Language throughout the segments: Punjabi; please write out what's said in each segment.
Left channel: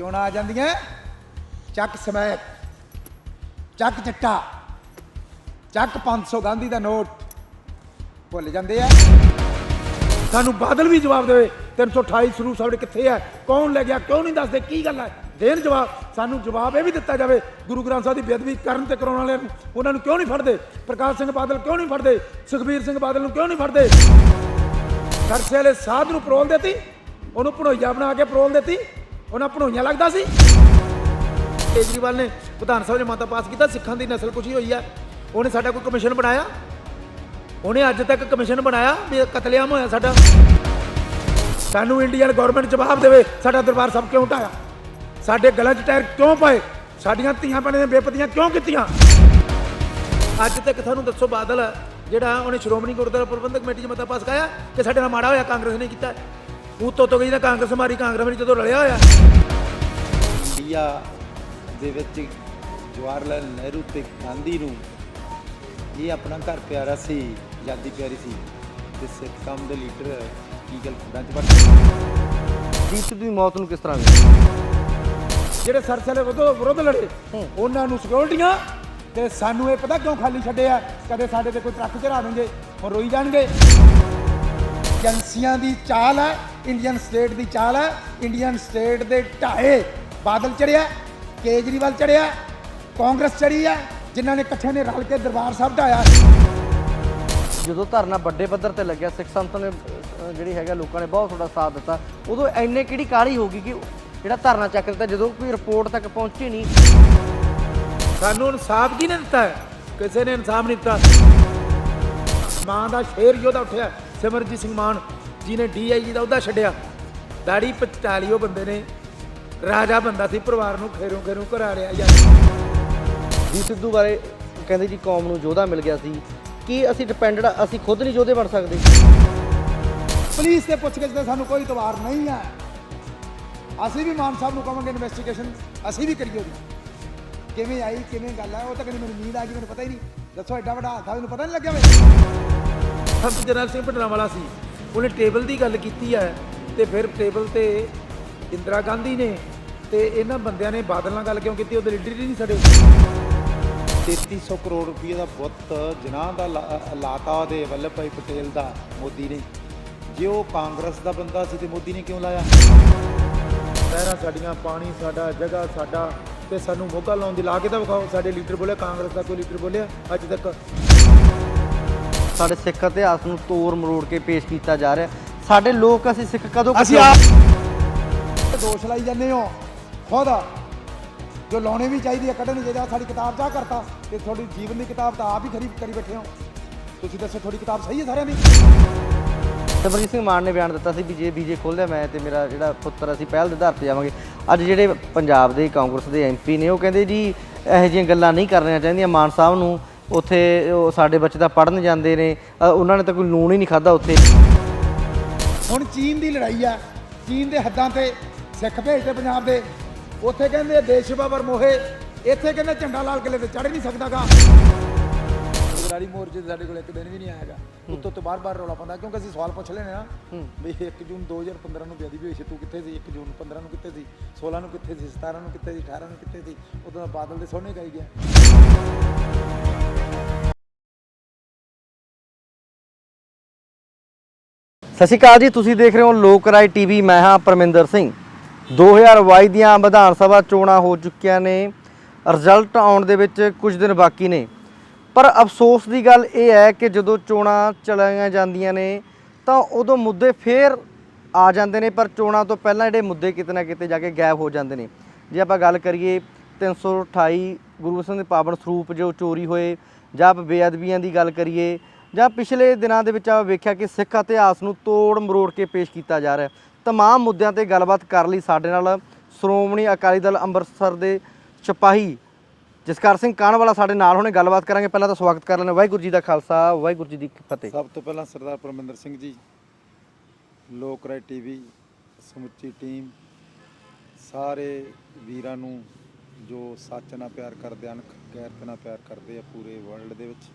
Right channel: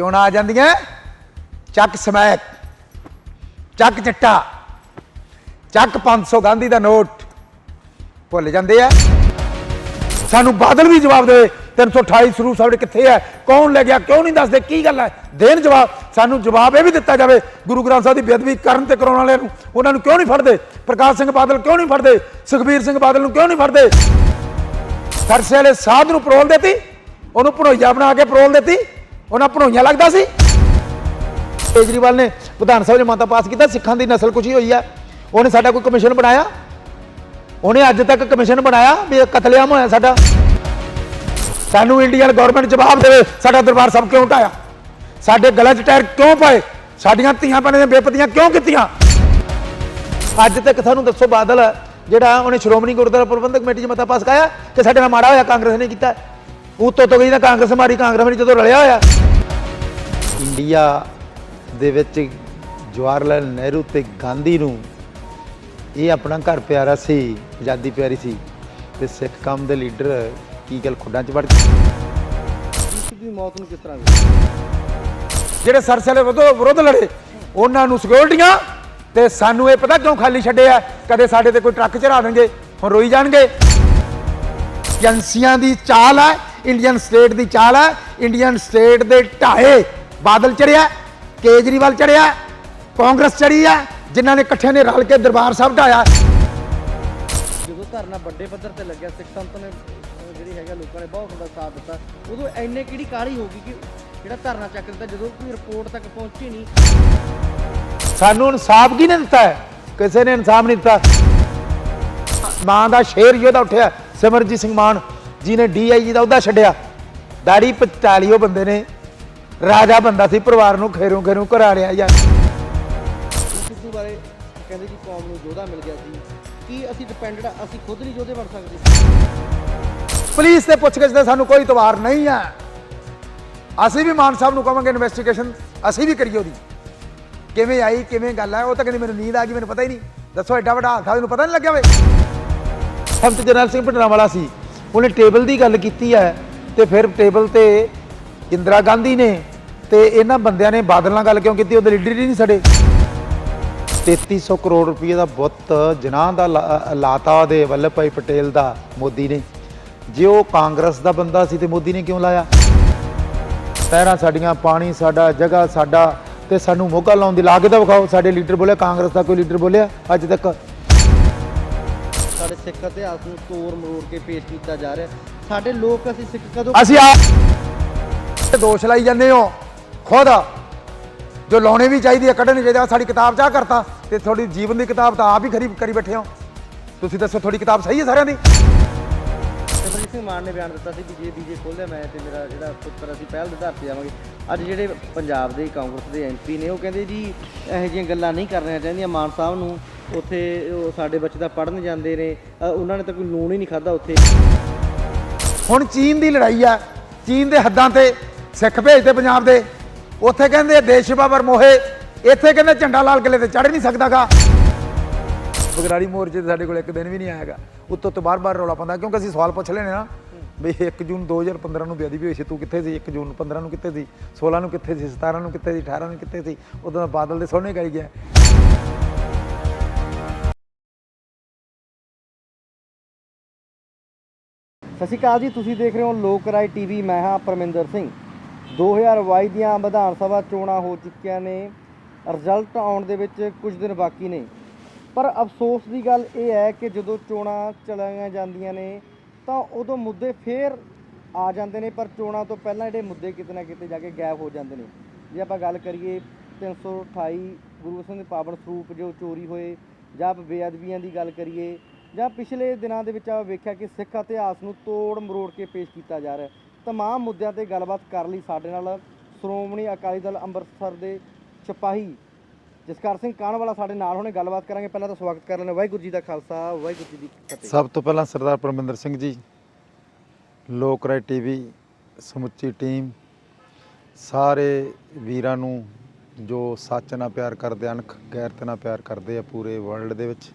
चोणां आ जांदियां चक समैक, चक चिट्टा, चक 500 गांधी का नोट भुल जाते हैं। सानू बादल भी जवाब दे 328 सरूप साडे कित्थे है, कौन ले गया, क्यों नहीं दसदे, की गल है, देन जवाब। सानू जवाब यह भी दिता जाए गुरु ग्रंथ साहिब की बेअदबी करन ते कराउण वाले उन्होंने क्यों नहीं फड़ते, प्रकाश सिंह बादल क्यों नहीं फड़ते, सुखबीर सिंह बादल क्यों नहीं फड़ते। सरसे वाले साध नूं परोल देती, उन्होंने भणोईया बना के परोल देती, उन्हें भणोईया लगता सी। केजरीवाल ने विधान सभा मता पास किया सिखां की नस्ल कुशी हुई है, उन्हें साडा कोई कमिशन बनाया, उन्हें अज तक कमिशन बनाया भी कतलेआम होया साडा। सानू इंडियन गौरमेंट जवाब दे साडा दरबार साहब क्यों ढाया, साडे गले च टायर क्यों पाए, साडियां धीआं भैणां दी बेपत्तियां क्यों कीतियां। अज तक सानू दसो बादल जिहड़ा उन्हें श्रोमणी गुरुद्वारा प्रबंधक कमेटी च मता पास कराया कि साडे नाल माड़ा होया कांग्रेस ने कीता, उत्तों तो गई कांग्रेस मारी, कांग्रेस मारी जो रलिया होया। इंडिया दे विच जवाहरलाल नेहरू ते गांधी नूं ये अपना घर प्यारा सी, आज़ादी प्यारी सी, ते सिख कौम दे लीडर की गल खुड्डां च वड़ ਦੀ ਮੌਤ ਨੂੰ ਕਿਸ ਤਰ੍ਹਾਂ ਜਿਹੜੇ ਸਰਸਲੇ ਵਿਰੁੱਧ ਲੜੇ ਉਹਨਾਂ ਨੂੰ ਸਿਕਿਉਰਟੀਆਂ ਤੇ ਸਾਨੂੰ ਇਹ ਪਤਾ ਕਿਉਂ ਖਾਲੀ ਛੱਡੇ ਆ, ਕਦੇ ਸਾਡੇ ਤੇ ਕੋਈ ਟਰੱਕ ਚੜਾ ਦੇਣਗੇ, ਹੁਣ ਰੋਈ ਜਾਣਗੇ। ਏਜੰਸੀਆਂ ਦੀ ਚਾਲ ਹੈ, ਇੰਡੀਅਨ ਸਟੇਟ ਦੀ ਚਾਲ ਹੈ, ਇੰਡੀਅਨ ਸਟੇਟ ਦੇ ਢਾਏ ਬਾਦਲ ਚੜਿਆ, ਕੇਜਰੀਵਾਲ ਚੜਿਆ, ਕਾਂਗਰਸ ਚੜੀ ਹੈ, ਜਿਨ੍ਹਾਂ ਨੇ ਇਕੱਠੇ ਨੇ ਰਲ ਕੇ ਦਰਬਾਰ ਸਾਹਿਬ ਢਾਇਆ। ਜਦੋਂ ਧਰਨਾ ਵੱਡੇ ਪੱਧਰ ਤੇ ਲੱਗਿਆ, ਸਿੱਖ ਸੰਤ ਨੇ ਜਿਹੜੀ ਹੈਗਾ ਲੋਕਾਂ ਨੇ ਬਹੁਤ ਥੋੜਾ ਸਾਥ ਦਿੱਤਾ, ਉਦੋਂ ਇੰਨੇ ਕਿਹੜੀ ਕਾਹਲੀ ਹੋ ਗਈ ਕਿ ਜਿਹੜਾ ਧਰਨਾ ਚੱਕ ਦਿੱਤਾ, ਜਦੋਂ ਕੋਈ ਰਿਪੋਰਟ ਤੱਕ ਪਹੁੰਚੇ ਨਹੀਂ। ਸਾਨੂੰ ਇਨਸਾਫ ਕਿਹਨੇ ਦਿੱਤਾ ਹੈ, ਕਿਸੇ ਨੇ ਇਨਸਾਫ ਨਹੀਂ ਦਿੱਤਾ। ਮਾਂ ਦਾ ਸ਼ੇਰ ਜਿਹਦਾ ਉੱਠਿਆ ਸਿਮਰਜੀਤ ਸਿੰਘ ਮਾਨ ਜੀ ਨੇ DIG ਦਾ ਅਹੁਦਾ ਛੱਡਿਆ, ਦਾੜੀ ਪਚਾਲੀਓ ਬੰਦੇ ਨੇ, ਰਾਜਾ ਬੰਦਾ ਸੀ, ਪਰਿਵਾਰ ਨੂੰ ਖੇਰੂ ਖੇਰੂ ਘਰਾ ਲਿਆ ਯਾਰ। ਜੀ ਸਿੱਧੂ ਬਾਰੇ ਕਹਿੰਦੇ ਜੀ ਕੌਮ ਨੂੰ ਯੋਧਾ ਮਿਲ ਗਿਆ ਸੀ, ਕੀ ਅਸੀਂ ਡਿਪੈਂਡਡ, ਅਸੀਂ ਖੁਦ ਨਹੀਂ ਯੋਧੇ ਬਣ ਸਕਦੇ। ਪੁਲਿਸ ਤੇ ਪੁੱਛਗਿੱਛ ਦਾ ਸਾਨੂੰ ਕੋਈ ਇਤਬਾਰ ਨਹੀਂ ਹੈ। ਅਸੀਂ ਵੀ ਮਾਨ ਸਾਹਿਬ ਨੂੰ ਕਹਾਂਗੇ ਇਨਵੈਸਟੀਗੇਸ਼ਨ ਅਸੀਂ ਵੀ ਕਰੀਏ, ਉਹਦੀ ਕਿਵੇਂ ਆਈ, ਕਿਵੇਂ ਗੱਲ ਹੈ। ਉਹ ਤਾਂ ਕਹਿੰਦੀ ਮੈਨੂੰ ਨੀਂਦ ਆ ਗਈ, ਮੈਨੂੰ ਪਤਾ ਹੀ ਨਹੀਂ। ਦੱਸੋ ਐਡਾ ਵੱਡਾ ਹਾਦਸਾ ਮੈਨੂੰ ਪਤਾ ਨਹੀਂ ਲੱਗਿਆ ਵੇ। ਸੰਤ ਜਰਨੈਲ ਸਿੰਘ ਭਿੰਡਰਾਂਵਾਲਾ ਸੀ, ਉਹਨੇ ਟੇਬਲ ਦੀ ਗੱਲ ਕੀਤੀ ਹੈ, ਤੇ ਫਿਰ ਟੇਬਲ ਤੇ ਇੰਦਰਾ ਗਾਂਧੀ ਨੇ ਤੇ ਇਹਨਾਂ ਬੰਦਿਆਂ ਨੇ ਬਾਦਲ ਨਾਲ ਗੱਲ ਕਿਉਂ ਕੀਤੀ, ਉਹਦੇ ਲੀਡਰ ਹੀ ਨਹੀਂ ਸਾਡੇ। 3300 ਕਰੋੜ ਰੁਪਏ ਦਾ ਬੁੱਤ ਜਨਾਹ ਦਾ ਲਾਤਾ ਉਹਦੇ ਵੱਲਭ ਭਾਈ ਪਟੇਲ ਦਾ ਮੋਦੀ ਨੇ। ਜੇ ਉਹ ਕਾਂਗਰਸ ਦਾ ਬੰਦਾ ਸੀ ਤੇ ਮੋਦੀ ਨੇ ਕਿਉਂ ਲਾਇਆ। ਸ਼ਹਿਰਾਂ ਸਾਡੀਆਂ, ਪਾਣੀ ਸਾਡਾ, ਜਗ੍ਹਾ ਸਾਡਾ, ਤੇ ਸਾਨੂੰ ਮੋਗਾ ਲਾਉਣ ਦੀ ਲਾਗਤ ਵਿਖਾਓ। ਸਾਡੇ ਲੀਡਰ ਬੋਲਿਆ, ਕਾਂਗਰਸ ਦਾ ਕੋਈ ਲੀਡਰ ਬੋਲਿਆ ਅੱਜ ਤੱਕ। ਸਾਡੇ ਸਿੱਖ ਇਤਿਹਾਸ ਨੂੰ ਤੋੜ ਮਰੋੜ ਕੇ ਪੇਸ਼ ਕੀਤਾ ਜਾ ਰਿਹਾ। ਸਾਡੇ ਲੋਕ, ਅਸੀਂ ਸਿੱਖ ਕਦੋਂ, ਅਸੀਂ ਆਪ ਦੋਸ਼ ਲਾਈ ਜਾਂਦੇ ਹੋ ਖੁਦ, ਜੋ ਲਾਉਣੇ ਵੀ ਚਾਹੀਦੀ ਹੈ, ਕੱਢਣੀ ਚਾਹੀਦੀ। ਸਾਡੀ ਕਿਤਾਬ ਚਾਹ ਕਰਤਾ ਤੇ ਤੁਹਾਡੀ ਜੀਵਨ ਦੀ ਕਿਤਾਬ ਤਾਂ ਆਪ ਹੀ ਖਰੀਦ ਕਰੀ ਬੈਠੇ ਹੋ। ਤੁਸੀਂ ਦੱਸੋ ਤੁਹਾਡੀ ਕਿਤਾਬ ਸਹੀ ਹੈ ਸਾਰਿਆਂ ਦੀ। ਸਿਮਰਜੀਤ ਸਿੰਘ ਮਾਨ ਨੇ ਬਿਆਨ ਦਿੱਤਾ ਸੀ ਵੀ ਜੇ BJ ਖੋਲ੍ਹਿਆ ਮੈਂ ਤੇ ਮੇਰਾ ਜਿਹੜਾ ਪੁੱਤਰ ਅਸੀਂ ਪਹਿਲ ਦੇ ਆਧਾਰ 'ਤੇ ਜਾਵਾਂਗੇ। ਅੱਜ ਜਿਹੜੇ ਪੰਜਾਬ ਦੇ ਕਾਂਗਰਸ ਦੇ MP ਨੇ ਉਹ ਕਹਿੰਦੇ ਜੀ ਇਹੋ ਜਿਹੀਆਂ ਗੱਲਾਂ ਨਹੀਂ ਕਰਨੀਆਂ ਚਾਹੀਦੀਆਂ। ਮਾਨ ਸਾਹਿਬ ਨੂੰ ਉੱਥੇ ਉਹ ਸਾਡੇ ਬੱਚੇ ਤਾਂ ਪੜ੍ਹਨ ਜਾਂਦੇ ਨੇ, ਉਹਨਾਂ ਨੇ ਤਾਂ ਕੋਈ ਲੂਣ ਹੀ ਨਹੀਂ ਖਾਧਾ ਉੱਥੇ। ਹੁਣ ਚੀਨ ਦੀ ਲੜਾਈ ਆ, ਚੀਨ ਦੇ ਹੱਦਾਂ ਤੇ ਸਿੱਖ ਭੇਜਦੇ ਪੰਜਾਬ ਦੇ, ਉੱਥੇ ਕਹਿੰਦੇ ਦੇਸ਼ ਬਾਬਰ ਮੋਹੇ, ਇੱਥੇ ਕਹਿੰਦੇ ਝੰਡਾ ਲਾਲ ਕਿਲੇ ਤੇ ਚੜ੍ਹ ਨਹੀਂ ਸਕਦਾਗਾ। ਬਗਰਾੜੀ ਮੋਰਚੇ ਤੇ ਸਾਡੇ ਕੋਲ ਇੱਕ ਦਿਨ ਵੀ ਨਹੀਂ ਆਏਗਾ, ਉੱਤੋਂ ਤੋਂ ਬਾਰ-ਬਾਰ ਰੌਲਾ ਪਾਉਂਦਾ, ਕਿਉਂਕਿ ਅਸੀਂ ਸਵਾਲ ਪੁੱਛ ਲੈਣੇ ਨਾ ਵੀ 1 ਜੂਨ 2015 ਨੂੰ ਬੇਅਦਬੀ ਹੋਈ ਸੀ, ਤੂੰ ਕਿੱਥੇ ਸੀ? 1 ਜੂਨ 15 ਨੂੰ ਕਿੱਥੇ ਸੀ? 16 ਨੂੰ ਕਿੱਥੇ ਸੀ? 17 ਨੂੰ ਕਿੱਥੇ ਸੀ? 18 ਨੂੰ ਕਿੱਥੇ ਸੀ? ਉਦੋਂ ਬਾਦਲ ਦੇ ਸੋਹਣੇ ਗਾਈ ਗਿਆ। ਸਤਿ ਸ਼੍ਰੀ ਅਕਾਲ ਜੀ, ਤੁਸੀਂ ਦੇਖ ਰਹੇ ਹੋ ਲੋਕ ਰਾਏ TV। ਮੈਂ ਹਾਂ ਪਰਮਿੰਦਰ ਸਿੰਘ। 2022 ਦੀਆਂ ਵਿਧਾਨ ਸਭਾ ਚੋਣਾਂ ਹੋ ਚੁੱਕੀਆਂ ਨੇ, ਰਿਜ਼ਲਟ ਆਉਣ ਦੇ ਵਿੱਚ ਕੁਝ ਦਿਨ ਬਾਕੀ ਨੇ, ਪਰ ਅਫਸੋਸ ਦੀ ਗੱਲ ਇਹ ਹੈ ਕਿ ਜਦੋਂ ਚੋਣਾਂ ਚਲਾਈਆਂ ਜਾਂਦੀਆਂ ਨੇ ਤਾਂ ਉਦੋਂ ਮੁੱਦੇ ਫੇਰ ਆ ਜਾਂਦੇ ਨੇ, ਪਰ ਚੋਣਾਂ ਤੋਂ ਪਹਿਲਾਂ ਜਿਹੜੇ ਮੁੱਦੇ ਕਿਤੇ ਨਾ ਕਿਤੇ ਜਾ ਕੇ ਗਾਇਬ ਹੋ ਜਾਂਦੇ ਨੇ। ਜੇ ਆਪਾਂ ਗੱਲ ਕਰੀਏ 328 ਗੁਰੂ ਸਿੰਘ ਦੇ ਪਾਵਨ ਸਰੂਪ ਜੋ ਚੋਰੀ ਹੋਏ, ਜਾਂ ਬੇਅਦਬੀਆਂ ਦੀ ਗੱਲ ਕਰੀਏ, ਜਾਂ ਪਿਛਲੇ ਦਿਨਾਂ ਦੇ ਵਿੱਚ ਆਪਾਂ ਵੇਖਿਆ ਕਿ ਸਿੱਖ ਇਤਿਹਾਸ ਨੂੰ ਤੋੜ ਮਰੋੜ ਕੇ ਪੇਸ਼ ਕੀਤਾ ਜਾ ਰਿਹਾ। ਤਮਾਮ ਮੁੱਦਿਆਂ ਤੇ ਗੱਲਬਾਤ ਕਰਨ ਲਈ ਸਾਡੇ ਨਾਲ ਸ਼੍ਰੋਮਣੀ ਅਕਾਲੀ ਦਲ ਅੰਮ੍ਰਿਤਸਰ ਦੇ ਸਿਪਾਹੀ ਜਸਕਰ ਸਿੰਘ ਕਾਹਨਵਾਲਾ ਸਾਡੇ ਨਾਲ ਹੁਣੇ ਗੱਲਬਾਤ ਕਰਾਂਗੇ। ਪਹਿਲਾਂ ਤਾਂ ਸਵਾਗਤ ਕਰ ਲੈਂਦੇ, ਵਾਹਿਗੁਰੂ ਜੀ ਦਾ ਖਾਲਸਾ, ਵਾਹਿਗੁਰੂ ਜੀ ਦੀ ਫਤਿਹ। ਸਭ ਤੋਂ ਪਹਿਲਾਂ ਸਰਦਾਰ ਪਰਮਿੰਦਰ ਸਿੰਘ ਜੀ, ਲੋਕ ਰਾਏ TV ਸਮੁੱਚੀ ਟੀਮ, ਸਾਰੇ ਵੀਰਾਂ ਨੂੰ ਜੋ ਸੱਚ ਨਾਲ ਪਿਆਰ ਕਰਦੇ, ਅਣਖ ਗੈਰਤ ਨਾਲ ਪਿਆਰ ਕਰਦੇ ਆ ਪੂਰੇ ਵਰਲਡ ਦੇ ਵਿੱਚ,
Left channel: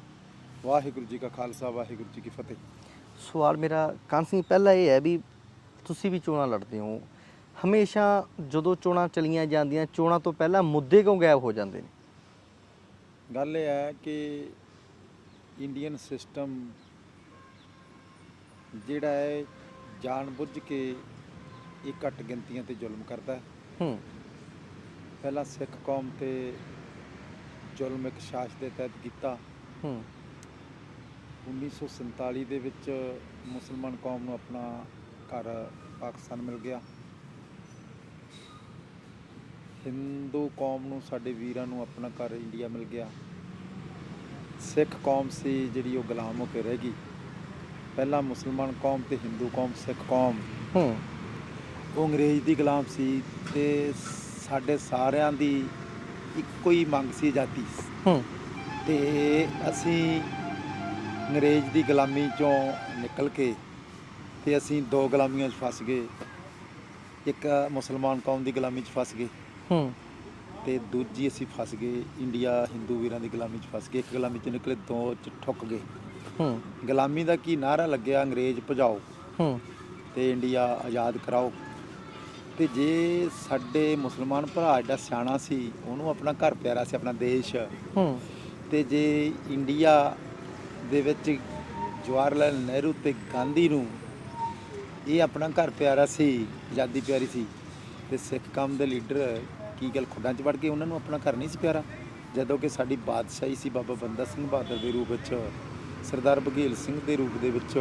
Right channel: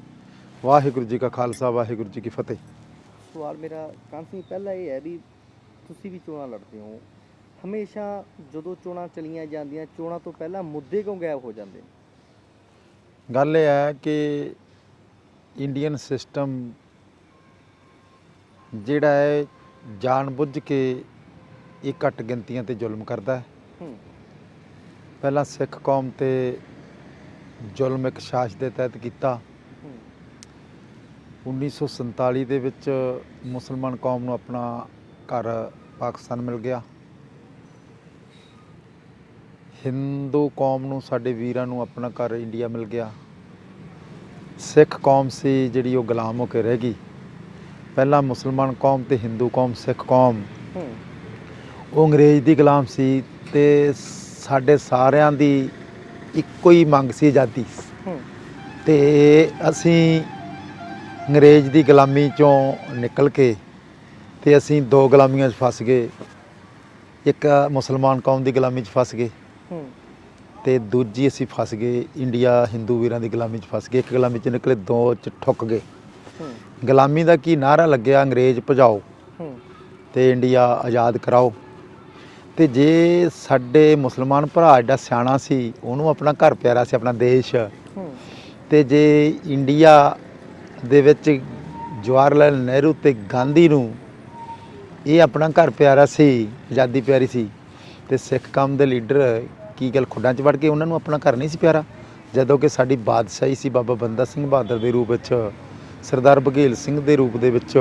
ਵਾਹਿਗੁਰੂ ਜੀ ਕਾ ਖਾਲਸਾ, ਵਾਹਿਗੁਰੂ ਜੀ ਕੀ ਫਤਿਹ। ਸਵਾਲ ਮੇਰਾ ਕਾਨ ਸਿੰਘ ਪਹਿਲਾ ਇਹ ਹੈ ਵੀ ਤੁਸੀਂ ਵੀ ਚੋਣਾਂ ਲੜਦੇ ਹੋ, ਹਮੇਸ਼ਾ ਜਦੋਂ ਚੋਣਾਂ ਚਲੀਆਂ ਜਾਂਦੀਆਂ ਚੋਣਾਂ ਤੋਂ ਪਹਿਲਾਂ ਮੁੱਦੇ ਕਿਉਂ ਗਾਇਬ ਹੋ ਜਾਂਦੇ ਨੇ? ਗੱਲ ਇਹ ਹੈ ਕਿ ਇੰਡੀਅਨ ਸਿਸਟਮ ਜਿਹੜਾ ਹੈ ਜਾਣਬੁੱਝ ਕੇ ਇਹ ਘੱਟ ਗਿਣਤੀਆਂ ਤੇ ਜ਼ੁਲਮ ਕਰਦਾ ਹੈ। ਪਹਿਲਾਂ ਸਿੱਖ ਕੌਮ ਤੇ ਜ਼ੁਲਮ ਇੱਕ ਸ਼ਾਸਨ ਦੇ ਤਹਿਤ ਕੀਤਾ। 1947 ਦੇ ਵਿੱਚ ਮੁਸਲਮਾਨ ਕੌਮ ਨੂੰ ਆਪਣਾ ਘਰ ਪਾਕਿਸਤਾਨ ਮਿਲ ਗਿਆ। ਹਿੰਦੂ ਕੌਮ ਨੂੰ, ਸਾਡੇ ਵੀਰਾਂ ਨੂੰ ਆਪਣਾ ਘਰ ਇੰਡੀਆ ਮਿਲ ਗਿਆ। ਸਿੱਖ ਕੌਮ ਸੀ ਜਿਹੜੀ ਉਹ ਗੁਲਾਮ ਹੋ ਕੇ ਰਹਿ ਗਈ। ਪਹਿਲਾਂ ਮੁਸਲਮਾਨ ਕੌਮ ਤੇ ਹਿੰਦੂ ਕੌਮ, ਸਿੱਖ ਕੌਮ ਉਹ ਅੰਗਰੇਜ਼ ਦੀ ਗੁਲਾਮ ਸੀ ਤੇ ਸਾਡੇ ਸਾਰਿਆਂ ਦੀ ਇੱਕੋ ਹੀ ਮੰਗ ਸੀ ਆਜ਼ਾਦੀ। ਤੇ ਅਸੀਂ ਅੰਗਰੇਜ਼ ਦੀ ਗੁਲਾਮੀ ਚੋਂ ਨਿਕਲ ਕੇ ਤੇ ਅਸੀਂ ਦੋ ਗੁਲਾਮੀਆਂ 'ਚ ਫਸ ਗਏ। ਇੱਕ ਮੁਸਲਮਾਨ ਕੌਮ ਦੀ ਗੁਲਾਮੀ 'ਚ ਫਸ ਗਏ ਤੇ ਦੂਜੀ ਅਸੀਂ ਫਸ ਗਏ ਇੰਡੀਆ ਹਿੰਦੂ ਵੀਰਾਂ ਦੀ ਗੁਲਾਮੀ 'ਚ ਫਸ ਗਏ। ਇੱਕ ਗੁਲਾਮੀ 'ਚ ਨਿਕਲੇ, ਦੋ 'ਚ ਠੁੱਕ ਗਏ। ਗੁਲਾਮੀ ਦਾ ਕੀ ਨਾਅਰਾ ਲੱਗਿਆ? ਅੰਗਰੇਜ਼ ਭਜਾਓ ਤੇ ਇੰਡੀਆ ਆਜ਼ਾਦ ਕਰਾਓ। ਤੇ ਜੇ ਸਾਡੇ ਮੁਸਲਮਾਨ ਭਰਾ ਐਡਾ ਸਿਆਣਾ ਸੀ, ਉਹਨੂੰ ਆਪਣਾ ਘਰ ਪਿਆਰਾ ਸੀ, ਆਪਣਾ ਦੇਸ਼, ਤੇ ਜੇ ਇੰਡੀਆ ਦੇ ਵਿੱਚ ਜਵਾਹਰ ਲਾਲ ਨਹਿਰੂ ਤੇ ਗਾਂਧੀ ਨੂੰ ਇਹ ਆਪਣਾ ਘਰ ਪਿਆਰਾ ਸੀ, ਆਜ਼ਾਦੀ ਪਿਆਰੀ ਸੀ, ਤੇ ਸਿੱਖ ਕੌਮ ਦੇ ਲੀਡਰ ਕੀ ਗੱਲ ਖੁੱਡਾਂ 'ਚ ਵੜ ਕੇ ਉਹਨਾਂ ਨੂੰ ਆਪਣਾ ਘਰ ਨਹੀਂ ਸੀ ਪਿਆਰਾ? ਜਦੋਂ ਕਿ ਸਾਡੀ ਬਾਦਸ਼ਾਹੀ ਸੀ ਬਾਬਾ ਬੰਦਾ ਸਿੰਘ ਬਹਾਦਰ ਦੇ ਰੂਪ ਵਿੱਚ, ਸਰਦਾਰ ਬਘੇਲ ਸਿੰਘ ਦੇ ਰੂਪ ਦੇ ਵਿੱਚ,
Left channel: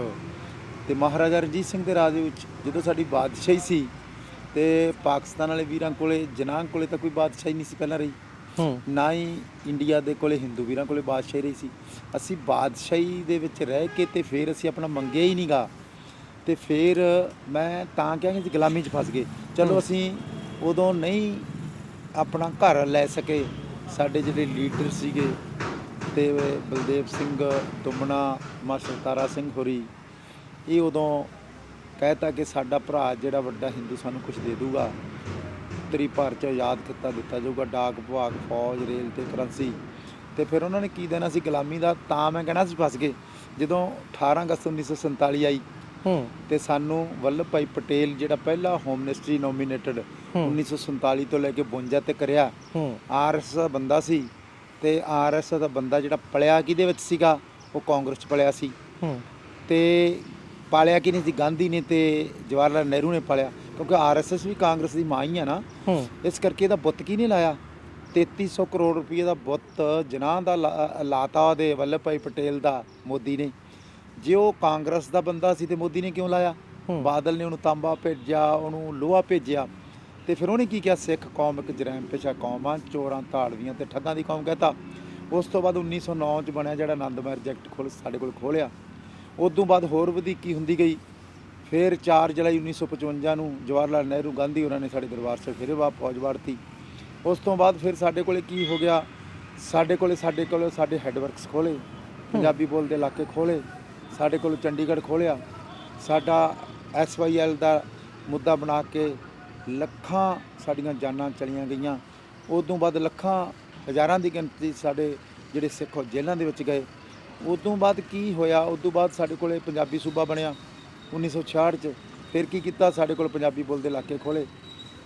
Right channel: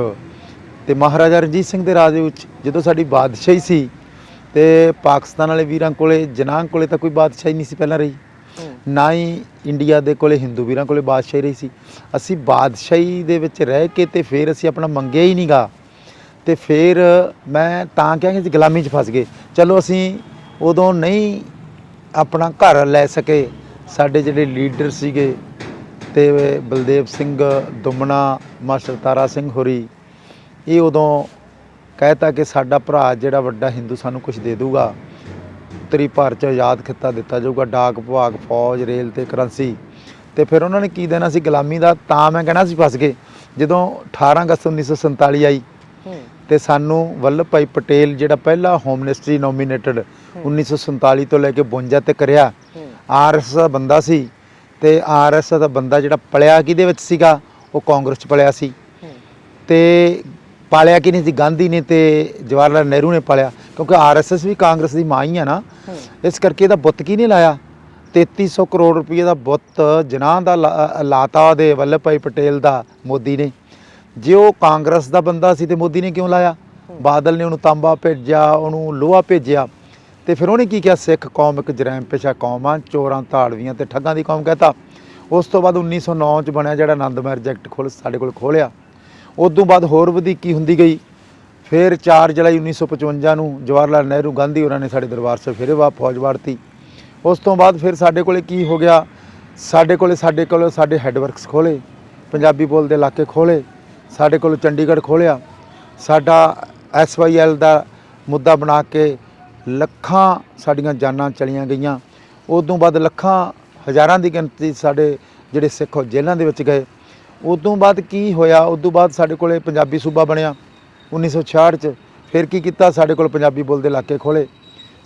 ਤੇ ਮਹਾਰਾਜਾ ਰਣਜੀਤ ਸਿੰਘ ਦੇ ਰਾਜ ਵਿੱਚ ਜਦੋਂ ਸਾਡੀ ਬਾਦਸ਼ਾਹੀ ਸੀ, ਤੇ ਪਾਕਿਸਤਾਨ ਵਾਲੇ ਵੀਰਾਂ ਕੋਲੇ, ਜਨਾਹ ਕੋਲੇ ਤਾਂ ਕੋਈ ਬਾਦਸ਼ਾਹੀ ਨਹੀਂ ਸੀ ਪਹਿਲਾਂ ਰਹੀ, ਨਾ ਹੀ ਇੰਡੀਆ ਦੇ ਕੋਲੇ ਹਿੰਦੂ ਵੀਰਾਂ ਕੋਲੇ ਬਾਦਸ਼ਾਹੀ ਰਹੀ ਸੀ। ਅਸੀਂ ਬਾਦਸ਼ਾਹੀ ਦੇ ਵਿੱਚ ਰਹਿ ਕੇ ਤੇ ਫਿਰ ਅਸੀਂ ਆਪਣਾ ਮੰਗਿਆ ਹੀ ਨਹੀਂ ਗਾ, ਤੇ ਫਿਰ ਮੈਂ ਤਾਂ ਕਿਹਾ ਕਿ ਗੁਲਾਮੀ 'ਚ ਫਸ ਗਏ। ਚਲੋ ਅਸੀਂ ਉਦੋਂ ਨਹੀਂ ਆਪਣਾ ਘਰ ਲੈ ਸਕੇ। ਸਾਡੇ ਜਿਹੜੇ ਲੀਡਰ ਸੀਗੇ ਤੇ ਬਲਦੇਵ ਸਿੰਘ ਦੁਮਣਾ, ਮਾਸਟਰ ਤਾਰਾ ਸਿੰਘ ਹੋਰੀ, ਇਹ ਉਦੋਂ ਕਹਿਤਾ ਕਿ ਸਾਡਾ ਭਰਾ ਜਿਹੜਾ ਵੱਡਾ ਹਿੰਦੂ ਸਾਨੂੰ ਕੁਝ ਦੇ ਦੂਗਾ, ਉੱਤਰੀ ਭਾਰਤ 'ਚ ਆਜ਼ਾਦ ਖਿੱਤਾ ਦਿੱਤਾ ਜਾਊਗਾ, ਡਾਕ ਵਿਭਾਗ, ਫੌਜ, ਰੇਲ ਤੇ ਕਰੰਸੀ। ਤੇ ਫਿਰ ਉਹਨਾਂ ਨੇ ਕੀ ਦੇਣਾ ਸੀ ਗੁਲਾਮੀ ਦਾ? ਤਾਂ ਮੈਂ ਕਹਿਣਾ ਸੀ ਫਸ ਗਏ। ਜਦੋਂ 18 ਅਗਸਤ 1947 ਆਈ ਤੇ ਸਾਨੂੰ ਵੱਲਭ ਭਾਈ ਪਟੇਲ ਜਿਹੜਾ ਪਹਿਲਾ ਹੋਮ ਮਿਨਿਸਟਰੀ ਨੋਮੀਨੇਟਡ 1947 ਤੋਂ ਲੈ ਕੇ 52 ਤੱਕ ਕਰਿਆ, ਆਰਐਸਐਸ ਦਾ ਬੰਦਾ ਸੀ। ਤੇ ਆਰਐਸਐਸ ਦਾ ਬੰਦਾ ਜਿਹੜਾ ਪਲਿਆ ਕਿਹਦੇ ਵਿੱਚ ਸੀਗਾ? ਉਹ ਕਾਂਗਰਸ 'ਚ ਪਲਿਆ ਸੀ। ਤੇ ਪਾਲਿਆ ਕਿ ਨਹੀਂ ਸੀ? ਗਾਂਧੀ ਨੇ ਤੇ ਜਵਾਹਰ ਲਾਲ ਨਹਿਰੂ ਨੇ ਪਾਲਿਆ, ਕਿਉਂਕਿ ਆਰਐਸਐਸ ਵੀ ਕਾਂਗਰਸ ਦੀ ਮਾਂ ਹੀ ਆ ਨਾ। ਇਸ ਕਰਕੇ ਇਹਦਾ ਬੁੱਤ ਕੀ ਨਹੀਂ ਲਾਇਆ? 3300 ਕਰੋੜ ਰੁਪਏ ਦਾ ਬੁੱਤ ਜਨਾਹ ਦਾ ਲਾਤਾ ਉਹਦੇ ਵੱਲਭ ਭਾਈ ਪਟੇਲ ਦਾ ਮੋਦੀ ਨੇ। ਜੇ ਉਹ ਕਾਂਗਰਸ ਦਾ ਬੰਦਾ ਸੀ ਤੇ ਮੋਦੀ ਨੇ ਕਿਉਂ ਲਾਇਆ? ਬਾਦਲ ਨੇ ਉਹਨੂੰ ਤਾਂਬਾ ਭੇਜਿਆ, ਉਹਨੂੰ ਲੋਹਾ ਭੇਜਿਆ। ਤੇ ਫਿਰ ਉਹਨੇ ਕੀ ਕਿਹਾ? ਸਿੱਖ ਕੌਮ ਇੱਕ ਜਰੈਮ ਪੇਸ਼ਾ ਕੌਮ ਆ, ਚੋਰਾਂ, ਧਾੜਵੀਆਂ ਤੇ ਠੱਗਾਂ ਦੀ ਕੌਮ ਕਹਿਤਾ। ਉਸ ਤੋਂ ਬਾਅਦ 1909 'ਚ ਬਣਿਆ ਜਿਹੜਾ ਆਨੰਦ ਮੈਰਿਜ ਐਕਟ ਸਾਡੇ ਕੋਲ ਖੋਲ੍ਹਿਆ। ਉਦੋਂ ਬਾਅਦ ਹੋਰ ਵਧੀਕੀ ਹੁੰਦੀ ਗਈ। ਫਿਰ 4 ਜੁਲਾਈ 1955 ਨੂੰ ਜਵਾਹਰ ਲਾਲ ਨਹਿਰੂ, ਗਾਂਧੀ ਉਹਨਾਂ ਨੇ ਸਾਡੇ ਦਰਬਾਰ ਸਾਹਿਬ ਫਿਰ ਫੌਜ ਵਾੜਤੀ। ਉਸ ਤੋਂ ਬਾਅਦ ਫਿਰ ਸਾਡੇ ਕੋਲੇ ਕੀ ਹੋ ਗਿਆ? ਸਾਡੇ ਕੋਲੇ ਸਾਡੇ ਹੈੱਡਵਰਕਸ ਖੋਲ੍ਹੇ, ਪੰਜਾਬੀ ਬੋਲਦੇ ਇਲਾਕੇ ਖੋਲ੍ਹੇ, ਸਾਡੇ ਕੋਲ ਚੰਡੀਗੜ੍ਹ ਖੋਲ੍ਹਿਆ। ਸਾਡਾ SYL ਦਾ ਮੁੱਦਾ ਬਣਾ ਕੇ ਲੱਖਾਂ ਸਾਡੀਆਂ ਜਾਨਾਂ ਚਲੀਆਂ ਗਈਆਂ। ਉਦੋਂ ਬਾਅਦ ਲੱਖਾਂ ਹਜ਼ਾਰਾਂ ਦੀ ਗਿਣਤੀ ਸਾਡੇ ਜਿਹੜੇ ਸਿੱਖ ਜੇਲ੍ਹਾਂ ਦੇ ਵਿੱਚ ਗਏ। ਉਦੋਂ ਬਾਅਦ ਕੀ ਹੋਇਆ? ਉਦੋਂ ਬਾਅਦ ਸਾਡੇ ਕੋਲੇ ਪੰਜਾਬੀ ਸੂਬਾ ਬਣਿਆ 1966 'ਚ। ਫਿਰ ਕੀ ਕੀਤਾ? ਸਾਡੇ ਕੋਲ ਪੰਜਾਬੀ ਬੋਲਦੇ ਇਲਾਕੇ ਖੋਲ੍ਹੇ।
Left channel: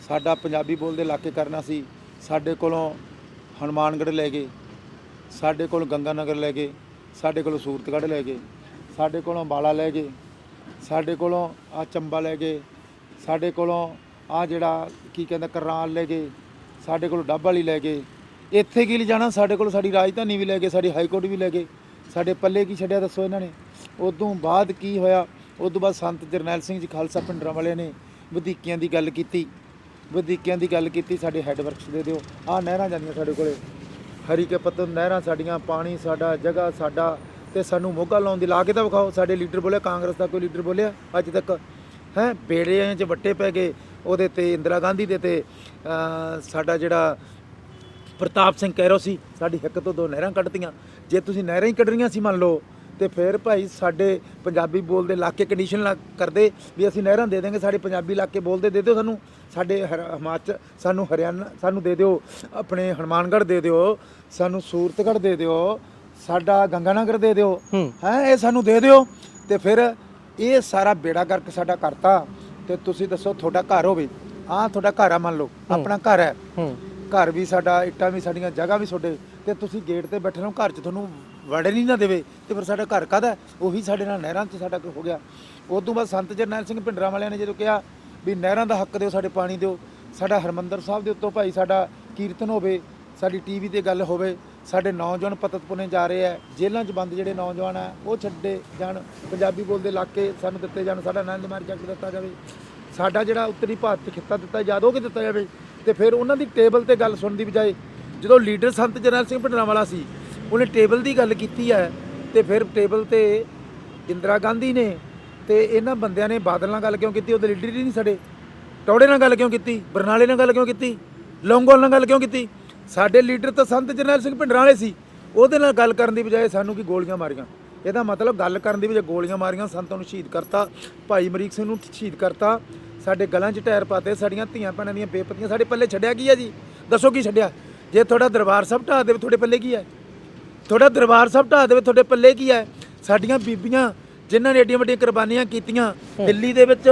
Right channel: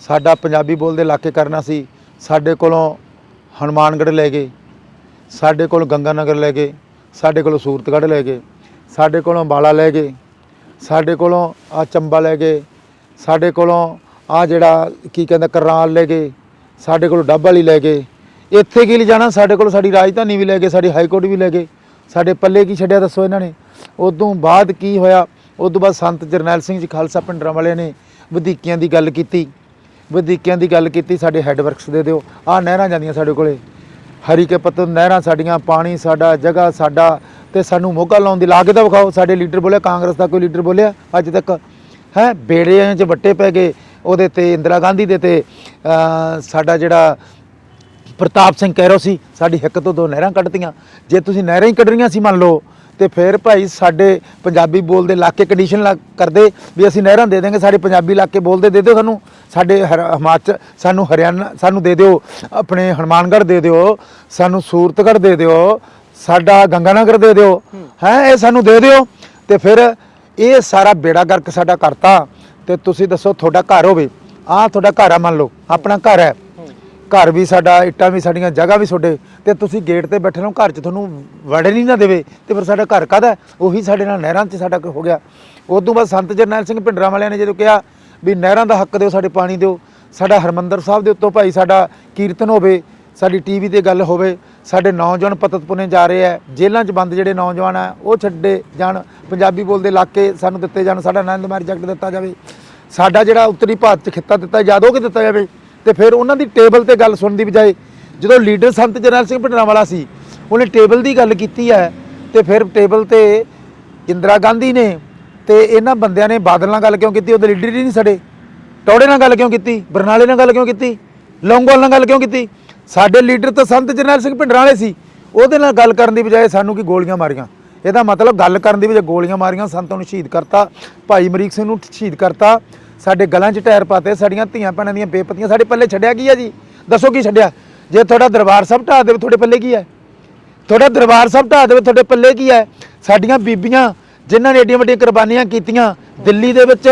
ਸਾਡਾ ਪੰਜਾਬੀ ਬੋਲਦੇ ਇਲਾਕੇ ਕਰਨਾ ਸੀ, ਸਾਡੇ ਕੋਲੋਂ ਹਨੂੰਮਾਨਗੜ੍ਹ ਲੈ ਗਏ, ਸਾਡੇ ਕੋਲ ਗੰਗਾ ਨਗਰ ਲੈ ਗਏ, ਸਾਡੇ ਕੋਲੋਂ ਸੂਰਤਗੜ੍ਹ ਲੈ ਗਏ, ਸਾਡੇ ਕੋਲੋਂ ਅੰਬਾਲਾ ਲੈ ਗਏ, ਸਾਡੇ ਕੋਲੋਂ ਆ ਚੰਬਾ ਲੈ ਗਏ, ਸਾਡੇ ਕੋਲੋਂ ਆ ਜਿਹੜਾ ਕੀ ਕਹਿੰਦਾ ਕਰਨਾਲ ਲੈ ਗਏ, ਸਾਡੇ ਕੋਲੋਂ ਡੱਬ ਵਾਲੀ ਲੈ ਗਏ। ਇੱਥੇ ਕੀ ਲਿਜਾਣਾ? ਸਾਡੇ ਕੋਲ ਸਾਡੀ ਰਾਜਧਾਨੀ ਵੀ ਲੈ ਗਏ, ਸਾਡੀ ਹਾਈ ਕੋਰਟ ਵੀ ਲੈ ਗਏ। ਸਾਡੇ ਪੱਲੇ ਕੀ ਛੱਡਿਆ ਦੱਸੋ ਇਹਨਾਂ ਨੇ? ਉਦੋਂ ਬਾਅਦ ਕੀ ਹੋਇਆ? ਉਦੋਂ ਬਾਅਦ ਸੰਤ ਜਰਨੈਲ ਸਿੰਘ ਜੀ ਖਾਲਸਾ ਪਿੰਡਰਾਂ ਵਾਲਿਆਂ ਨੇ ਵਧੀਕੀਆਂ ਦੀ ਗੱਲ ਕੀਤੀ। ਸਾਡੇ ਹੈੱਡਵਰਕਸ ਦੇ ਦਿਓ। ਆਹ ਨਹਿਰਾਂ ਜਾਂਦੀਆਂ ਸਾਡੇ ਕੋਲੇ, ਹਰੀ ਕੇ ਪੱਤਨ ਨਹਿਰਾਂ ਸਾਡੀਆਂ, ਪਾਣੀ ਸਾਡਾ, ਜਗ੍ਹਾ ਸਾਡਾ, ਤੇ ਸਾਨੂੰ ਮੋਗਾ ਲਾਉਣ ਦੀ ਲਾ ਕੇ ਤਾਂ ਵਿਖਾਓ। ਸਾਡੇ ਲੀਡਰ ਬੋਲਿਆ? ਕਾਂਗਰਸ ਦਾ ਕੋਈ ਲੀਡਰ ਬੋਲਿਆ ਅੱਜ ਤੱਕ? ਹੈ ਬੇੜਿਆਂ 'ਚ ਵੱਟੇ ਪੈ ਗਏ ਉਹਦੇ ਤੇ, ਇੰਦਰਾ ਗਾਂਧੀ ਦੇ ਤੇ ਸਾਡਾ ਜਿਹੜਾ ਪ੍ਰਤਾਪ ਸਿੰਘ ਕੈਰੋ ਸੀ, ਸਾਡੀ ਹਿੱਕ ਤੋਂ 2 ਨਹਿਰਾਂ ਕੱਢਤੀਆਂ। ਜੇ ਤੁਸੀਂ ਨਹਿਰਾਂ ਹੀ ਕੱਢ ਰਹੀਆਂ ਸੀ ਮੰਨ ਲਓ, ਤੇ ਫਿਰ ਭਾਈ ਸਾਡੇ ਪੰਜਾਬੀ ਬੋਲਦੇ ਇਲਾਕੇ ਕੰਡੀਸ਼ਨ ਕਰਦੇ ਵੀ ਅਸੀਂ ਨਹਿਰਾਂ ਦੇ ਦੇਂਗੇ, ਸਾਡੇ ਪੰਜਾਬੀ ਇਲਾਕੇ ਬੋਲਦੇ ਦੇ ਦਿਓ ਸਾਨੂੰ, ਸਾਡੇ ਹਿਮਾਚਲ ਸਾਨੂੰ, ਹਰਿਆਣਾ ਸਾਨੂੰ ਦੇ ਦਿਓ, ਆਪਣੇ ਹਨੂੰਮਾਨਗੜ੍ਹ ਦੇ ਦਿਓ, ਸਾਨੂੰ ਸੂਰਤਗੜ੍ਹ ਦੇ ਦਿਓ, ਸਾਡਾ ਗੰਗਾਨਗਰ ਦੇ ਦਿਓ, ਹੈ ਇਹ ਸਾਨੂੰ ਦੇ ਦਿਓ। ਤੇ ਫਿਰ ਇਹ ਸਾਰਾ ਬੇੜਾ ਗਰਕ ਸਾਡਾ ਕਰਤਾ। ਤੇ ਤੁਸੀਂ ਦੱਸੋ, ਤੁਹਾਡਾ ਘਰ ਹੋਵੇ, ਆਹ ਤੁਹਾਡਾ ਘਰ ਆ, ਮੰਨ ਲਓ ਆਪਣਾ ਘਰ ਹੈ, ਘਰ ਵੀ ਸਾਡਾ, ਇੱਟਾਂ ਵੀ ਸਾਡੀਆਂ, ਜਗ੍ਹਾ ਵੀ ਤੁਹਾਡੇ, ਤੇ ਤੁਸੀਂ ਗੇਟ ਤੇ ਬੈਠੇ ਰਹੋ, ਘਰ 'ਚ ਤੁਹਾਨੂੰ ਵੜਨ ਹੀ ਨਾ ਦੇਵੇ, ਤੇ ਫਿਰ ਸਾਡਾ ਘਰ ਕਾਹਦਾ? ਉਹੀ ਸਾਡੇ ਨਾਲ ਨਹਿਰਾਂ 'ਚ ਸਾਡਾ ਹੋ ਗਿਆ। ਉਸ ਤੋਂ ਬਾਅਦ ਸੰਤ ਜਰਨੈਲ ਸਿੰਘ ਭਿੰਡਰਾਂ ਵਾਲਿਆਂ ਨੇ ਜਦੋਂ ਕਿਹਾ ਵੀ ਨਹਿਰਾਂ ਦਾ ਹੱਕ ਦਿਓ, ਸਾਡੇ ਪਾਣੀ ਦਿਓ, ਸਾਡਾ ਹਰਮੰਦਰ ਸਾਹਿਬ ਦੇ ਉੱਤੋਂ ਭਾਈ ਸਾਡਾ ਕੀਰਤਨ ਹੋਵੇ, ਸਾਡੀ ਟੀਵੀ ਤੇ ਗੱਲ ਹੋਵੇ, ਸਾਡੇ ਨੌਜਵਾਨ ਪਤਤ ਪੁਣੇ ਜਾ ਰਹੇ ਆ, ਜੇਲ੍ਹਾਂ 'ਚ ਬੰਦ ਜਿਹੜੇ ਨੌਜਵਾਨ ਆ ਉਹ ਛੱਡੇ ਜਾਣ, ਪੰਜਾਬੀ ਬੋਲਦੇ ਇਲਾਕੇ ਸਾਨੂੰ ਦਿੱਤੇ ਜਾਣ, ਸਾਡਾ ਆਨੰਦਮਾਰਗ ਜਗਤ ਦਿੱਤਾ ਜਾਵੇ, ਸਾਡਾ ਜਿਹੜਾ ਉੱਤਰੀ ਭਾਰਤ 'ਚ ਖਿੱਤਾ ਦਿੱਤਾ ਯਾਦ ਹੋ ਕੇ ਦਿੱਤਾ ਜਾਵੇ। ਤੇ ਫਿਰ ਉਹਨਾਂ ਦੀ ਟੇਬਲ ਤੇ ਗੱਲ ਸੁਣਨ ਦੀ ਬਜਾਏ ਜਦੋਂ ਲੀਡਰ ਸੰਤ ਜਰਨੈਲ ਸਿੰਘ ਭਿੰਡਰਾਂ ਵਾਲਾ ਸੀ, ਉਹਨੇ ਟੇਬਲ ਦੀ ਗੱਲ ਕੀਤੀ ਹੈ, ਤੇ ਫਿਰ ਟੇਬਲ ਤੇ ਇੰਦਰਾ ਗਾਂਧੀ ਨੇ ਤੇ ਇਹਨਾਂ ਬੰਦਿਆਂ ਨੇ ਬਾਦਲ ਨਾਲ ਗੱਲ ਕਿਉਂ ਕੀਤੀ? ਉਹਦੇ ਲੀਡਰ ਹੀ ਨਹੀਂ ਸਾਡੇ। ਟੌੜੇ ਨਾਲ ਗੱਲ ਕਿਉਂ ਕੀਤੀ? ਬਰਨਾਲੇ ਨਾਲ ਗੱਲ ਕਿਉਂ ਕੀਤੀ? ਲੌਂਗੋਵਾਲ ਨਾਲ ਗੱਲ ਕਿਉਂ ਕੀਤੀ? ਸਾਡੇ ਲੀਡਰ ਤਾਂ ਸੰਤ ਜਰਨੈਲ ਸਿੰਘ ਭਿੰਡਰਾਂ ਵਾਲੇ ਸੀ, ਉਹਦੇ ਨਾਲ ਗੱਲ ਕਰਨ ਦੀ ਬਜਾਏ ਸਾਨੂੰ ਕੀ ਗੋਲੀਆਂ ਮਾਰੀਆਂ। ਇਹਦਾ ਮਤਲਬ ਗੱਲ ਕਰਨ ਦੀ ਬਜਾਏ ਗੋਲੀਆਂ ਮਾਰੀਆਂ, ਸੰਤਾਂ ਨੂੰ ਸ਼ਹੀਦ ਕਰਤਾ, ਭਾਈ ਅਮਰੀਕ ਸਿੰਘ ਨੂੰ ਸ਼ਹੀਦ ਕਰਤਾ, ਸਾਡੇ ਗਲਾਂ 'ਚ ਟਾਇਰ ਪਾਤੇ, ਸਾਡੀਆਂ ਧੀਆਂ ਭੈਣਾਂ ਦੀਆਂ ਬੇਪਤੀਆਂ ਸਾਡੇ ਪੱਲੇ ਛੱਡਿਆ ਕੀ ਹੈ ਜੀ? ਦੱਸੋ ਕੀ ਛੱਡਿਆ? ਜੇ ਤੁਹਾਡਾ ਦਰਬਾਰ ਸਾਹਿਬ ਢਾਹ ਦੇਵੇ ਤੁਹਾਡੇ ਪੱਲੇ ਕੀ ਹੈ? ਤੁਹਾਡਾ ਦਰਬਾਰ ਸਾਹਿਬ ਢਾਹ ਦੇਵੇ ਤੁਹਾਡੇ ਪੱਲੇ ਕੀ ਹੈ? ਸਾਡੀਆਂ ਬੀਬੀਆਂ ਜਿਨ੍ਹਾਂ ਨੇ ਏਡੀਆਂ ਵੱਡੀਆਂ ਕੁਰਬਾਨੀਆਂ ਕੀਤੀਆਂ, ਦਿੱਲੀ ਦੇ ਵਿੱਚ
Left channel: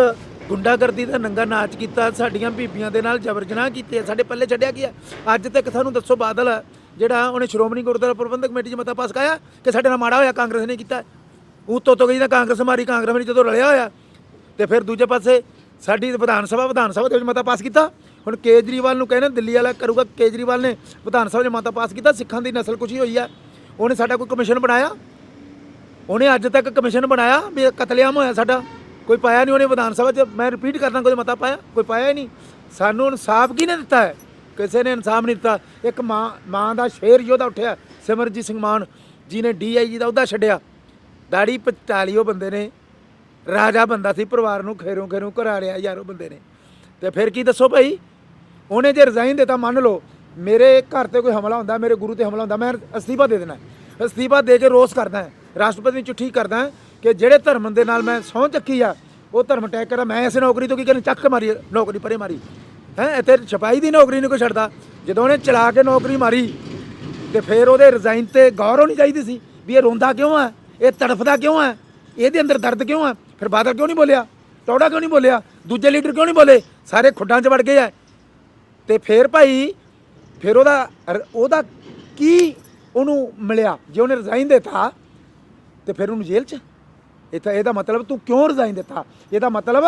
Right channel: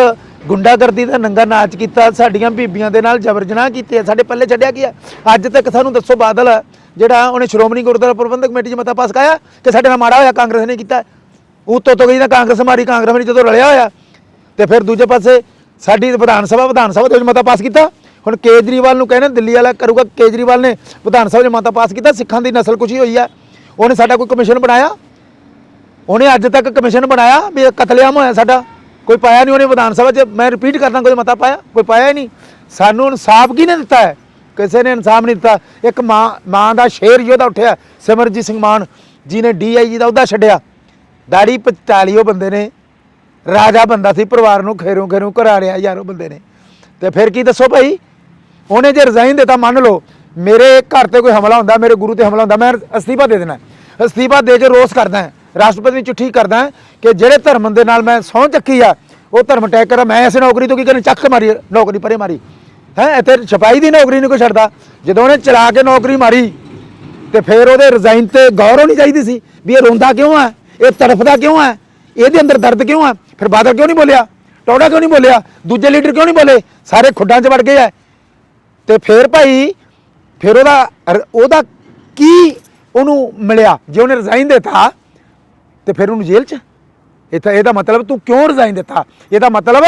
ਗੁੰਡਾਗਰਦੀ ਦਾ ਨੰਗਾ ਨਾਚ ਕੀਤਾ, ਸਾਡੀਆਂ ਬੀਬੀਆਂ ਦੇ ਨਾਲ ਜਬਰ ਜਨਾਹ ਕੀਤੇ, ਸਾਡੇ ਪੱਲੇ ਛੱਡਿਆ ਕੀ ਹੈ? ਅੱਜ ਤੱਕ ਸਾਨੂੰ ਦੱਸੋ ਬਾਦਲ ਜਿਹੜਾ ਉਹਨੇ ਸ਼੍ਰੋਮਣੀ ਗੁਰਦੁਆਰਾ ਪ੍ਰਬੰਧਕ ਕਮੇਟੀ 'ਚ ਮਤਾ ਪਾਸ ਕਰਾਇਆ ਕਿ ਸਾਡੇ ਨਾਲ ਮਾੜਾ ਹੋਇਆ ਕਾਂਗਰਸ ਨੇ ਕੀਤਾ? ਉੱਤੋਂ ਤੋਂ ਗਈ ਤਾਂ ਕਾਂਗਰਸ ਮਾਰੀ, ਕਾਂਗਰਸ ਨੇ ਜਦੋਂ ਰਲਿਆ ਹੋਇਆ। ਤੇ ਫਿਰ ਦੂਜੇ ਪਾਸੇ ਸਾਡੀ ਵਿਧਾਨ ਸਭਾ ਦੇ ਵਿੱਚ ਮਤਾ ਪਾਸ ਕੀਤਾ। ਹੁਣ ਕੇਜਰੀਵਾਲ ਨੂੰ ਕਹਿੰਦੇ ਦਿੱਲੀ ਵਾਲਾ ਕਰੂਗਾ, ਕੇਜਰੀਵਾਲ ਨੇ ਵਿਧਾਨ ਸਭਾ 'ਚ ਮਤਾ ਪਾਸ ਕੀਤਾ, ਸਿੱਖਾਂ ਦੀ ਨਸਲਕੁਸ਼ੀ ਹੋਈ ਆ, ਉਹਨੇ ਸਾਡਾ ਕੋਈ ਕਮਿਸ਼ਨ ਬਣਾਇਆ? ਉਹਨੇ ਅੱਜ ਤੱਕ ਕਮਿਸ਼ਨ ਬਣਾਇਆ ਵੀ ਕਤਲੇਆਮ ਹੋਇਆ ਸਾਡਾ? ਕੋਈ ਪਾਇਆ ਨਹੀਂ ਉਹਨੇ ਵਿਧਾਨ ਸਭਾ 'ਚ। ਮੈਂ ਰਿਪੀਟ ਕਰਦਾ, ਕੋਈ ਮਤਾ ਪਾਇਆ? ਕੋਈ ਪਾਇਆ ਹੀ ਨਹੀਂ। ਸਾਨੂੰ ਇਨਸਾਫ ਕਿਹਨੇ ਦਿੱਤਾ ਹੈ? ਕਿਸੇ ਨੇ ਇਨਸਾਫ ਨਹੀਂ ਦਿੱਤਾ। ਇੱਕ ਮਾਂ ਦਾ ਸ਼ੇਰ ਯੋਧਾ ਉੱਠਿਆ, ਸਿਮਰਜੀਤ ਸਿੰਘ ਮਾਨ ਜੀ ਨੇ DIG ਦਾ ਅਹੁਦਾ ਛੱਡਿਆ, ਦਾੜੀ ਪਚਾਲੀ ਉਹ ਬੰਦੇ ਨੇ, ਰਾਜਾ ਬੰਦਾ ਸੀ, ਪਰਿਵਾਰ ਨੂੰ ਖੇਰੋਂ ਘਰਾ ਰਿਆ ਯਾਰ ਉਹ ਬੰਦੇ ਨੇ। ਤੇ ਫਿਰ ਕੀ ਦੱਸੋ ਭਾਈ? ਉਹਨੇ ਜੇ ਰਿਜ਼ਾਈਨ ਦਿੱਤਾ, ਮੰਨ ਲਓ ਮੇਰੇ ਘਰ ਤੇ ਕੋਈ ਹਮਲਾ ਹੁੰਦਾ, ਮੇਰੇ ਗੁਰੂ ਤੇ ਹਮਲਾ ਹੁੰਦਾ, ਮੈਂ ਅਸਤੀਫਾ ਦੇ ਦੇਣਾ, ਅਸਤੀਫਾ ਦੇ ਕੇ ਰੋਸ ਕਰਦਾ, ਰਾਸ਼ਟਰਪਤੀ ਨੂੰ ਚਿੱਠੀ ਕਰਦਾ ਕਿ ਜਿਹੜੇ ਧਰਮ ਦੇ ਨਾਲ ਮੈਂ ਸਹੁੰ ਚੱਕੀ ਆ ਉਹ ਧਰਮ ਟੈਗ ਕਰਾਂ, ਮੈਂ ਇਸ ਨੌਕਰੀ ਤੋਂ ਕੀ ਕਰਨ? ਚੱਕ ਮਾਰੀ ਨੌਕਰੀ, ਪਰੇ ਮਾਰੀ ਹੈ। ਇੱਥੇ ਸਿਪਾਹੀ ਦੀ ਨੌਕਰੀ ਨਹੀਂ ਕੋਈ ਛੱਡਦਾ। ਜਦੋਂ ਉਹਨੇ ਚਲਾ ਕੇ ਨੌਕਰੀ ਮਾਰੀ ਤੇ ਫਿਰ ਉਹਦੇ ਰਿਜ਼ਾਈਨ ਤੇ ਗੌਰ ਹੋਣੀ ਚਾਹੀਦੀ ਸੀ ਵੀ ਇਹ ਰੋਂਦਾ ਕਿਉਂ ਹੈ, ਇਹ ਤੜਫਦਾ ਕਿਉਂ ਹੈ, ਇਹਦੇ ਅੰਦਰ ਦਰਦ ਕਿਉਂ ਹੈ? ਫਿਰ ਬਾਦਲ ਕਿਉਂ ਨਹੀਂ ਬੋਲਿਆ? ਟੌੜਾ ਕਿਉਂ ਨਹੀਂ ਬੋਲਿਆ? ਦੂਜੇ ਲੀਡਰ ਕਿਉਂ ਨਹੀਂ ਬੋਲੇ? ਸਾਰੇ ਖੁੱਡਾਂ 'ਚ ਵੜ ਗਏ ਹੈ। ਤੇ ਫਿਰ ਭਾਈ ਫਿਰ ਉਹਦਾ ਕੀ ਉਹਨੂੰ ਮਿਲਿਆ? ਜੇ ਉਹਨੇ ਰਿਜ਼ਾਈਨ ਦਿੱਤਾ ਤੇ ਫਿਰ ਉਹਨੂੰ ਜੇਲ੍ਹ 'ਚ। ਇਹਦਾ ਮਤਲਬ ਤੂੰ ਕਿਉਂ ਰਿਜ਼ਾਈਨ ਦਿੱਤਾ? ਇਹਦਾ ਮਤਲਬ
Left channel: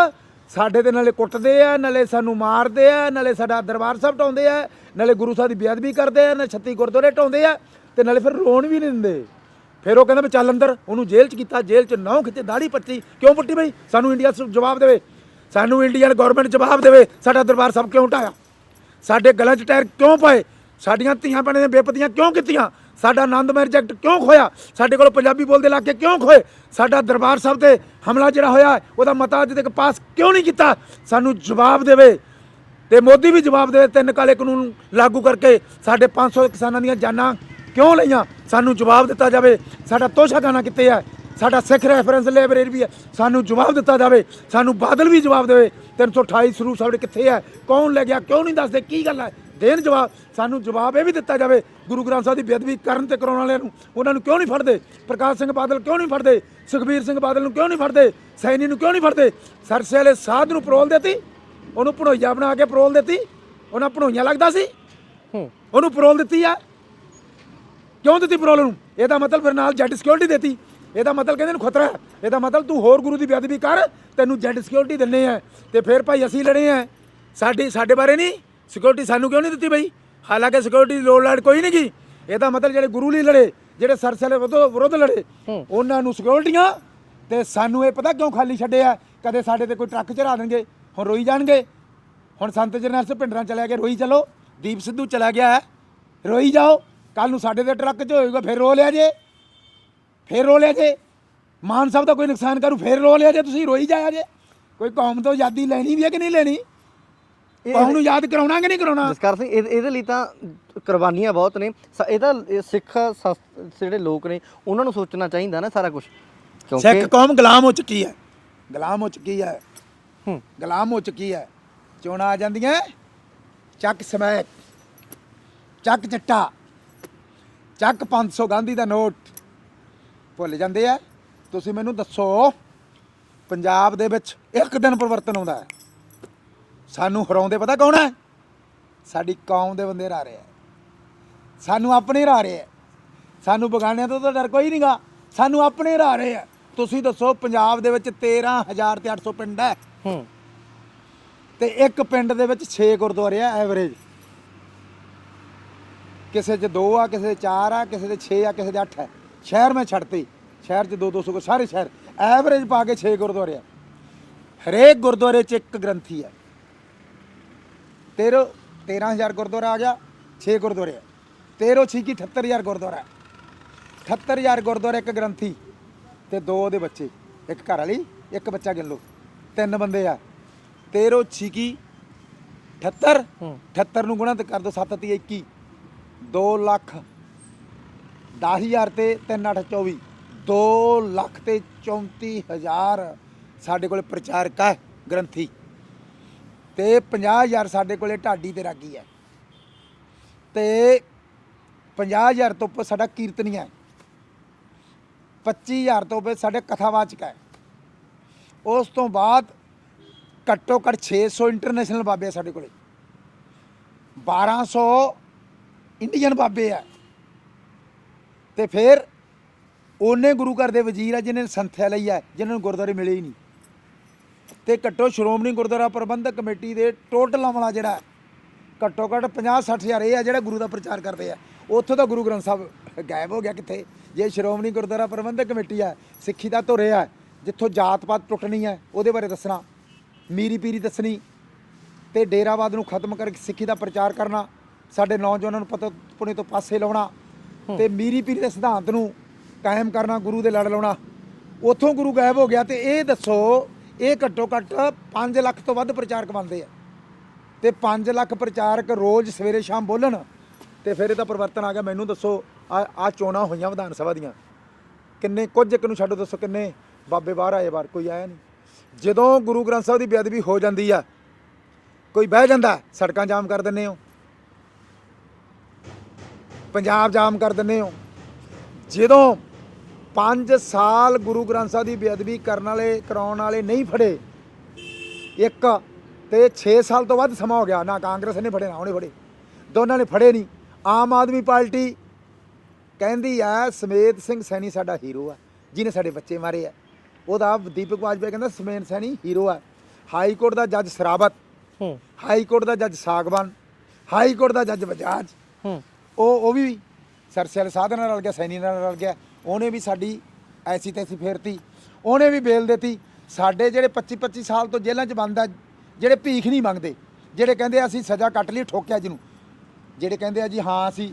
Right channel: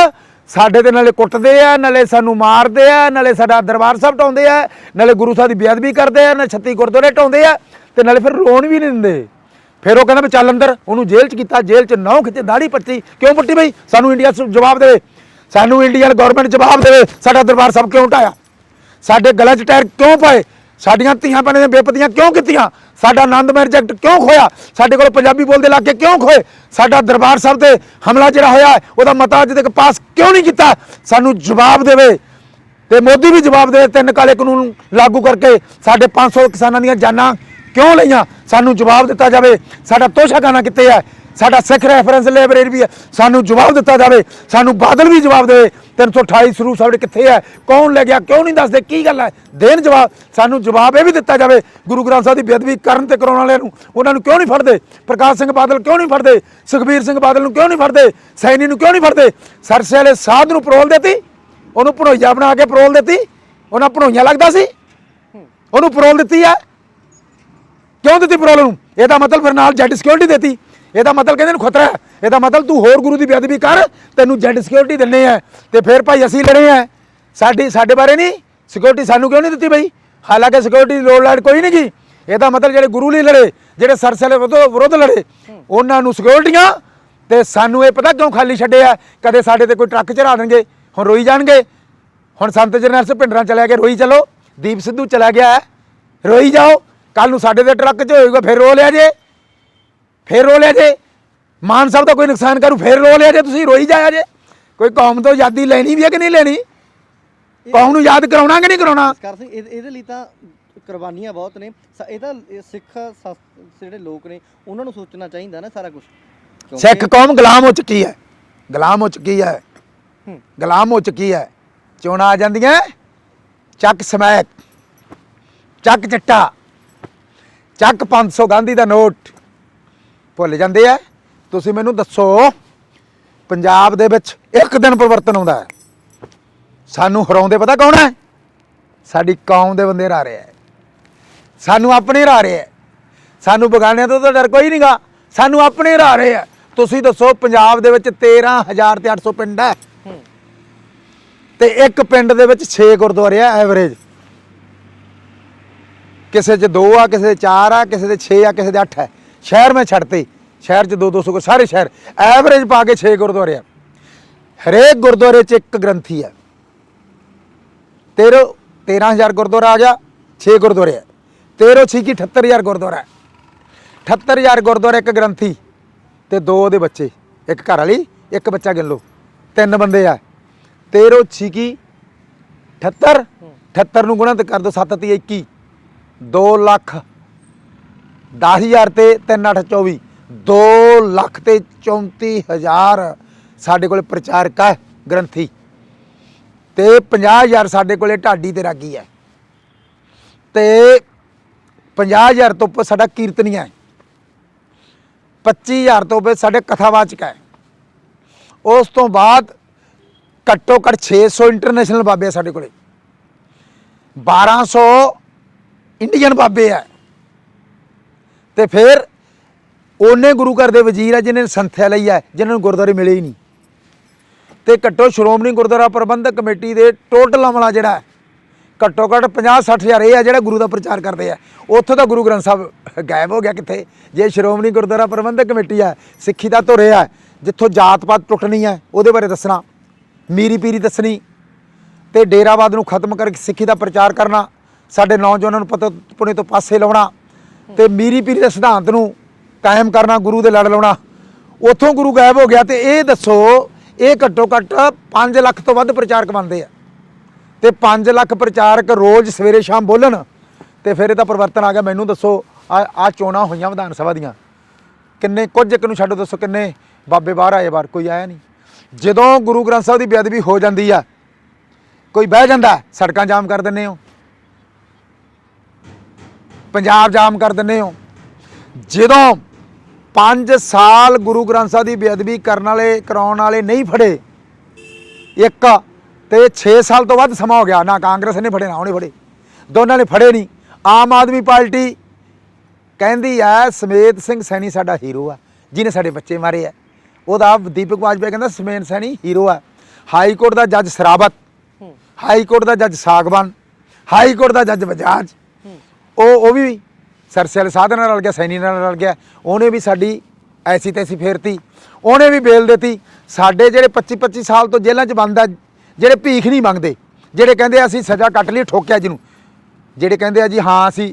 ਸਾਡੇ ਤੇ ਨਾਲੇ ਕੁੱਟਦੇ ਆ, ਨਾਲੇ ਸਾਨੂੰ ਮਾਰਦੇ ਆ, ਨਾਲੇ ਸਾਡਾ ਦਰਬਾਰ ਸਾਹਿਬ ਢਾਉਂਦੇ ਆ, ਨਾਲੇ ਗੁਰੂ ਸਾਹਿਬ ਦੀ ਬੇਅਦਬੀ ਕਰਦੇ ਆ, ਨਾਲੇ 36 ਗੁਰਦੁਆਰੇ ਢਾਉਂਦੇ ਆ, ਤੇ ਨਾਲੇ ਫਿਰ ਰੋਣ ਵੀ ਨਹੀਂ ਦਿੰਦੇ। ਫਿਰ ਉਹ ਕਹਿੰਦਾ ਵੀ ਚੱਲ ਅੰਦਰ। ਉਹਨੂੰ ਜੇਲ੍ਹ 'ਚ ਕੀਤਾ, ਜੇਲ੍ਹ 'ਚ ਨਹੁੰ ਖਿੱਚੇ, ਦਾੜੀ ਪੱਟੀ। ਕਿਉਂ ਪੱਟੀ ਬਈ? ਸਾਨੂੰ ਇੰਡੀਆ ਜਵਾਬ ਦੇਵੇ, ਸਾਨੂੰ ਇੰਡੀਅਨ ਗਵਰਨਮੈਂਟ ਜਵਾਬ ਦੇਵੇ, ਸਾਡਾ ਦਰਬਾਰ ਸਾਹਿਬ ਕਿਉਂ ਢਾਇਆ? ਸਾਡੇ ਗਲਾਂ 'ਚ ਟਾਇਰ ਕਿਉਂ ਪਾਏ? ਸਾਡੀਆਂ ਧੀਆਂ ਭੈਣਾਂ ਦੀਆਂ ਬੇਪਤੀਆਂ ਕਿਉਂ ਕੀਤੀਆਂ? ਸਾਡਾ ਆਨੰਦਮਾਰਗ ਜਗਤ ਕਿਉਂ ਖੋਇਆ? ਸਾਡੇ ਕੋਲ ਪੰਜਾਬੀ ਬੋਲਦੇ ਇਲਾਕੇ ਕਿਉਂ ਖੋਏ? ਸਾਡਾ ਦਰਬਾਰ ਸਾਹਿਬ ਤੇ ਹਮਲਾ ਜਿਹੜਾ ਹੋਇਆ ਉਹਦਾ ਮਤਾ ਅੱਜ ਤੱਕ ਪਾਸ ਕਿਉਂ ਨਹੀਂ ਕੀਤਾ? ਸਾਨੂੰ ਜਵਾਬ ਦੇਵੇ, ਤੇ ਮੋਦੀ ਵੀ ਜਵਾਬ ਦੇਵੇ। 3 ਕਾਲੇ ਕਾਨੂੰਨ ਲਾਗੂ ਕਰਕੇ ਸਾਡੇ 500 ਕਿਸਾਨਾਂ ਦੀਆਂ ਜਾਨਾਂ ਕਿਉਂ ਲਈਆਂ? ਸਾਨੂੰ ਜਵਾਬ ਦਿੱਤਾ ਜਾਵੇ। ਸਾਡਾ ਤੋਸ਼ਾਖਾਨਾ ਕਿੱਥੇ ਹੈ? ਸਾਡਾ ਸਿੱਖ ਰੈਫਰੈਂਸ ਲਾਇਬ੍ਰੇਰੀ ਵੀ ਹੈ, ਸਾਨੂੰ ਜਵਾਬ ਦਿੱਤਾ ਜਾਵੇ। ਸਾਨੂੰ ਬਾਦਲ ਵੀ ਜਵਾਬ ਦੇਵੇ 328 ਸਰੂਪ ਸਾਡੇ ਕਿੱਥੇ ਹੈ? ਕੌਣ ਲੈ ਗਿਆ? ਕਿਉਂ ਨਹੀਂ ਦੱਸਦੇ? ਕੀ ਗੱਲ ਹੈ? ਦੇਣ ਜਵਾਬ। ਸਾਨੂੰ ਜਵਾਬ ਇਹ ਵੀ ਦਿੱਤਾ ਜਾਵੇ, ਗੁਰੂ ਗ੍ਰੰਥ ਸਾਹਿਬ ਦੀ ਬੇਅਦਬੀ ਕਰਨ ਤੇ ਕਰਾਉਣ ਵਾਲਿਆਂ ਨੂੰ ਉਹਨਾਂ ਨੂੰ ਕਿਉਂ ਨਹੀਂ ਫੜਦੇ? ਪ੍ਰਕਾਸ਼ ਸਿੰਘ ਬਾਦਲ ਕਿਉਂ ਨਹੀਂ ਫੜਦੇ? ਸੁਖਬੀਰ ਸਿੰਘ ਬਾਦਲ ਨੂੰ ਕਿਉਂ ਨਹੀਂ ਫੜਦੇ? ਸੈਣੀ ਨੂੰ ਕਿਉਂ ਨਹੀਂ ਫੜਦੇ? ਸਰਸੇ ਵਾਲੇ ਸਾਧ ਨੂੰ ਪਰੋਲ ਦਿੱਤੀ, ਉਹਨੂੰ ਭਣੋਈਆ ਬਣਾ ਕੇ ਪਰੋਲ ਦਿੱਤੀ। ਉਹਨਾਂ ਭਣੋਈਆ ਲੱਗਦਾ ਸੀ, ਉਹਨੂੰ ਪਰੋਲ ਦਿੱਤੀ ਹੈ। ਕਿਉਂ ਦਿੱਤੀ ਪਰੋਲ ਨੂੰ? ਇਹਦਾ ਮਤਲਬ ਫਿਰ ਨਾਲ ਜੈਡ ਸਿਕਿਉਰਿਟੀ ਦਿੱਤੀ। ਇਹਦਾ ਮਤਲਬ ਕਹਿੰਦੇ ਨੂੰ ਖਤਰਾ ਹੈ। ਇਹਦਾ ਮਤਲਬ ਤੂੰ ਹੋਰ ਗੁਰੂ ਦੀ ਬੇਅਦਬੀ ਕਰ, ਤੈਨੂੰ ਜੈਡ ਸਿਕਿਉਰਿਟੀ ਦਿੰਨੇ ਆ। ਤੇ ਫਿਰ ਭਾਈ ਅਸੀਂ ਲੜੇ ਆ, ਸਾਡੇ ਬਾਰੇ ਨਹੀਂ ਸਿਕਿਉਰਿਟੀ ਸਾਨੂੰ ਕਿਉਂ ਨਹੀਂ ਦਿੱਤੀ ਬਈ? ਹਾਲਾਂਕਿ ਸਿਕਿਉਰਿਟੀ ਦੀ ਲੋੜ ਲਾੜ ਕੋਈ ਨਹੀਂ ਗੀ। ਇਹਦਾ ਮਤਲਬ ਜਿਹੜੇ ਗੁਰੂ ਲਈ ਲੜੇ, ਜਿਹੜੇ ਸਰਸੇ ਵਿਰੁੱਧ ਲੜੇ, ਉਹਨਾਂ ਨੂੰ ਸਿਕਿਉਰਿਟੀਆਂ, ਤੇ ਸਾਨੂੰ ਇਹ ਪਤਾ ਕਿਉਂ ਖਾਲੀ ਛੱਡੇ ਆ? ਕਦੇ ਸਾਡੇ ਤੇ ਕੋਈ ਟਰੱਕ ਚੜਾ ਦੇਣਗੇ, ਹੁਣ ਰੋਈ ਜਾਣਗੇ। ਹੁਣ ਸੰਤ ਜਰਨੈਲ ਸਿੰਘ ਭਿੰਡਰਾਂ ਚਲਿਆ ਗਿਆ, ਰੋਈ ਚਲੋ। ਦੀਪ ਸਿੱਧੂ ਚਲਾ ਗਿਆ ਹੈ, ਰੋਈ ਜਾਓ। ਕੱਲ ਨੂੰ ਸਾਡੇ ਦੇ ਟਰੱਕ 'ਚ ਹੋਏਗਾ, ਫਿਰ ਰੋ ਲਿਆ ਜੇ, ਫਿਰ ਰੋ ਲਿਆ ਜੇ। ਮਾਨ ਸਾਹਿਬ ਦਾ ਕੋਈ ਨੁਕਸਾਨ ਕਰੂ, ਫਿਰ ਰੋ ਲਿਆ ਜੇ, ਤੁਸੀਂ ਰੋਈ ਜਾਇਆ ਜੇ। ਕੋਈ ਕੌਮ ਤੋਂ ਆਜ਼ਾਦੀ ਲੈਣੀ ਵੀ ਹੈ ਕਿ ਨਹੀਂ ਲੈਣੀ? ਕੌਮ ਨੂੰ ਯਾਦ ਕਰਾਉਣਾ ਕਿ ਨਹੀਂ ਕਰਾਉਣਾ? ਜਸਕਰ ਸਿੰਘ, ਇਹਦੇ ਲਈ ਤਾਂ ਕੁਰਬਾਨੀਆਂ ਬਹੁਤ ਨੇ। ਇਹ ਤਾਂ ਸਿੱਖ ਜਿਹੜੇ ਲੋਕ ਨੇ ਉਹਨਾਂ ਨੂੰ ਸੋਚਣਾ ਚਾਹੀਦਾ ਨਾ ਸਾਰਾ ਕੁਝ। ਸਿੱਖ ਕੌਮ ਗੁਲਾਮ ਹੋ ਚੁੱਕੀ ਹੈ, ਗੁਲਾਮ ਹੋ ਚੁੱਕੀ ਹੈ, ਗੁਲਾਮ ਹੋ ਚੁੱਕੀ ਹੈ। ਚੋਣਾਂ ਆ ਜਾਂਦੀਆਂ, ਚੱਕ ਸਮੈਕ, ਚੱਕ ਚੱਟਾ, ਚੱਕ 500 ਗਾਂਧੀ ਦਾ ਨੋਟ, ਭੁੱਲ ਜਾਂਦੇ ਆ। ਤੁਸੀਂ ਮੈਨੂੰ ਦੱਸੋ ਪੰਜਾਬ ਦੇ ਵਿੱਚ ਇੱਕ ਦਿਨ ਪਰਿਵਰਤਨ ਆਉਂਦਾ ਹੈ? ਸਾਨੂੰ ਹਰਾਉਂਦੇ ਪਤਾ ਕੌਣ ਹੈ? ਸਾਡੀ ਕੌਮ ਦੇ ਬੰਦੇ ਹਰਾ ਰਹੇ ਹੈ, ਸਾਨੂੰ ਆਪਣੇ ਹਰਾ ਰਹੇ ਹੈ। ਸਾਨੂੰ ਬਗਾਨਿਆਂ ਤੋਂ ਤਾਂ ਡਰ ਕੋਈ ਨਹੀਂਗਾ, ਸਾਨੂੰ ਆਪਣੇ ਹਰਾ ਰਹੇ ਹੈ। ਤੁਸੀਂ ਦੱਸੋ, ਪੰਜਾਬ ਦੇ ਵਿੱਚ 13,800 ਪਿੰਡ ਹੈ ਤੇ ਇੱਕ ਪਿੰਡ ਦੇ ਵਿੱਚ 6 ਗੁਰਦੁਆਰੇ ਆ ਐਵਰੇਜ। ਕਿਸੇ 'ਚ 2 ਆ, ਕਿਸੇ ਦੇ 4 ਆ, ਕਿਸੇ ਦੇ 6 ਆ, ਕਿਸੇ ਦੇ 8 ਹੈ। ਸ਼ਹਿਰ ਮੈਂ ਛੱਡਤੇ, ਸ਼ਹਿਰ 'ਚ 200 ਕੋ ਸਾਰੇ ਸ਼ਹਿਰ ਐਵਰੇਜ ਪਾ ਕੇ 6 ਗੁਰਦੁਆਰੇ ਆ। ਹਰੇਕ ਗੁਰਦੁਆਰੇ 'ਚ ਇੱਕ ਗ੍ਰੰਥੀ ਹੈ। 13,000 ਗੁਰਦੁਆਰਾ ਆ ਗਿਆ, 6 ਗੁਰਦੁਆਰੇ ਆ। 13 ਛੀਕੀ 78,000 ਗੁਰਦੁਆਰਾ, 78,000 ਗੁਰਦੁਆਰੇ, ਇੱਕ ਗ੍ਰੰਥੀ ਤੇ 2 ਉਹਦੇ ਬੱਚੇ, ਇੱਕ ਘਰ ਵਾਲੀ, ਇੱਕ ਬੱਚਾ ਗਿਣ ਲਓ, 3 ਬੰਦੇ ਆ। 13 ਛੀਕੀ 78, 78 ਨੂੰ ਗੁਣਾ ਤੇ ਕਰ ਦੋ 7 ਤੀ 21, 2 ਲੱਖ 10,000 ਤੇ 3 8 24, 2 ਲੱਖ ਤੇ 34,000 ਸਾਡੇ ਕੋਲ ਪ੍ਰਚਾਰਕ ਹੈ ਗ੍ਰੰਥੀ, ਤੇ 50,000 ਸਾਡੇ ਕੋਲੇ ਢਾਡੀ ਤੇ ਰਾਗੀ ਹੈ, ਤੇ 50,000 ਤੋਂ ਉੱਪਰ ਸਾਡਾ ਕੀਰਤਨੀਆ ਹੈ, 25,000 ਤੋਂ ਉੱਪਰ ਸਾਡੇ ਕਥਾਵਾਚਕ ਹੈ। ਉਸ ਤੋਂ ਬਾਅਦ ਘੱਟੋ ਘੱਟ 600 ਇੰਟਰਨੈਸ਼ਨਲ ਬਾਬੇ ਆ ਸਾਡੇ ਕੋਲੇ, 1200 ਇੰਡੀਅਨ ਬਾਬੇ ਆ, ਤੇ ਫਿਰ ਉਹਨੇ ਗੁਰੂ ਘਰ ਦੇ ਵਜ਼ੀਰ ਆ ਜਿਨ੍ਹਾਂ ਨੇ ਸੰਥਿਆ ਲਈ ਹੈ, ਜਿਨ੍ਹਾਂ ਨੂੰ ਗੁਰਦੁਆਰੇ ਮਿਲੇ ਹੀ ਨਹੀਂ। ਤੇ ਘੱਟੋ ਸ਼੍ਰੋਮਣੀ ਗੁਰਦੁਆਰਾ ਪ੍ਰਬੰਧਕ ਕਮੇਟੀ ਦੇ ਟੋਟਲ ਅਮਲਾ ਜਿਹੜਾ ਹੈ, ਘੱਟੋ ਘੱਟ 50-60,000 ਇਹ ਆ ਜਿਹੜਾ ਗੁਰੂ ਦਾ ਪ੍ਰਚਾਰ ਕਰਦੇ ਆ। ਉੱਥੋਂ ਤਾਂ ਗੁਰੂ ਗ੍ਰੰਥ ਸਾਹਿਬ ਗਾਇਬ ਹੋ ਗਿਆ ਕਿੱਥੇ? ਜੇ ਸ਼੍ਰੋਮਣੀ ਗੁਰਦੁਆਰਾ ਪ੍ਰਬੰਧਕ ਕਮੇਟੀ ਹੈ, ਸਿੱਖੀ ਦਾ ਧੁਰੇ ਹੈ, ਜਿੱਥੋਂ ਜਾਤ ਪਾਤ ਟੁੱਟਣੀ ਹੈ ਉਹਦੇ ਬਾਰੇ ਦੱਸਣਾ, ਮੀਰੀ ਪੀਰੀ ਦੱਸਣੀ, ਤੇ ਡੇਰਾਵਾਦ ਨੂੰ ਖਤਮ ਕਰਕੇ ਸਿੱਖੀ ਦਾ ਪ੍ਰਚਾਰ ਕਰਨਾ, ਸਾਡੇ ਨੌਜਵਾਨਾਂ ਨੂੰ ਪਤਾ ਪੁਣੇ ਤੋਂ ਪਾਸੇ ਲਾਉਣਾ, ਤੇ ਮੀਰੀ ਪੀਰੀ ਦੇ ਸਿਧਾਂਤ ਨੂੰ ਕਾਇਮ ਕਰਨਾ, ਗੁਰੂ ਦੇ ਲੜ ਲਾਉਣਾ। ਉੱਥੋਂ ਗੁਰੂ ਗਾਇਬ ਹੋ ਗਿਆ। ਤੇ ਇਹ ਦੱਸੋ, ਇਹ ਘੱਟੋ ਘੱਟ 5 ਲੱਖ ਤੋਂ ਵੱਧ ਪ੍ਰਚਾਰਕ ਬਣਦੇ ਆ, ਤੇ 5 ਲੱਖ ਪ੍ਰਚਾਰਕ ਰੋਜ਼ ਸਵੇਰੇ ਸ਼ਾਮ ਬੋਲਣ, ਤੇ ਫਿਰ ਇਹਦਾ ਪਰਿਵਰਤਨ ਆ ਗਿਆ। ਮੈਨੂੰ ਦੱਸੋ, ਆ ਚੋਣਾਂ ਹੋਈਆਂ ਵਿਧਾਨ ਸਭਾ ਦੀਆਂ, ਕਿੰਨੇ, ਕੁਝ ਇੱਕ ਨੂੰ ਛੱਡੋ, ਦੱਸੋ ਕਿੰਨੇ ਬਾਬੇ ਬਾਹਰ ਆਏ? ਬਾਹਰ ਕੋਈ ਆਇਆ ਨਹੀਂ। ਜਦੋਂ ਗੁਰੂ ਗ੍ਰੰਥ ਸਾਹਿਬ ਦੀ ਬੇਅਦਬੀ ਹੋ ਜਾਂਦੀ ਆ, ਕੋਈ ਬਹਿ ਜਾਂਦਾ, ਸੜਕਾਂ ਜਾਮ ਕਰ ਦਿੰਦੇ ਹੋ, ਪੰਜਾਬ ਜਾਮ ਕਰ ਦਿੰਦੇ ਹੋ। ਜਦੋਂ 5 ਸਾਲ ਗੁਰੂ ਗ੍ਰੰਥ ਸਾਹਿਬ ਦੀ ਬੇਅਦਬੀ ਕਰਨ ਵਾਲੇ, ਕਰਾਉਣ ਵਾਲੇ ਨਹੀਂ ਫੜੇ, ਇੱਕ ਤੇ 6 ਸਾਲ ਤੋਂ ਵੱਧ ਸਮਾਂ ਹੋ ਗਿਆ, ਨਾ ਕਾਂਗਰਸ ਨੇ ਫੜੇ ਨਾ ਉਹਨੇ ਫੜੇ, ਦੋਨਾਂ ਨੇ ਫੜੇ ਨਹੀਂ। ਆਮ ਆਦਮੀ ਪਾਰਟੀ ਕਹਿੰਦੀ ਹੈ ਸਮੇਤ ਸਿੰਘ ਸੈਣੀ ਸਾਡਾ ਹੀਰੋ ਹੈ, ਜਿਹਨੇ ਸਾਡੇ ਬੱਚੇ ਮਾਰੇ ਆ। ਉਹਦਾ ਦੀਪਕ ਵਾਜਪੇਈ ਕਹਿੰਦਾ ਸਮੇਤ ਸੈਣੀ ਹੀਰੋ ਹੈ। ਹਾਈ ਕੋਰਟ ਦਾ ਜੱਜ ਸਰਾਵਤ, ਹਾਈ ਕੋਰਟ ਦਾ ਜੱਜ ਸਾਗਵਾਨ, ਹਾਈ ਕੋਰਟ ਦਾ ਜੱਜ ਬਜਾਜ, ਉਹ ਵੀ ਸਰਸੇ ਵਾਲੇ ਸਾਧ ਨਾਲ ਰਲ ਗਿਆ, ਸੈਣੀ ਨਾਲ ਰਲ ਗਿਆ। ਉਹਨੇ ਵੀ ਸਾਡੀ ਐਸੀ ਤੈਸੀ ਫੇਰਤੀ, ਉਹਨੇ ਵੀ ਬੇਲ ਦਿੱਤੀ। ਸਾਡੇ ਜਿਹੜੇ 25-25 ਸਾਲ ਤੋਂ ਜੇਲ੍ਹਾਂ 'ਚ ਬੰਦ ਆ, ਜਿਹੜੇ ਭੀਖ ਨਹੀਂ ਮੰਗਦੇ, ਜਿਹੜੇ ਕਹਿੰਦੇ ਅਸੀਂ ਸਜ਼ਾ ਕੱਟ ਲਈ, ਠੋਕਿਆ ਜਿਹਨੂੰ, ਜਿਹੜੇ ਕਹਿੰਦੇ ਆ ਜੀ ਹਾਂ ਅਸੀਂ,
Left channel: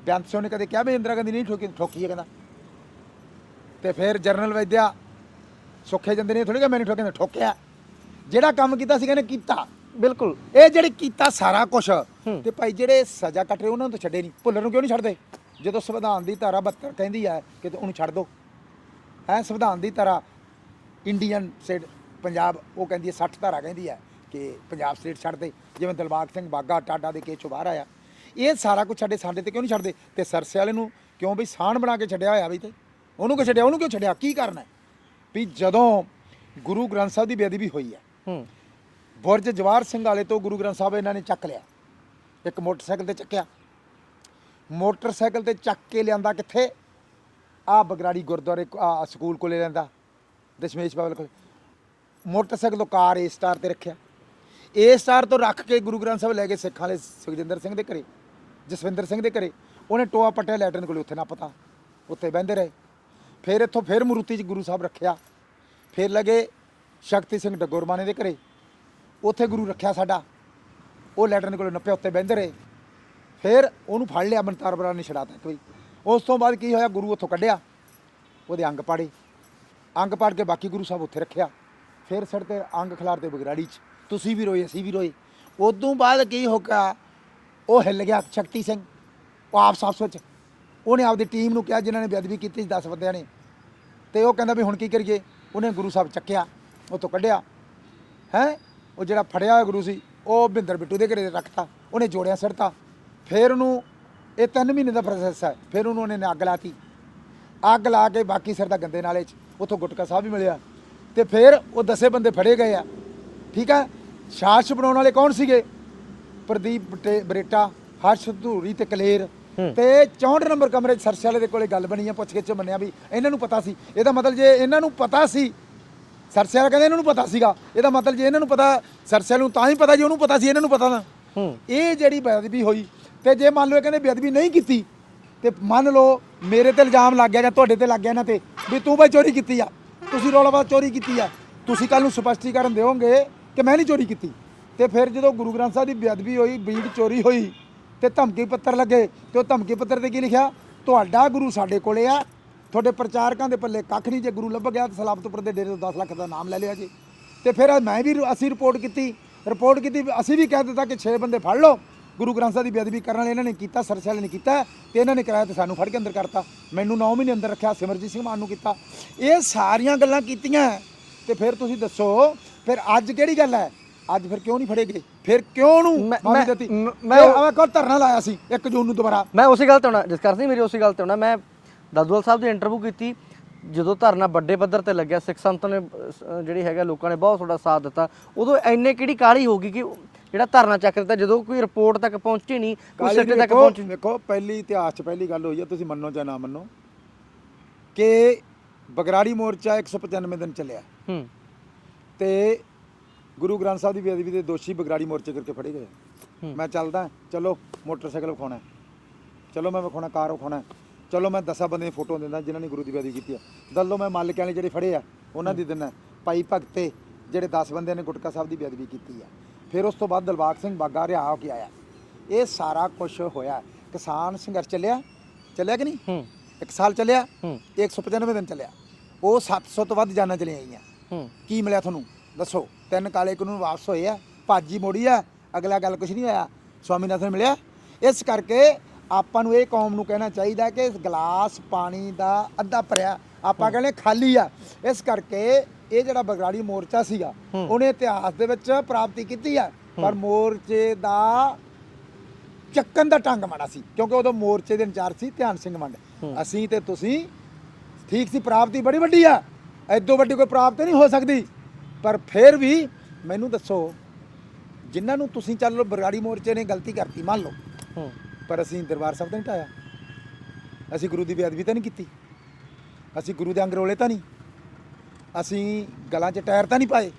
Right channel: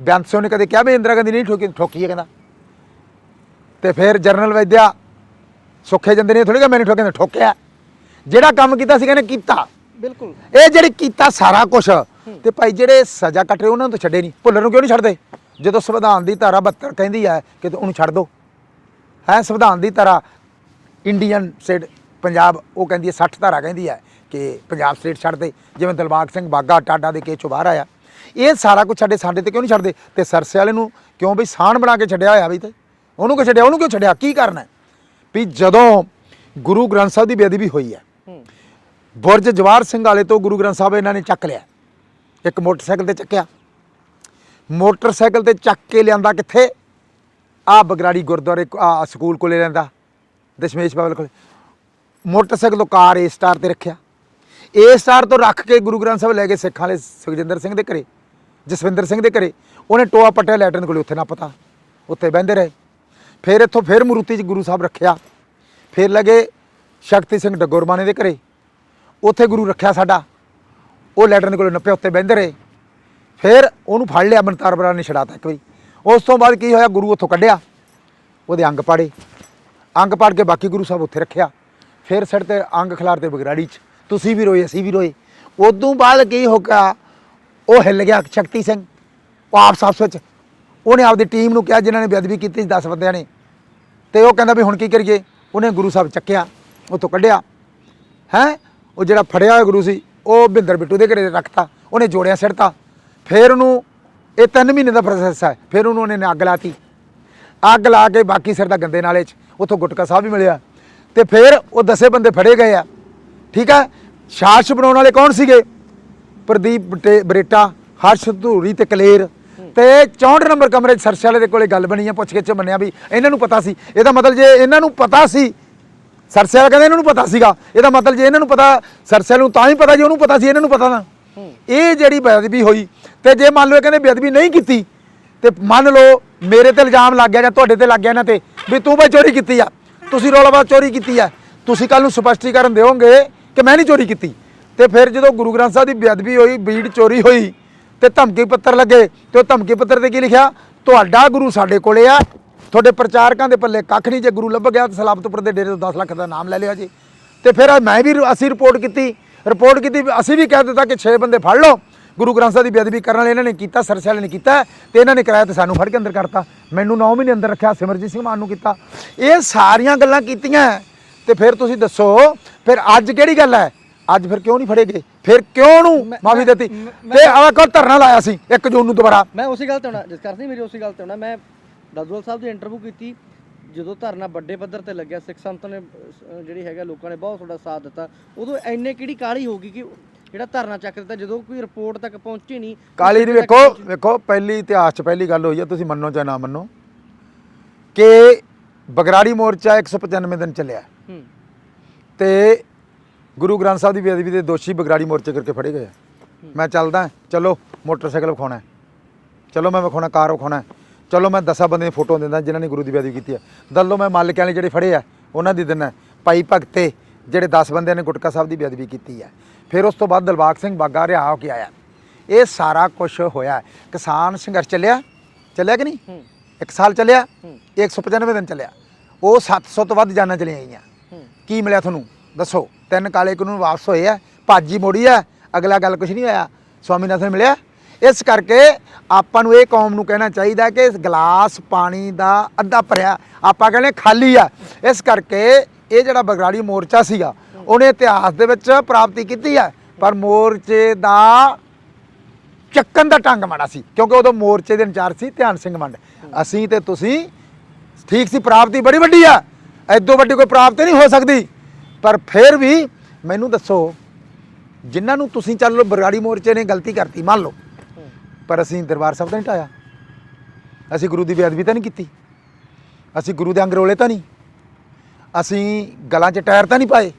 ਬੇਅੰਤ ਸਿੰਘ ਨੇ ਕਦੇ ਕਿਹਾ ਵੀ ਇੰਦਰਾ ਗਾਂਧੀ ਨਹੀਂ ਠੋਕੀ ਹੈ, ਕਹਿੰਦਾ। ਤੇ ਫਿਰ ਜਰਨਲ ਵੈਦਿਆ ਸੁੱਖੇ ਜਾਂਦੇ ਨੇ, ਥੋੜੀ ਕਿ ਮੈਨੂੰ ਠੋਕਿਆ, ਠੋਕਿਆ। ਜਿਹੜਾ ਕੰਮ ਕੀਤਾ ਸੀ ਕਹਿੰਦੇ ਕੀਤਾ, ਬਿਲਕੁਲ। ਇਹ ਜਿਹੜੀ ਕੀਤਾ ਸਾਰਾ ਕੁਛ, ਤੇ ਭਾਈ ਜਿਹੜੇ ਸਜ਼ਾ ਕੱਟ ਰਹੇ ਉਹਨਾਂ ਨੂੰ ਤਾਂ ਛੱਡੇ ਨਹੀਂ। ਭੁੱਲਰ ਨੂੰ ਕਿਉਂ ਨਹੀਂ ਛੱਡਦੇ? ਜਦੋਂ ਸੰਵਿਧਾਨ ਦੀ ਧਾਰਾ 72 ਕਹਿੰਦੀ ਹੈ ਕਿ ਉਹਨੂੰ ਛੱਡ ਦਿਓ, ਹੈ ਸੰਵਿਧਾਨ ਦੀ ਧਾਰਾ ਇੰਡੀਅਨ ਸਟੇਟ ਪੰਜਾਬ, ਉਹ ਕਹਿੰਦੀ ਹੈ 60 ਧਾਰਾ ਕਹਿੰਦੀ ਹੈ ਕਿ ਪੰਜਾਬ ਸਟੇਟ ਛੱਡ ਦੇ। ਜਿਵੇਂ ਦਿਲਬਾਗ ਸਿੰਘ ਬਾਗਾ ਟਾਡਾ ਦੇ ਕੇਸ 'ਚੋਂ ਬਾਹਰ ਆਇਆ, ਇਹ ਸਾਰਾ ਕੁਛ ਸਾਡੇ ਤੇ ਕਿਉਂ ਨਹੀਂ ਛੱਡਦੇ? ਤੇ ਸਰਸੇ ਵਾਲੇ ਨੂੰ ਕਿਉਂ ਬਈ ਸਾਨ ਬਣਾ ਕੇ ਛੱਡਿਆ ਹੋਇਆ? ਬਈ ਤੇ ਉਹਨੂੰ ਕਿਉਂ ਛੱਡਿਆ? ਉਹਨੂੰ ਕਿਉਂ ਛੱਡਿਆ? ਕੀ ਕਰਨਾ? ਵੀ ਜਦੋਂ ਗੁਰੂ ਗ੍ਰੰਥ ਸਾਹਿਬ ਦੀ ਬੇਅਦਬੀ ਹੋਈ ਹੈ, ਬੁਰਜ ਜਵਾਹਰ ਸਿੰਘ ਵਾਲੇ ਤੋਂ ਗੁਰੂ ਗ੍ਰੰਥ ਸਾਹਿਬ ਇਹਨਾਂ ਨੇ ਚੱਕ ਲਿਆ, ਇੱਕ ਮੋਟਰਸਾਈਕਲ ਤੇ ਚੱਕਿਆ, ਮੋਟਰਸਾਈਕਲ ਤੇ ਚੱਕ ਕੇ ਲਿਆਂਦਾ ਕਿੱਥੇ? ਆ ਬਗਰਾੜੀ ਗੁਰਦੁਆਰੇ ਸਕੂਲ ਕੋਲੇ ਰਹਿੰਦਾ, ਦਸ਼ਮੇਸ਼ ਬਾਬਲ ਕੋਲੇ। ਮੋਟਰਸਾਈਕਲ ਤੋਂ ਕਾਰ ਏ ਸਟਾਰ ਤੇ ਰੱਖਿਆ, ਏ ਸਟਾਰ ਤੋਂ ਰੱਖ ਕੇ ਗੁਰੂ ਗ੍ਰੰਥ ਸਾਹਿਬ ਲੈ ਕੇ ਸਿੱਖਾਂ ਵਾਲੇ ਸੁਖਜਿੰਦਰ ਸਿੰਘ ਦੇ ਘਰੇ, ਜਸਵਿੰਦਰ ਸਿੰਘ ਦੇ ਘਰੇ। ਉਹਨੇ ਟੋਆ ਪੱਟਿਆ ਲੈਟਰਨ ਕੋਲੇ, ਉੱਥੇ ਨਾ ਪਤਾ, ਉੱਥੇ ਬਹਿੰਦੇ ਰਹੇ। ਫਿਰ ਇੱਥੋਂ ਫਿਰ ਮਰੂਤੀ 'ਚ ਗੁਰੂ ਸਾਹਿਬ ਰੱਖਿਆ, ਫਿਰ ਲੱਗੇ ਸ਼ਕਤੀ ਸਿੰਘ ਡੱਗੋਰਮਾਨੇ ਦੇ ਘਰੇ, ਉੱਥੇ ਗੁਰੂ ਰੱਖਿਆ ਸਾਡਾ, ਉਹ ਲੈਟਰਨ ਕੋਲੇ ਨੱਪਿਆ, ਉੱਥੇ ਬਹਿੰਦੇ ਰਹੇ। ਫਿਰ ਉਹਨੂੰ ਫੜ ਲਿਆ, ਮਨਤਾਰ ਬਰਾ ਨੇ ਛਡਾਤਾ ਇੱਕ ਵਾਰੀ। ਉਸ ਤੋਂ ਬਾਅਦ ਕੀ ਹੋਇਆ? ਗੁਰੂ ਉੱਥੋਂ ਕੱਢਿਆ, ਉਹਦੇ ਅੰਗ ਪਾੜੇ, ਅੰਗ ਪਾੜ ਕੇ ਬਾਕੀ ਗੁਰੂ ਸਾਹਿਬ ਉੱਥੇ ਰੱਖਿਆ। ਫਿਰ ਸਿਰ ਤੇ ਅੰਗ ਖਿਲਾਰ ਤੇ ਬਗਰਾੜੀ 'ਚ, ਤੁਸੀਂ ਵੀ ਰੋਏ ਅਸੀਂ ਵੀ ਰੋਏ। ਉਦੋਂ ਬਾਅਦ ਕੀ ਹੋ ਗਿਆ? ਉਹ ਹਿੱਲ ਗਿਆ ਸ਼ਕਤੀ ਸਿੰਘ, ਉਹ ਆਪਸ ਵਿੱਚ ਉਹਨੇ ਆਪਦੀ ਟੀਮ ਨੂੰ ਕਿਹਾ ਜਿਨ੍ਹਾਂ ਨੇ ਬੇਅਦਬੀ ਕੀਤੀ 10 ਬੰਦਿਆਂ ਨੇ, ਤੇ ਉਹ ਕਹਿੰਦਾ ਵੀ ਹੁਣ ਕੀ ਕਰੀਏ? ਉਹਨੇ ਗੁਰੂ ਸਾਹਿਬ ਚੱਕਿਆ, ਉੱਥੋਂ ਕੱਢਿਆ। ਹੈਂ, ਉਹ ਜਿਹੜਾ ਫੜਿਆ ਹੋਇਆ ਗੁਰੂ ਸੀ ਉਹ ਭਿੰਦਰ ਬਿੱਟੂ ਦੇ ਘਰੇ ਰੱਖਤਾ, ਉਹਨੇ ਜੋੜਿਆ ਸਿੱਟਤਾ। ਫਿਰ ਉਹਨੂੰ, ਇਹ 3 ਮਹੀਨੇ ਦਾ ਪ੍ਰੋਸੈਸ ਹੈ। ਫਿਰ ਉਹਨੂੰ ਉਹਨੇ ਅੱਗ ਲਾਤੀ, ਅੱਗ ਲਾ ਕੇ ਬਾਕੀ ਸਿਰ ਦਾ ਗੰਦੇ ਨਾਲੇ 'ਚ, ਉੱਥੋਂ ਗੁਟਕਾ ਸਾਹਿਬ ਵੀ ਮਿਲਿਆ। ਤੇ ਫਿਰ ਉਹ 10 ਬੰਦੇ ਫੜੇ ਗਏ ਆ, ਠੀਕ ਹੈ। ਸ਼ਾਸਕ ਬਣਾਉਣ ਵਾਲੇ ਕੌਣ ਸੀਗੇ? ਪ੍ਰਦੀਪ ਬਰੇਟਾ, ਹਰਸ਼ ਧੂਰੀ ਤੇ ਕਲੇਰ। ਤੇ 64 ਨੰਬਰ ਕਮਰੇ 'ਚ ਸਰਸੇ ਵਾਲੇ ਦੇ ਕੋਲੇ ਗੱਲ ਬਣੀ ਆ, ਪੁੱਛ ਕੇ ਚ ਮੰਨਿਆ ਵੀ ਇਹਨਾਂ ਨੂੰ ਪਤਾ ਸੀ। ਇਹਦਾ ਮਤਲਬ ਜੇ ਇਹਨਾਂ ਨੂੰ ਪਤਾ ਸੀ, ਸਰਸੇ ਵਾਲਾ ਕਹਿੰਦੇ ਇਹਨਾਂ ਨੂੰ ਪਤਾ ਸੀਗਾ, ਇਹਦਾ ਮਤਲਬ ਜੇ ਇਹਨਾਂ ਨੂੰ ਪਤਾ, ਸਰਸੇ ਨੂੰ ਤਾਂ ਹੀ ਪਤਾ ਜੇ ਉਹਨੂੰ ਪਤਾ ਸੀ, ਇਹਨਾਂ ਨੂੰ ਪਤਾ ਨਾ। ਇਹ ਜਿਹੜੀ ਬੇਅਦਬੀ ਹੋਈ, ਤੇ ਜੇ ਮੰਨ ਲਓ ਇਹ ਕਹਿੰਦੇ ਬੇਅਦਬੀ ਨਹੀਂ ਕੀਤੀ, ਤੇ ਮੰਨ ਲਓ ਮੇਰੇ ਤੇ ਇਲਜ਼ਾਮ ਲੱਗ ਗਿਆ ਜਾਂ ਤੁਹਾਡੇ ਤੇ ਲੱਗ ਗਿਆ ਇਹਨਾਂ ਤੇ ਵੀ ਤੂੰ ਬਈ ਚੋਰੀ ਕੀਤੀ ਆ, ਤੁਸੀਂ ਰੌਲਾਬਾਦ ਚੋਰੀ ਕੀਤੀ ਆ, ਤੁਸੀਂ ਕੱਲ ਨੂੰ ਸਪਸ਼ਟੀਕਰਨ ਦਿਓਗੇ ਕਿ ਮੈਂ ਨਹੀਂ ਚੋਰੀ ਕੀਤੀ। ਤੇ ਫਿਰ ਜਦੋਂ ਗੁਰੂ ਗ੍ਰੰਥ ਸਾਹਿਬ ਦੀ ਬੇਅਦਬੀ ਹੋਈ, ਬੀੜ ਚੋਰੀ ਹੋਈ ਤੇ ਧਮਕੀ ਪੱਤਰ ਲੱਗੇ, ਤੇ ਉਹ ਧਮਕੀ ਪੱਤਰ ਤੇ ਕੀ ਲਿਖਿਆ? ਤੁਹਾਡਾ ਗੁਰੂ ਸਾਡੇ ਕੋਲੇ ਆ, ਤੁਹਾਡੇ ਪ੍ਰਚਾਰਕਾਂ ਦੇ ਪੱਲੇ ਕੱਖ ਨਹੀਂ, ਜੇ ਗੁਰੂ ਲੱਭ ਗਿਆ ਤਾਂ ਸਲਾਬਤਪੁਰ ਦੇ ਡੇਰੇ ਤੋਂ 10 ਲੱਖ ਦਾ ਨਾਮ ਲੈ ਲਿਆ ਜੀ। ਤੇ ਫਿਰ ਅਸੀਂ ਰਿਪੋਰਟ ਕੀਤੀ, ਅਸੀਂ ਵੀ ਕਹਿ ਦਿੱਤਾ ਕਿ 6 ਬੰਦੇ ਫੜ ਲਓ, ਗੁਰੂ ਗ੍ਰੰਥ ਸਾਹਿਬ ਦੀ ਬੇਅਦਬੀ ਕਰਨ ਵਾਲੇ ਇਹਨਾਂ ਨੇ ਕੀਤਾ, ਸਰਸੇ ਵਾਲੇ ਨੇ ਕੀਤਾ, ਤੇ ਇਹਨਾਂ ਨੇ ਕਰਾਇਆ ਤੇ ਸਾਨੂੰ ਫੜ ਕੇ ਅੰਦਰ ਕਰਤਾ। ਮੈਨੂੰ 9 ਮਹੀਨੇ ਅੰਦਰ ਰੱਖਿਆ, ਸਿਮਰਜੀਤ ਸਿੰਘ ਮਾਨ ਨੂੰ ਕੀਤਾ। ਇਹ ਸਾਰੀਆਂ ਗੱਲਾਂ ਕੀਤੀਆਂ, ਤੇ ਫਿਰ ਤੁਸੀਂ ਦੱਸੋ ਫਿਰ ਅੱਜ ਕਿਹੜੀ ਗੱਲ ਹੈ? ਅੱਜ ਫਿਰ ਕਿਉਂ ਨਹੀਂ ਫੜੇ ਗਏ? ਫਿਰ ਕਿਉਂ ਨੂੰ ਮਾਫੀ ਦਿੱਤੀ? ਤੇ ਆਹ ਕੋ ਧਰਨਾ ਲਾਇਆ ਸੀ 1 ਜੂਨ ਨੂੰ ਦੁਬਾਰਾ। ਮੈਂ ਉਸੇ ਗੱਲ ਤੇ ਹੋਣਾ ਜਸਕਰ ਸਿੰਘ, ਮੇਰੀ ਉਸੇ ਗੱਲ ਤੇ ਹੋਣਾ। ਮੈਂ ਦਾਦੂਵਾਲ ਸਾਹਿਬ ਦੀ ਇੰਟਰਵਿਊ ਕੀਤੀ ਜਦੋਂ ਧਰਨਾ ਵੱਡੇ ਪੱਧਰ ਤੇ ਲੱਗਿਆ, ਸਿੱਖ ਸੰਤ ਨੇ ਜਿਹੜੀ ਹੈਗਾ ਲੋਕਾਂ ਨੇ ਬਹੁਤ ਤੁਹਾਡਾ ਸਾਥ ਦਿੱਤਾ। ਉਦੋਂ ਇੰਨੇ ਕਿਹੜੀ ਕਾਹਲੀ ਹੋ ਗਈ ਕਿ ਜਿਹੜਾ ਧਰਨਾ ਚੱਕ ਦਿੱਤਾ, ਜਦੋਂ ਕੋਈ ਰਿਪੋਰਟ ਤੱਕ ਪਹੁੰਚੀ ਨਹੀਂ? ਕਾਲੀ ਦੀ ਵੇਖੋ ਪਹਿਲੀ ਇਤਿਹਾਸ 'ਚ ਪਹਿਲੀ ਗੱਲ ਹੋਈ ਹੈ, ਤੁਸੀਂ ਮੰਨੋ ਚਾਹੇ ਨਾ ਮੰਨੋ, ਕਿ ਬਗਰਾੜੀ ਮੋਰਚਾ 195 ਦਿਨ ਚੱਲਿਆ, ਤੇ ਗੁਰੂ ਗ੍ਰੰਥ ਸਾਹਿਬ ਦੀ ਬੇਅਦਬੀ ਦੇ ਦੋਸ਼ੀ ਬਗਰਾੜੀ ਮੋਰਚੇ ਕਰਕੇ ਫੜੇ ਗਏ। ਮੈਂ ਚੱਲਦਾ, ਚਲੋ ਮੋਟਰਸਾਈਕਲ ਵਿਖਾਉਣਾ, ਚਲੋ ਮੈਂ ਵਿਖਾਉਣਾ ਕਾਰ ਵਿਖਾਉਣਾ, ਚਲੋ ਮੈਂ 10 ਬੰਦੇ ਦੀ ਫੋਟੋ ਦਿੰਦਾ ਜਿਨ੍ਹਾਂ ਨੇ ਗੁਰੂ ਦੀ ਬੇਅਦਬੀ ਕੀਤੀ ਹੈ। ਦੱਲੋ ਮੈਂ ਮਾਲਕਾਂ ਵਾਲੇ ਜਿਹੜੇ ਫੜੇ ਆ ਉਹਨਾਂ ਦੀ ਦਿੰਦਾ, ਭਾਈ ਭਗਤੇ ਜਿਹੜੇ 10 ਬੰਦਿਆਂ ਨੇ ਗੁਟਕਾ ਸਾਹਿਬ ਦੀ ਬੇਅਦਬੀ ਕੀਤੀ ਹੈ। ਫਿਰ ਉਸ ਤੋਂ ਬਾਅਦ ਦਿਲਬਾਗ ਸਿੰਘ ਬਾਗਾ ਰਿਹਾ ਹੋ ਕੇ ਆਇਆ। ਇਹ ਸਾਰਾ ਕੁਝ ਹੋਇਆ। ਕਿਸਾਨ ਸੰਘਰਸ਼ ਚੱਲਿਆ ਕਿ ਨਹੀਂ? 1 ਸਾਲ ਚੱਲਿਆ, 195 ਦਿਨ ਚੱਲਿਆ, ਉਹ 700 ਤੋਂ ਵੱਧ ਜਾਨਾਂ ਚਲੀਆਂ ਗਈਆਂ। ਕੀ ਮਿਲਿਆ ਤੁਹਾਨੂੰ ਦੱਸੋ? 3 ਕਾਲੇ ਕਾਨੂੰਨ ਵਾਪਸ ਹੋਏ ਆ, ਭਾਜੀ ਮੋੜੀ ਆ, ਅਗਲਾ ਗੱਲ ਕੁਝ ਨਹੀਂ ਹੋਇਆ, ਸਵਾਮੀਨਾਥਨ ਮਿਲਿਆ। ਇਸ ਕਰਕੇ ਆਪਾਂ ਨੂੰ ਇਹ ਕੌਮ ਨੂੰ ਕਹਿਣਾ ਚਾਹੀਦਾ ਕਿ ਇਸ ਗਲਾਸ ਪਾਣੀ ਦਾ ਅੱਧਾ ਭਰਿਆ, ਆਪਾਂ ਕਹਿੰਦੇ ਖਾਲੀ ਆ। ਇਸ ਕਰਕੇ ਇਹ ਜਿਹੜਾ ਬਗਰਾੜੀ ਮੋਰਚਾ ਸੀਗਾ ਉਹਨੇ ਇਤਿਹਾਸ ਦੇ ਵਿੱਚ ਪ੍ਰਾਪਤੀ ਕੀਤੀ ਹੈ, ਪਰ ਮੋਰਚੇ ਦਾ ਚੱਕਣ ਦਾ ਢੰਗ ਮਾੜਾ ਸੀ, ਕਿਉਂਕਿ ਉਦੋਂ ਮੋਰਚੇ ਦੇ ਇੰਚਾਰਜ ਸੀ ਧਿਆਨ ਸਿੰਘ ਮੰਡ। ਅਸੀਂ ਤੇ ਤੁਸੀਂ ਠੀਕ ਸੀ, ਪ੍ਰਾਪਤੀ ਬੜੀ ਵੱਡੀ ਆ, ਐਦੋਂ ਵੱਡੀ ਕੋਈ ਪ੍ਰਾਪਤੀ ਨਹੀਂ ਹੋ ਸਕਦੀ। ਪਰ ਫਿਰ ਵੀ ਮੈਨੂੰ ਦੱਸੋ, ਜਿਨ੍ਹਾਂ ਨੂੰ ਤੁਸੀਂ ਚੱਲ ਲਓ ਬਗਰਾੜੀ ਮੋਰਚੇ ਨੇ ਗਲਤੀ ਕਰਤੀ ਮੰਨ ਲਓ, ਪਰ ਅਸੀਂ ਦਰਬਾਰ ਸਾਹਿਬ ਤਾਂ ਨਹੀਂ ਢਾਇਆ, ਅਸੀਂ ਗੁਰੂ ਦੀ ਬੇਅਦਬੀ ਤਾਂ ਨਹੀਂ ਕੀਤੀ, ਅਸੀਂ ਗੁਰੂ ਦੇ ਅੰਗ ਰੋਲੇ ਤਾਂ ਨਹੀਂ, ਅਸੀਂ ਗਲਾਂ 'ਚ ਟਾਇਰ ਤਾਂ ਨਹੀਂ ਪਾਏ,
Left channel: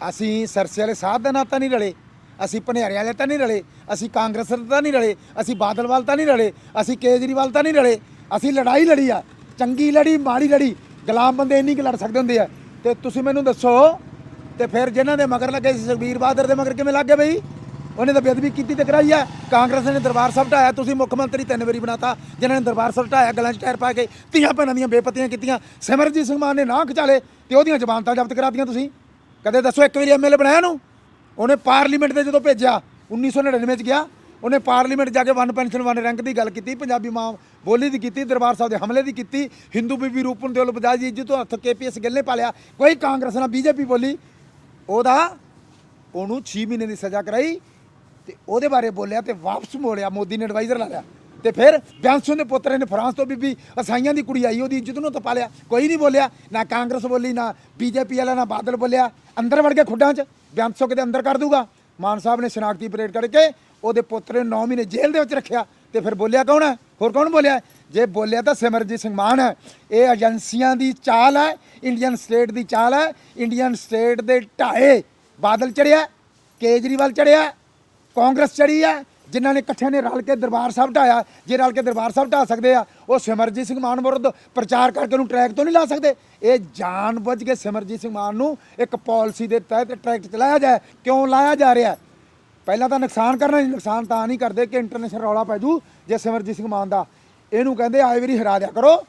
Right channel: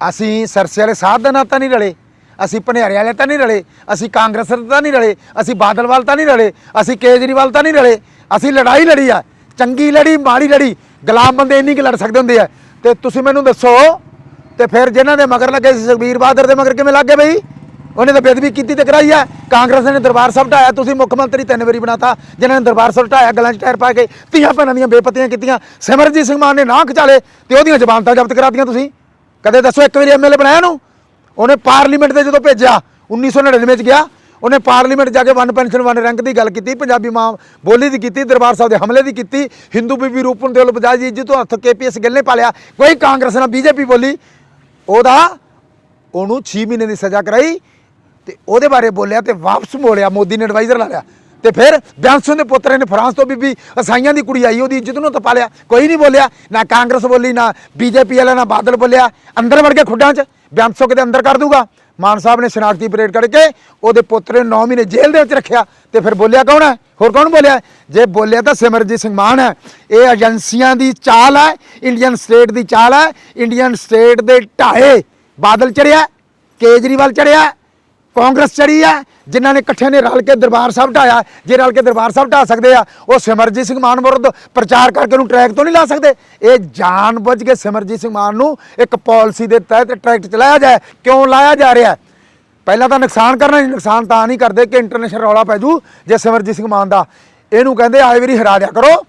ਅਸੀਂ ਸਰਸੇ ਵਾਲੇ ਸਾਧ ਦਾ ਨਾਂ ਤਾਂ ਨਹੀਂ ਰਲੇ, ਅਸੀਂ ਭਨਿਆਰੇ ਵਾਲੇ ਤਾਂ ਨਹੀਂ ਰਲੇ, ਅਸੀਂ ਕਾਂਗਰਸ ਤਾਂ ਨਹੀਂ ਰਲੇ, ਅਸੀਂ ਬਾਦਲਵਾਲ ਤਾਂ ਨਹੀਂ ਰਲੇ, ਅਸੀਂ ਕੇਜਰੀਵਾਲ ਤਾਂ ਨਹੀਂ ਰਲੇ। ਅਸੀਂ ਲੜਾਈ ਲੜੀ ਆ, ਚੰਗੀ ਲੜੀ ਮਾੜੀ ਲੜੀ, ਗੁਲਾਮ ਬੰਦੇ ਇੰਨੀ ਕਿ ਲੜ ਸਕਦੇ ਹੁੰਦੇ ਆ। ਤੇ ਤੁਸੀਂ ਮੈਨੂੰ ਦੱਸੋ, ਤੇ ਫਿਰ ਜਿਨ੍ਹਾਂ ਦੇ ਮਗਰ ਲੱਗੇ ਸੀ ਸੁਖਬੀਰ ਬਾਦਲ ਦੇ ਮਗਰ ਕਿਵੇਂ ਲੱਗ ਗਏ ਬਈ? ਉਹਨੇ ਤਾਂ ਬੇਅਦਬੀ ਕੀਤੀ ਤੇ ਕਰਾਈ ਆ। ਕਾਂਗਰਸ ਨੇ ਦਰਬਾਰ ਸਾਹਿਬ ਢਾਇਆ, ਤੁਸੀਂ ਮੁੱਖ ਮੰਤਰੀ 3 ਵਾਰੀ ਬਣਾਤਾ ਜਿਨ੍ਹਾਂ ਨੇ ਦਰਬਾਰ ਸਾਹਿਬ ਢਾਇਆ, ਗਲਾਂ 'ਚ ਟਾਇਰ ਪਾ ਕੇ ਧੀਆਂ ਭੈਣਾਂ ਦੀਆਂ ਬੇਪਤੀਆਂ ਕੀਤੀਆਂ। ਸਿਮਰਜੀਤ ਸਿੰਘ ਮਾਨ ਨੇ ਨਾਂਹ ਖਿਚਾਲੇ ਤੇ ਉਹਦੀਆਂ ਜ਼ਮਾਨਤਾਂ ਜ਼ਬਤ ਕਰਾਤੀਆਂ। ਤੁਸੀਂ ਕਦੇ ਦੱਸੋ ਇੱਕ ਵਾਰੀ ਐਮਐਲਏ ਬਣਾਇਆ ਨੂੰ? ਉਹਨੇ ਪਾਰਲੀਮੈਂਟ ਦੇ ਜਦੋਂ ਭੇਜਿਆ 1999 'ਚ ਗਿਆ, ਉਹਨੇ ਪਾਰਲੀਮੈਂਟ ਜਾ ਕੇ 1 ਪੈਨਸ਼ਨ 1 ਰੈਂਕ ਦੀ ਗੱਲ ਕੀਤੀ, ਪੰਜਾਬੀ ਮਾਂ ਬੋਲੀ ਦੀ ਕੀਤੀ, ਦਰਬਾਰ ਸਾਹਿਬ ਦੇ ਹਮਲੇ ਦੀ ਕੀਤੀ, ਹਿੰਦੂ ਬੀਬੀ ਰੂਪਨ ਦੇ ਵੱਲ ਬਜਾਜ ਜੀ ਜਿੱਤੋਂ ਹੱਥ KPS ਗੱਲੇ ਪਾ ਲਿਆ। ਕੋਈ ਕਾਂਗਰਸ ਨਾਲ BJP ਬੋਲੀ, ਉਹਨੂੰ 6 ਮਹੀਨੇ ਦੀ ਸਜ਼ਾ ਕਰਾਈ ਤੇ ਉਹਦੇ ਬਾਰੇ ਬੋਲਿਆ ਤੇ ਵਾਪਸ ਮੋੜਿਆ, ਮੋਦੀ ਨੇ ਐਡਵਾਈਜ਼ਰ ਲਾ ਲਿਆ। ਤੇ ਫਿਰ ਬਿਆੰਸੂ ਦੇ ਪੁੱਤਰ ਨੇ ਫਰਾਂਸ ਤੋਂ ਬੀਬੀ ਅਸਾਈਆਂ ਦੀ ਕੁੜੀ ਆਈ, ਉਹਦੀ ਇੱਜ਼ਤ ਨੂੰ ਤਪਾ ਲਿਆ। ਕੋਈ ਨਹੀਂ ਬੋਲਿਆ, ਨਾ ਕਾਂਗਰਸ ਬੋਲੀ, ਨਾ BJP ਵਾਲਾ, ਨਾ ਬਾਦਲ ਬੋਲਿਆ। ਅੰਦਰ ਵੜ ਕੇ ਖੁੱਡਾਂ 'ਚ ਬਿਆੰਸੂ ਕਿਤੇ ਅੰਦਰ ਕਰ ਦੂਗਾ। ਮਾਨ ਸਾਹਿਬ ਨੇ ਸ਼ਨਾਖਤੀ ਪਰੇਡ ਕਰਕੇ ਉਹਦੇ ਪੁੱਤਰ ਨੂੰ 9 ਮਹੀਨੇ ਜੇਲ੍ਹ ਦੇ ਵਿੱਚ ਰੱਖਿਆ। ਤੇ ਫਿਰ ਬੋਲਿਆ ਕੌਣ ਹੈ? ਹੋਰ ਕੌਣ ਬੋਲਿਆ? ਜੇ ਬੋਲਿਆ ਤਾਂ ਸਿਮਰਜੀਤ ਸਿੰਘ ਮਾਨ ਹੈ। ਇਹ ਏਜੰਸੀਆਂ ਦੀ ਚਾਲ ਹੈ, ਇੰਡੀਅਨ ਸਟੇਟ ਦੀ ਚਾਲ ਹੈ। ਇੰਡੀਅਨ ਸਟੇਟ ਦੇ ਢਾਏ ਬਾਦਲ ਚੜਿਆ, ਕੇਜਰੀਵਾਲ ਚੜਿਆ, ਕਾਂਗਰਸ ਚੜੀ ਹੈ, ਜਿਨ੍ਹਾਂ ਨੇ ਇਕੱਠੇ ਨੇ ਰਲ ਕੇ ਦਰਬਾਰ ਸਾਹਿਬ ਢਾਇਆ। ਜੇ ਰਲ ਕੇ ਦਰਬਾਰ ਸਾਹਿਬ ਢਾ ਸਕਦੇ ਆ, ਉਹ ਸਿਮਰਜੀਤ ਸਿੰਘ ਮਾਨ ਵਿਰੁੱਧ ਪ੍ਰਚਾਰ ਕਰਕੇ ਉਹਨੂੰ ਟਰੈਕ ਤੋਂ ਨਹੀਂ ਲਾ ਸਕਦੇ। ਇਹ ਜਾਣ ਬੁੱਝ ਕੇ ਸਿਮਰਜੀਤ ਸਿੰਘ ਮਾਨ ਨੂੰ ਇੱਕ ਪਾਲਿਸੀ ਦੇ ਤਹਿਤ ਟਰੈਕ ਚਲਾਇਆ ਜਾਏ। ਕਿਉਂ ਲਾਇਆ ਜਾ ਰਿਹਾ? ਪਹਿਲਾਂ ਤਾਂ ਨੁਕਸਾਨ ਕਰਨਾ, ਨੁਕਸਾਨ ਤਾਂ ਨਹੀਂ ਕਰਦੇ ਕਿ ਇੰਟਰਨੈਸ਼ਨਲ ਰੌਲਾ ਪੈ ਜੂ। ਜੇ ਸਿਮਰਜੀਤ ਸਿੰਘ ਮਾਨ ਦਾ ਇਹਨੂੰ ਕਹਿੰਦੇ ਆਏ ਵਾਰੀ ਹਰਾ ਦਿਆ ਕਰੋ,